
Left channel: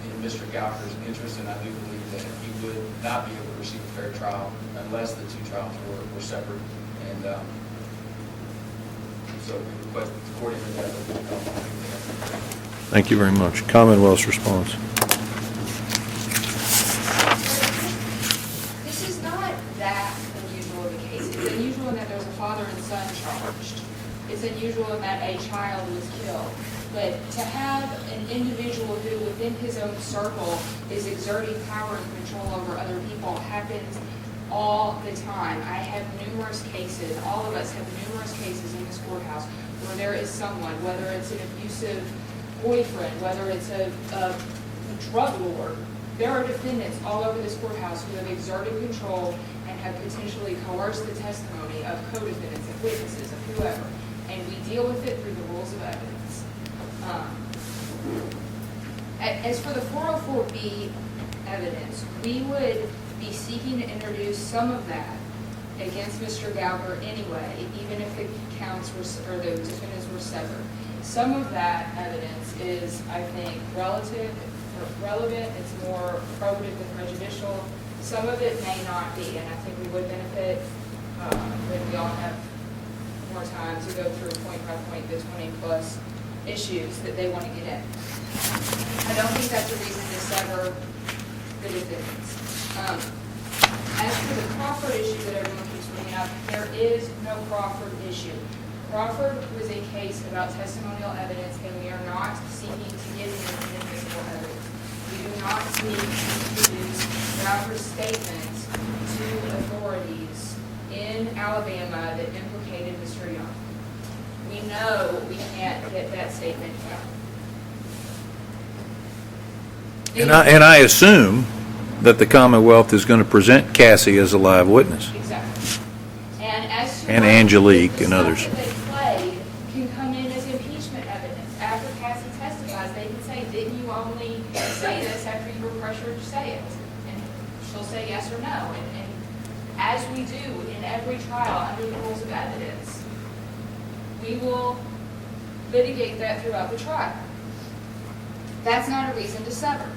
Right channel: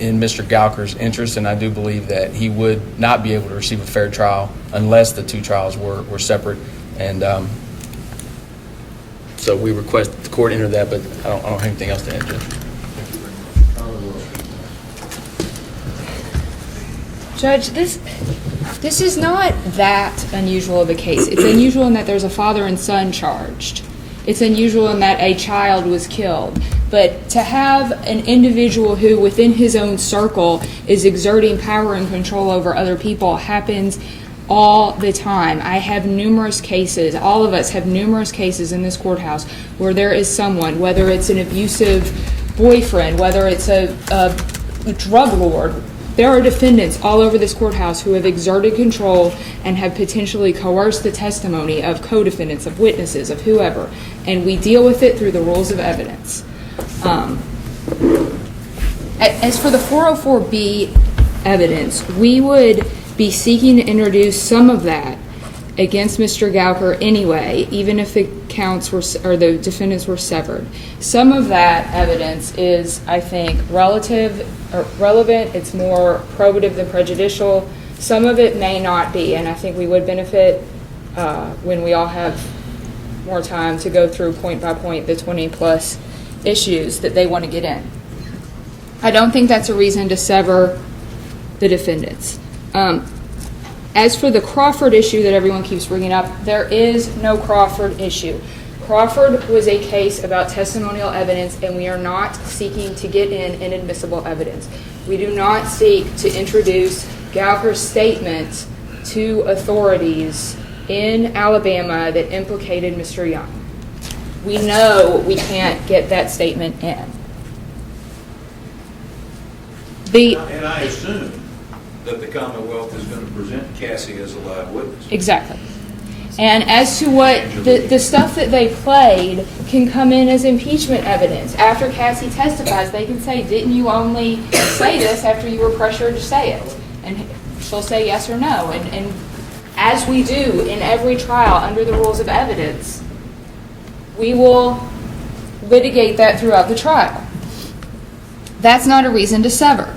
in Mr. Gouker's interest, and I do believe that he would not be able to receive a fair trial unless the two trials were separate. And so we request the court enter that, but I don't have anything else to enter. Thank you very much. Commonwealth's response. Judge, this is not that unusual of a case. It's unusual in that there's a father and son charged. It's unusual in that a child was killed. But to have an individual who within his own circle is exerting power and control over other people happens all the time. I have numerous cases, all of us have numerous cases in this courthouse where there is someone, whether it's an abusive boyfriend, whether it's a drug lord. There are defendants all over this courthouse who have exerted control and have potentially coerced the testimony of co-defendants, of witnesses, of whoever, and we deal with it through the rules of evidence. As for the 404B evidence, we would be seeking to introduce some of that against Mr. Gouker anyway, even if the counts were, or the defendants were severed. Some of that evidence is, I think, relevant. It's more probative than prejudicial. Some of it may not be, and I think we would benefit when we all have more time to go through point by point the 20-plus issues that they want to get in. I don't think that's a reason to sever the defendants. As for the Crawford issue that everyone keeps bringing up, there is no Crawford issue. Crawford was a case about testimonial evidence, and we are not seeking to get in inadmissible evidence. We do not seek to introduce Gouker's statement to authorities in Alabama that implicated Mr. Young. We know we can't get that statement in. And I assume that the Commonwealth is going to present Cassie as a live witness. Exactly. And as to And what Angelique the and stuff others. that they played can come in as impeachment evidence. After Cassie testifies, they can say, didn't you only say this after you were pressured to say it? And she'll say yes or no. And as we do in every trial under the rules of evidence, we will litigate that throughout the trial. That's not a reason to sever.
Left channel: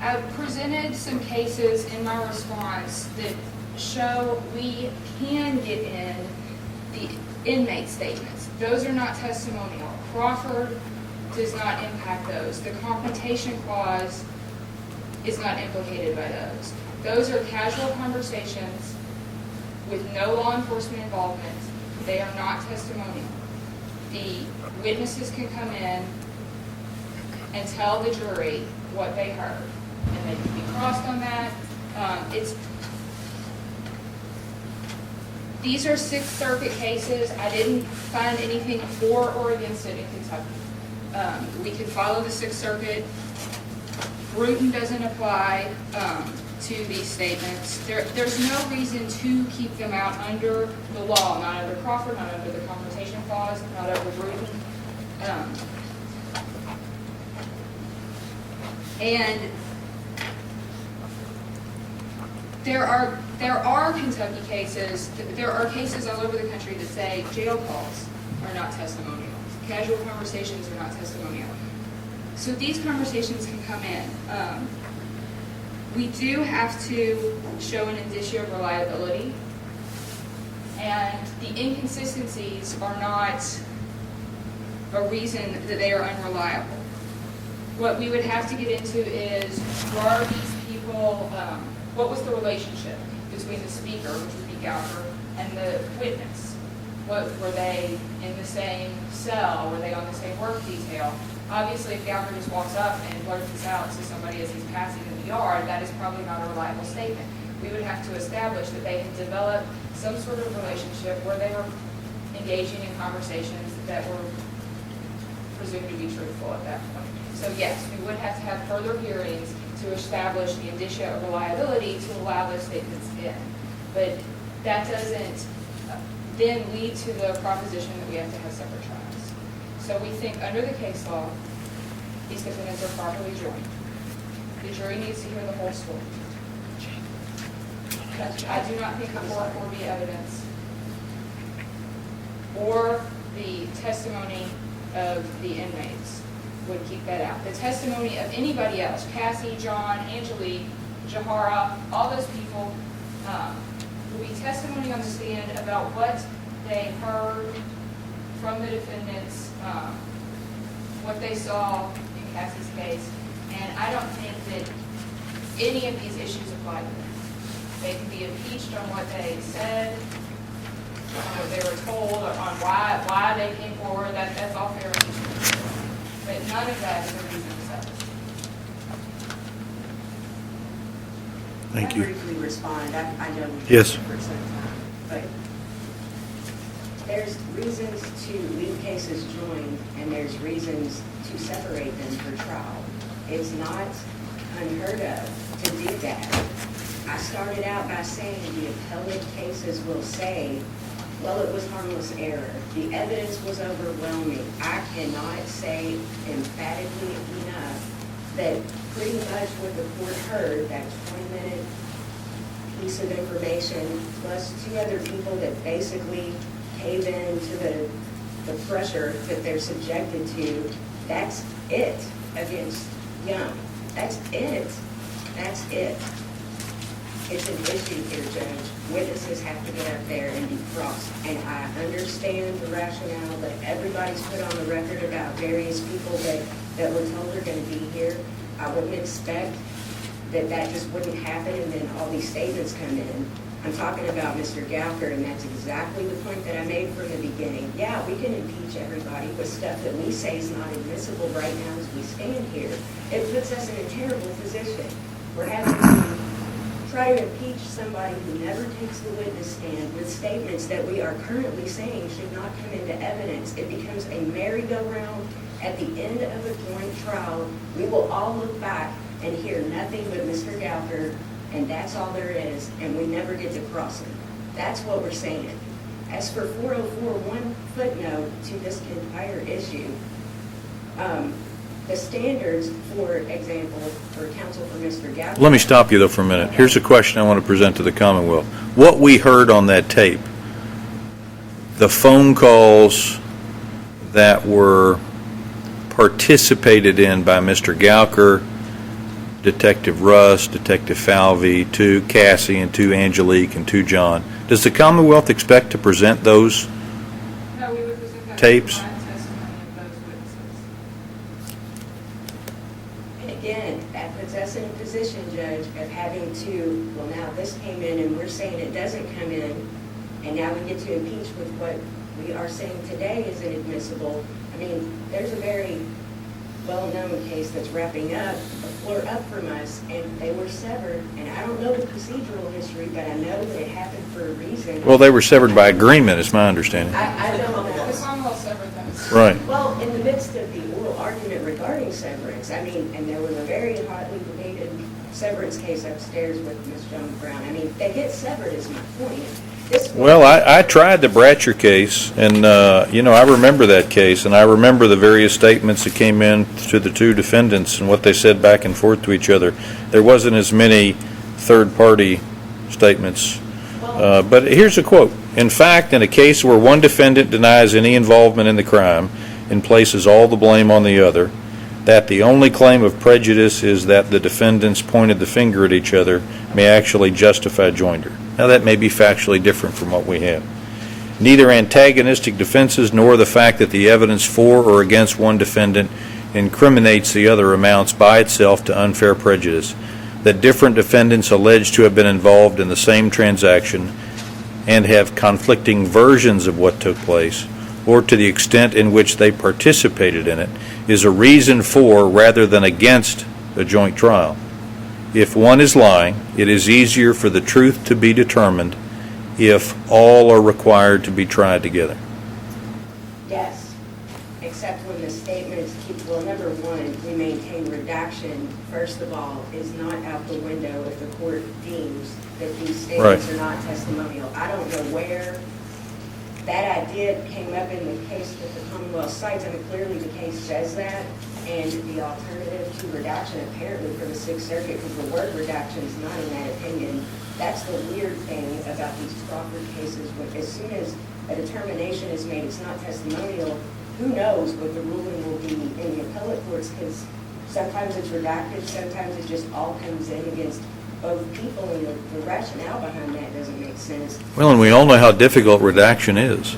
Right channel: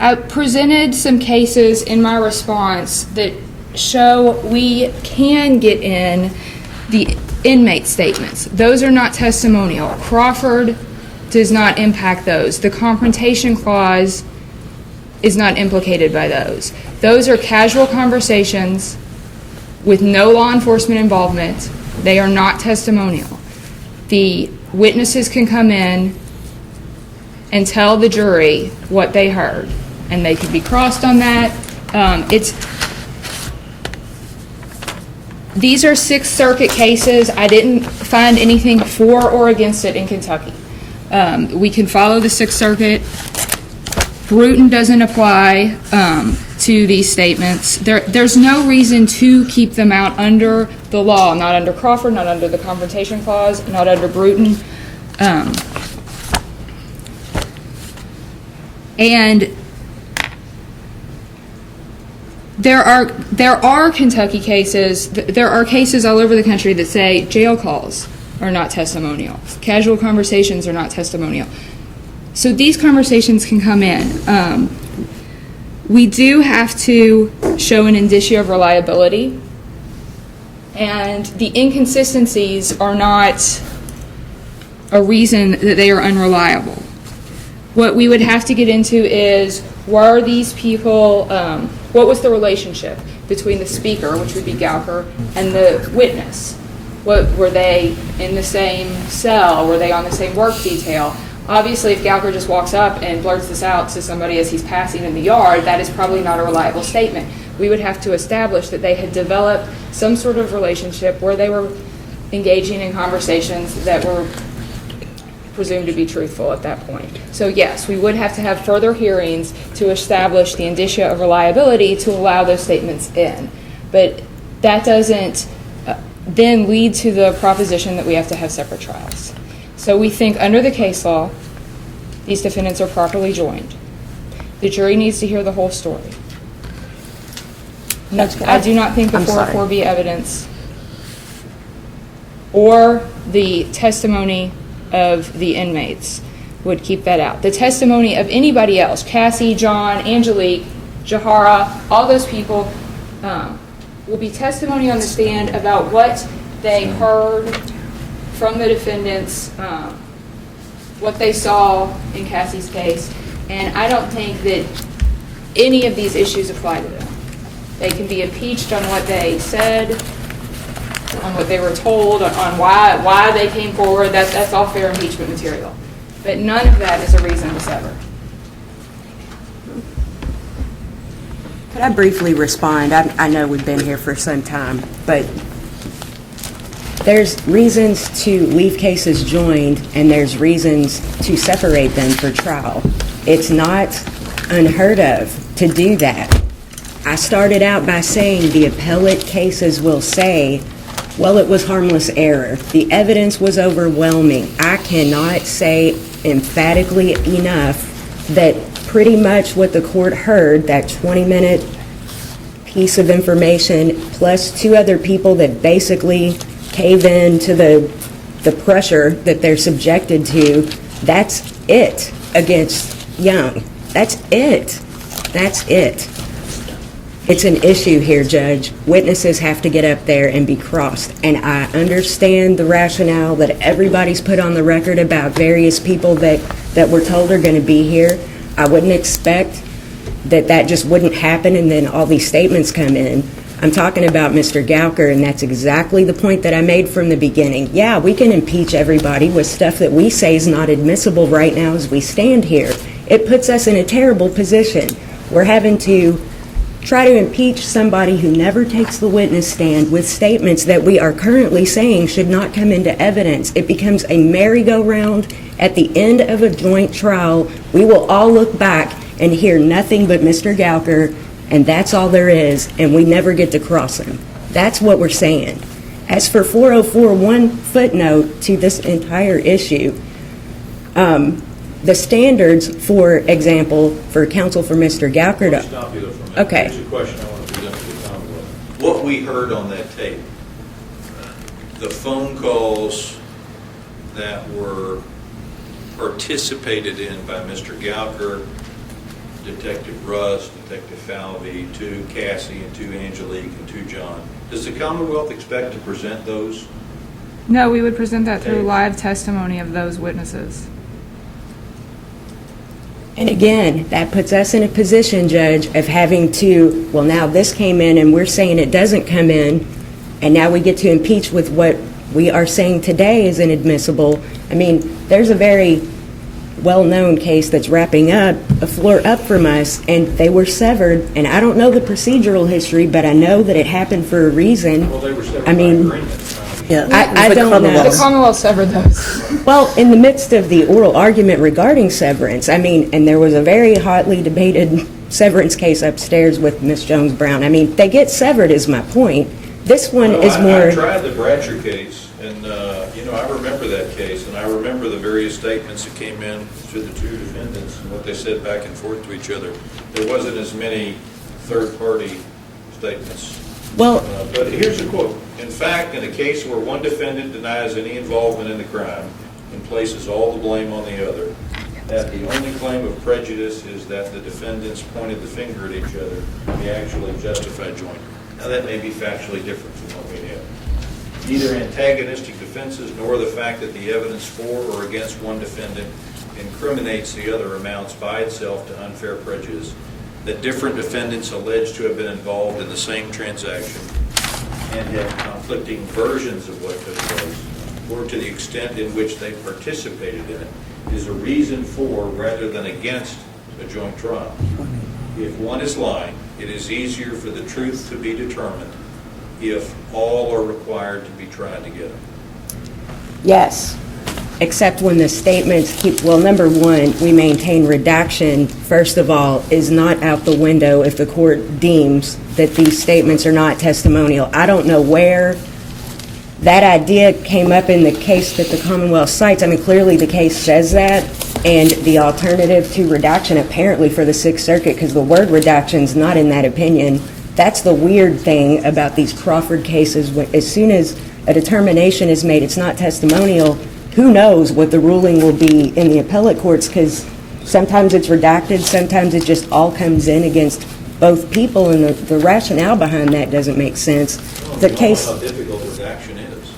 I presented some cases in my response that show we can get in the inmate statements. Those are not testimonial. Crawford does not impact those. The confrontation clause is not implicated by those. Those are casual conversations with no law enforcement involvement. They are not testimonial. The witnesses can come in and tell the jury what they heard, and they could be crossed on that. These are Sixth Circuit cases. I didn't find anything for or against it in Kentucky. We can follow the Sixth Circuit. Bruton doesn't apply to these statements. There's no reason to keep them out under the law, not under Crawford, not under the Confrontation Clause, not under Bruton. And there are Kentucky cases, there are cases all over the country that say jail calls are not testimonial. Casual conversations are not testimonial. So these conversations can come in. We do have to show an indicia of reliability, and the inconsistencies are not a reason that they are unreliable. What we would have to get into is, were these people, what was the relationship between the speaker, which would be Gouker, and the witness? Were they in the same cell? Were they on the same work detail? Obviously, if Gouker just walks up and blurts this out to somebody as he's passing in the yard, that is probably not a reliable statement. We would have to establish that they had developed some sort of relationship where they were engaging in conversations that were presumed to be truthful at that point. So yes, we would have to have further hearings to establish the indicia of reliability to allow those statements in. But that doesn't then lead to the proposition that we have to have separate trials. So we think under the case law, these defendants are properly joined. The jury needs to hear the whole story. I do not think the 404B evidence or the testimony of the inmates would keep that out. The testimony of anybody else, Cassie, John, Angelique, Jahara, all those people, will be testimony on the stand about what they heard from the defendants, what they saw in Cassie's case, and I don't think that any of these issues apply to them. They can be impeached on what they said, on what they were told, on why they came forward. That's all fair impeachment material. But none of that is a reason to sever. Could I briefly respond? I know we've been Yes. here for some time, but there's reasons to leave cases joined, and there's reasons to separate them for trial. It's not unheard of to do that. I started out by saying the appellate cases will say, well, it was harmless error. The evidence was overwhelming. I cannot say emphatically enough that pretty much what the court heard, that 20-minute piece of information, plus two other people that basically cave in to the pressure that they're subjected to, that's it against Young. That's it. That's it. It's an issue here, Judge. Witnesses have to get up there and be crossed. And I understand the rationale that everybody's put on the record about various people that we're told are going to be here. I wouldn't expect that just wouldn't happen and then all these statements come in. I'm talking about Mr. Gouker, and that's exactly the point that I made from the beginning. Yeah, we can impeach everybody with stuff that we say is not admissible right now as we stand here. It puts us in a terrible position. We're having to try to impeach somebody who never takes the witness stand with statements that we are currently saying should not come into evidence. It becomes a merry-go-round. At the end of a joint trial, we will all look back and hear nothing but Mr. Gouker, and that's all there is, and we never get to cross him. That's what we're saying. As for 404, one footnote to this entire issue, the standards, for example, for counsel for Mr. Gouker. Let me stop you, though, for a minute. Okay. Here's a question I want to present to the Commonwealth. What we heard on that tape, the phone calls that were participated in by Mr. Gouker, Detective Russ, Detective Falvey, to Cassie, and to Angelique, and to John, does the Commonwealth expect to present those? No, we would present that through Tapes. live testimony of those witnesses. And again, that puts us in a position, Judge, of having to, well, now this came in and we're saying it doesn't come in, and now we get to impeach with what we are saying today is inadmissible. I mean, there's a very well-known case that's wrapping up, a floor up from us, and they were severed, and I don't know the procedural history, but I know that it happened for a reason. Well, they were severed by agreement, is my understanding. I don't know. The Commonwealth severed those. Right. Well, in the midst of the oral argument regarding severance, I mean, and there was a very hotly debated severance case upstairs with Ms. Jones-Brown. I mean, they get severed is my point. This one Well, is more... I tried the Bratcher case, and, I remember that case, and I remember the various statements that came in to the two defendants and what they said back and forth to each other. There wasn't as many third-party statements. Well, But here's a quote. In fact, in a case where one defendant denies any involvement in the crime and places all the blame on the other, that the only claim of prejudice is that the defendants pointed the finger at each other may actually justify joinder. Now, that may be factually different from what we have. Neither antagonistic defenses nor the fact that the evidence for or against one defendant incriminates the other amounts by itself to unfair prejudice. That different defendants alleged to have been involved in the same transaction and have conflicting versions of what took place, or to the extent in which they participated in it, is a reason for rather than against a joint trial. If one is lying, it is easier for the truth to be determined if all are required to be tried together. yes, except when the statements keep, well, number one, we maintain redaction, first of all, is not out the window if the court deems that these statements Right. are not testimonial. I don't know where that idea came up in the case that the Commonwealth cites. I mean, clearly the case says that, and the alternative to redaction apparently for the Sixth Circuit, because the word redaction's not in that opinion. That's the weird thing about these Crawford cases. As soon as a determination is made, it's not testimonial, who knows what the ruling will be in the appellate courts, because sometimes it's redacted, sometimes it just all comes in against both people, and the rationale behind that doesn't make sense. Well, and we all know how difficult redaction is.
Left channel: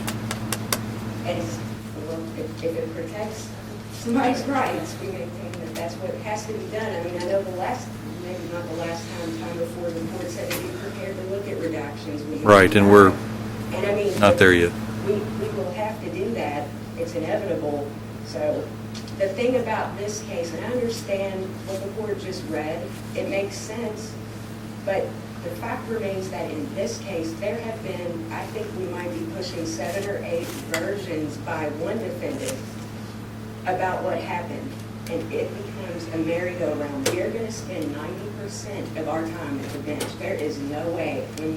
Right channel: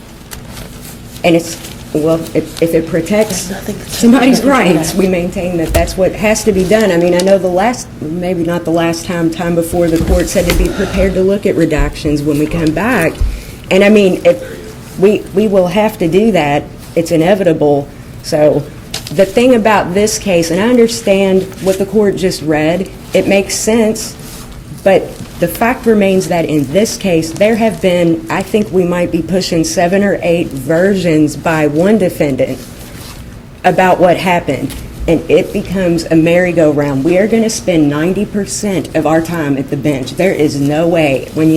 And it's, well, if it protects somebody's rights, we maintain that that's what has to be done. I mean, I know the last, maybe not the last time before, the court said to be prepared to look at redactions when we Right, come and back. And I mean, Not there yet. we will have to do that. It's inevitable. So the thing about this case, and I understand what the court just read, it makes sense, but the fact remains that in this case, there have been, I think we might be pushing 7 or 8 versions by one defendant about what happened, and it becomes a merry-go-round. We are going to spend 90% of our time at the bench. There is no way. When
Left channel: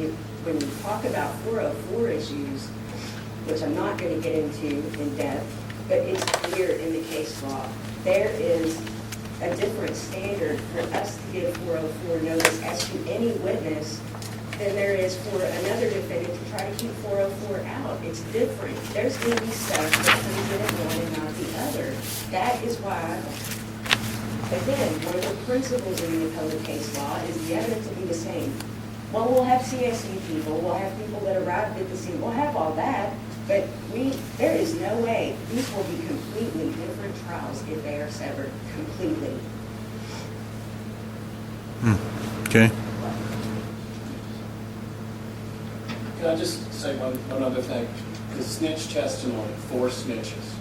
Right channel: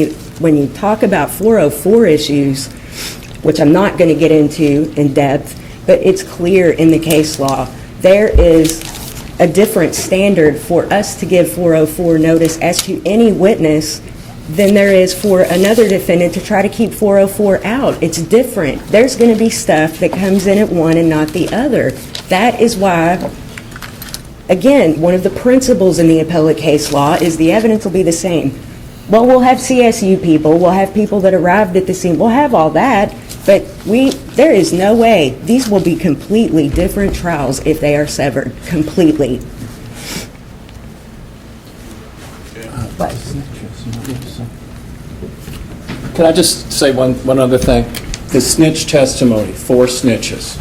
you talk about 404 issues, which I'm not going to get into in depth, but it's clear in the case law, there is a different standard for us to give 404 notice as to any witness than there is for another defendant to try to keep 404 out. It's different. There's going to be stuff that comes in at one and not the other. That is why, again, one of the principles in the appellate case law is the evidence will be the same. Well, we'll have CSU people, we'll have people that arrived at the scene, we'll have all that, but there is no way. These will be completely different trials if they are severed, completely. Okay. Can I just say one other thing? The snitch testimony, 4 snitches,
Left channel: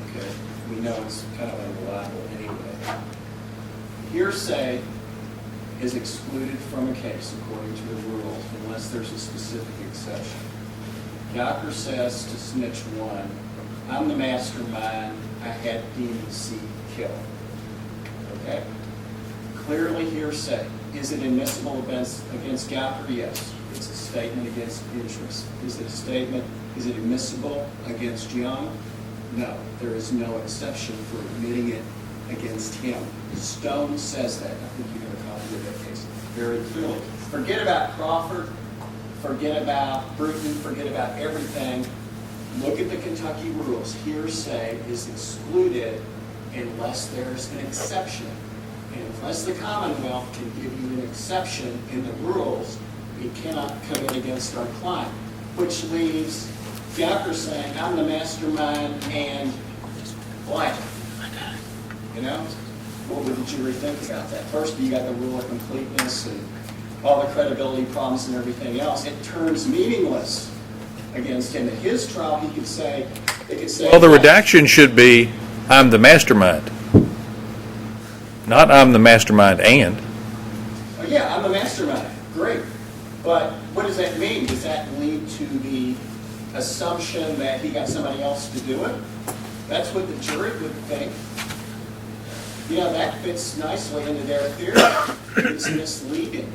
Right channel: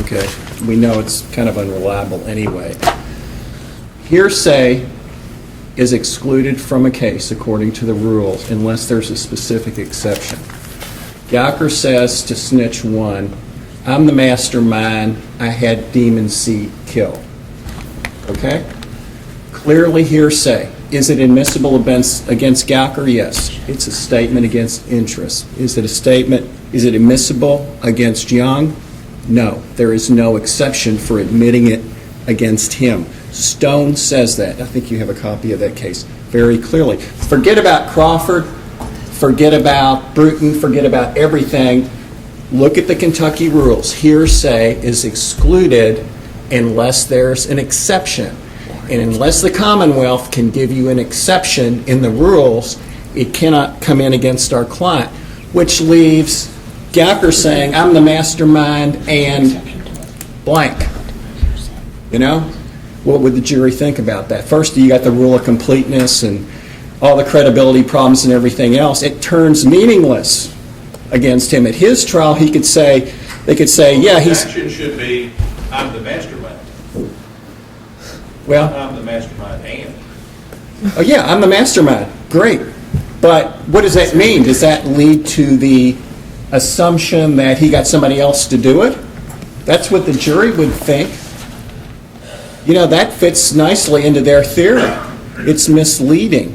okay? We know it's kind of unreliable anyway. Hearsay is excluded from a case according to the rules unless there's a specific exception. Gouker says to snitch 1, I'm the mastermind, I had Demon C killed. Okay? Clearly hearsay. Is it admissible against Gouker? Yes. It's a statement against interest. Is it admissible against Young? No. There is no exception for admitting it against him. Stone says that. I think you have a copy of that case very clearly. Forget about Crawford, forget about Bruton, forget about everything. Look at the Kentucky rules. Hearsay is excluded unless there's an exception. And unless the Commonwealth can give you an exception in the rules, it cannot come in against our client, which leaves Gouker saying, I'm the mastermind and blank. You know? What would the jury think about that? First, you got the rule of completeness and all the credibility problems and everything else. It turns meaningless against him. At his trial, they could say, Well, the redaction should be, I'm the mastermind. Not I'm the mastermind and. Oh, yeah, I'm the mastermind. Great. But what does that mean? Does that lead to the assumption that he got somebody else to do it? That's what the jury would think. You know, that fits nicely into their theory. It's misleading.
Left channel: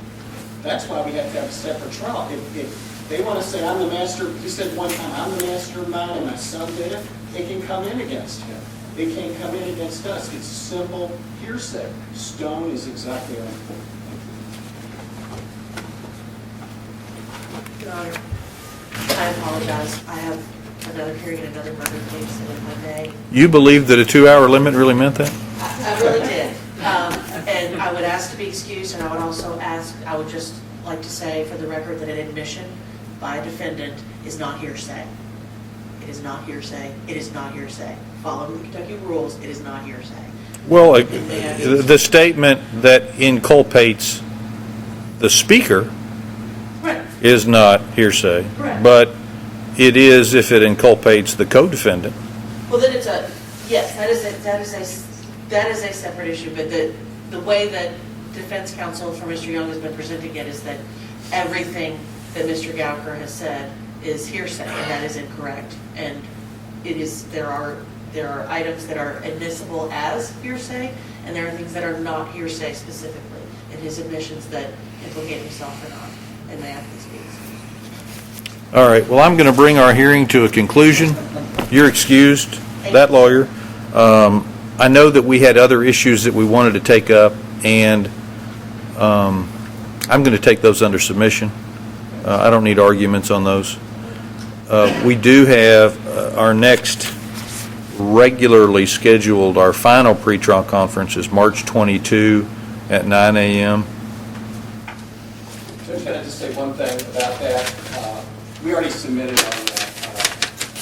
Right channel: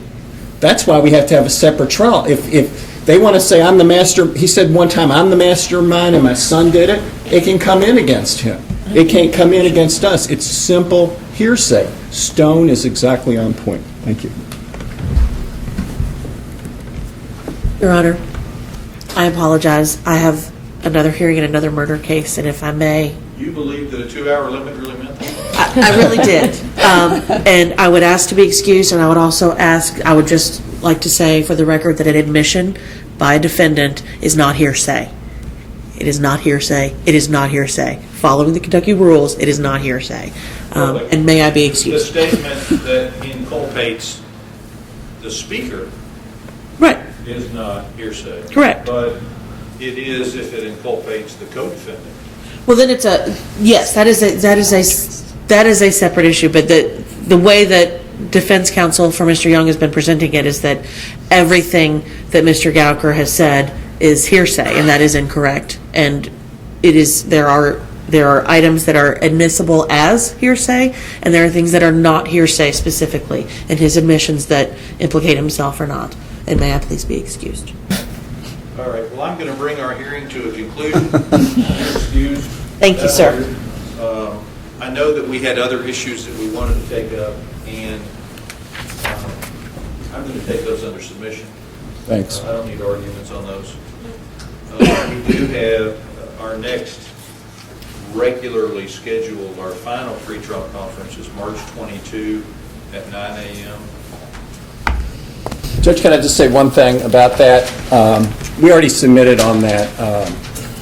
That's why we have to have a separate trial. If they want to say, I'm the master, he said one time, I'm the mastermind and my son did it, it can come in against him. It can't come in against us. It's simple hearsay. Stone is exactly on point. Thank you. Your Honor, I apologize. I have another hearing in another murder case, and if I may. You believe that a 2-hour limit really meant that? I really did. And I would ask to be excused, and I would also ask, I would just like to say for the record that an admission by a defendant is not hearsay. It is not hearsay. It is not hearsay. Following the Kentucky rules, it is not hearsay. Well, and may I be excused? The statement that inculpates the speaker Right. is not hearsay. Correct. But it is if it inculpates the co-defendant. Well, then it's yes, that is a separate issue, but the way that defense counsel for Mr. Young has been presenting it is that everything that Mr. Gouker has said is hearsay, and that is incorrect. And there are items that are admissible as hearsay, and there are things that are not hearsay specifically, and his admissions that implicate himself or not. And may I please be excused? All right, well, I'm going to bring our hearing to a conclusion. You're excused. Thank you, sir. That lawyer. I know that we had other issues that we wanted to take up, and I'm going to take those under submission. Thanks. I don't need arguments on those. We do have our next regularly scheduled, our final pretrial conference is March 22 at 9 a.m. Judge, can I just say one thing about that? We already submitted on that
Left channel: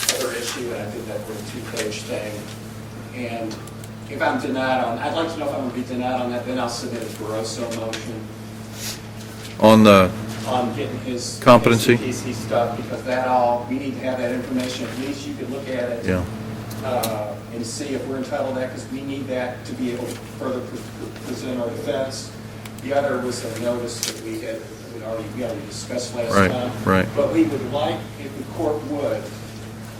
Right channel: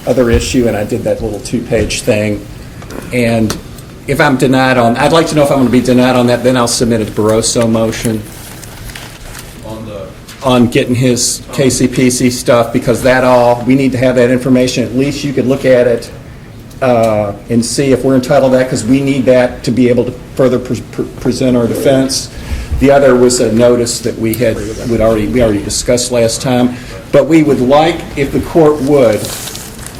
other issue, and I did that little 2-page thing. And if I'm denied I'd like to know if I'm going to be denied on that, then I'll submit a Barroso motion on getting his competency? KCPC stuff, because we need to have that information. At least you could look at it and see if we're entitled to that, because we need that to be able to further present our defense. The other was a notice that we already discussed last time. Right. But we would like, if the court would,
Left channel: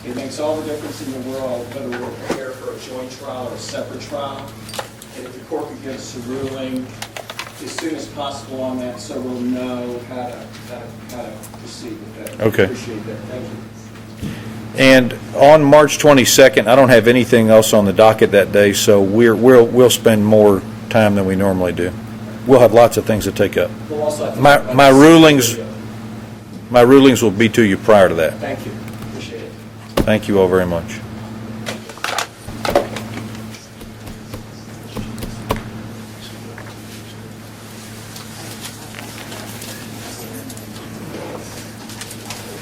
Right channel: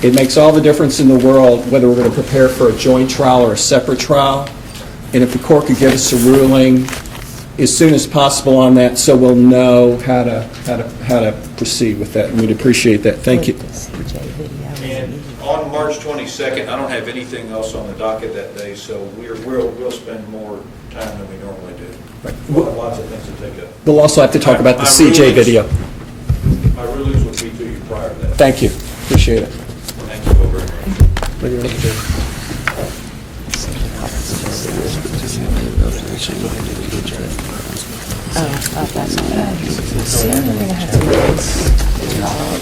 it makes all the difference in the world whether we're going to prepare for a joint trial or a separate trial. And if the court could give us a ruling as soon as possible on that, so we'll know how to proceed with that. And we'd appreciate that. Thank you. And on March 22nd, I don't have anything else on the docket that day, so we'll spend more time than we normally do. We'll have lots of things to take up. We'll also have to talk about the My CJ rulings- video. My rulings will be to you prior to that. Thank you. Appreciate it. Thank you all very much. Soon we're gonna have to do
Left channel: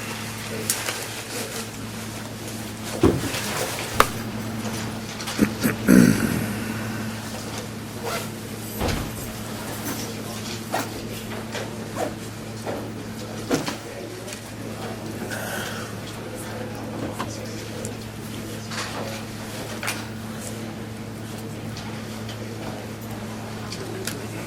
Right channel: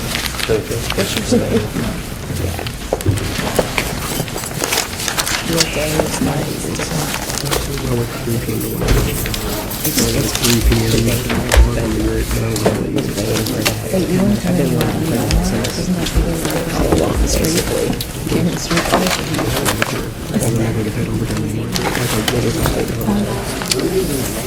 Wait, you want to come in? Doesn't that be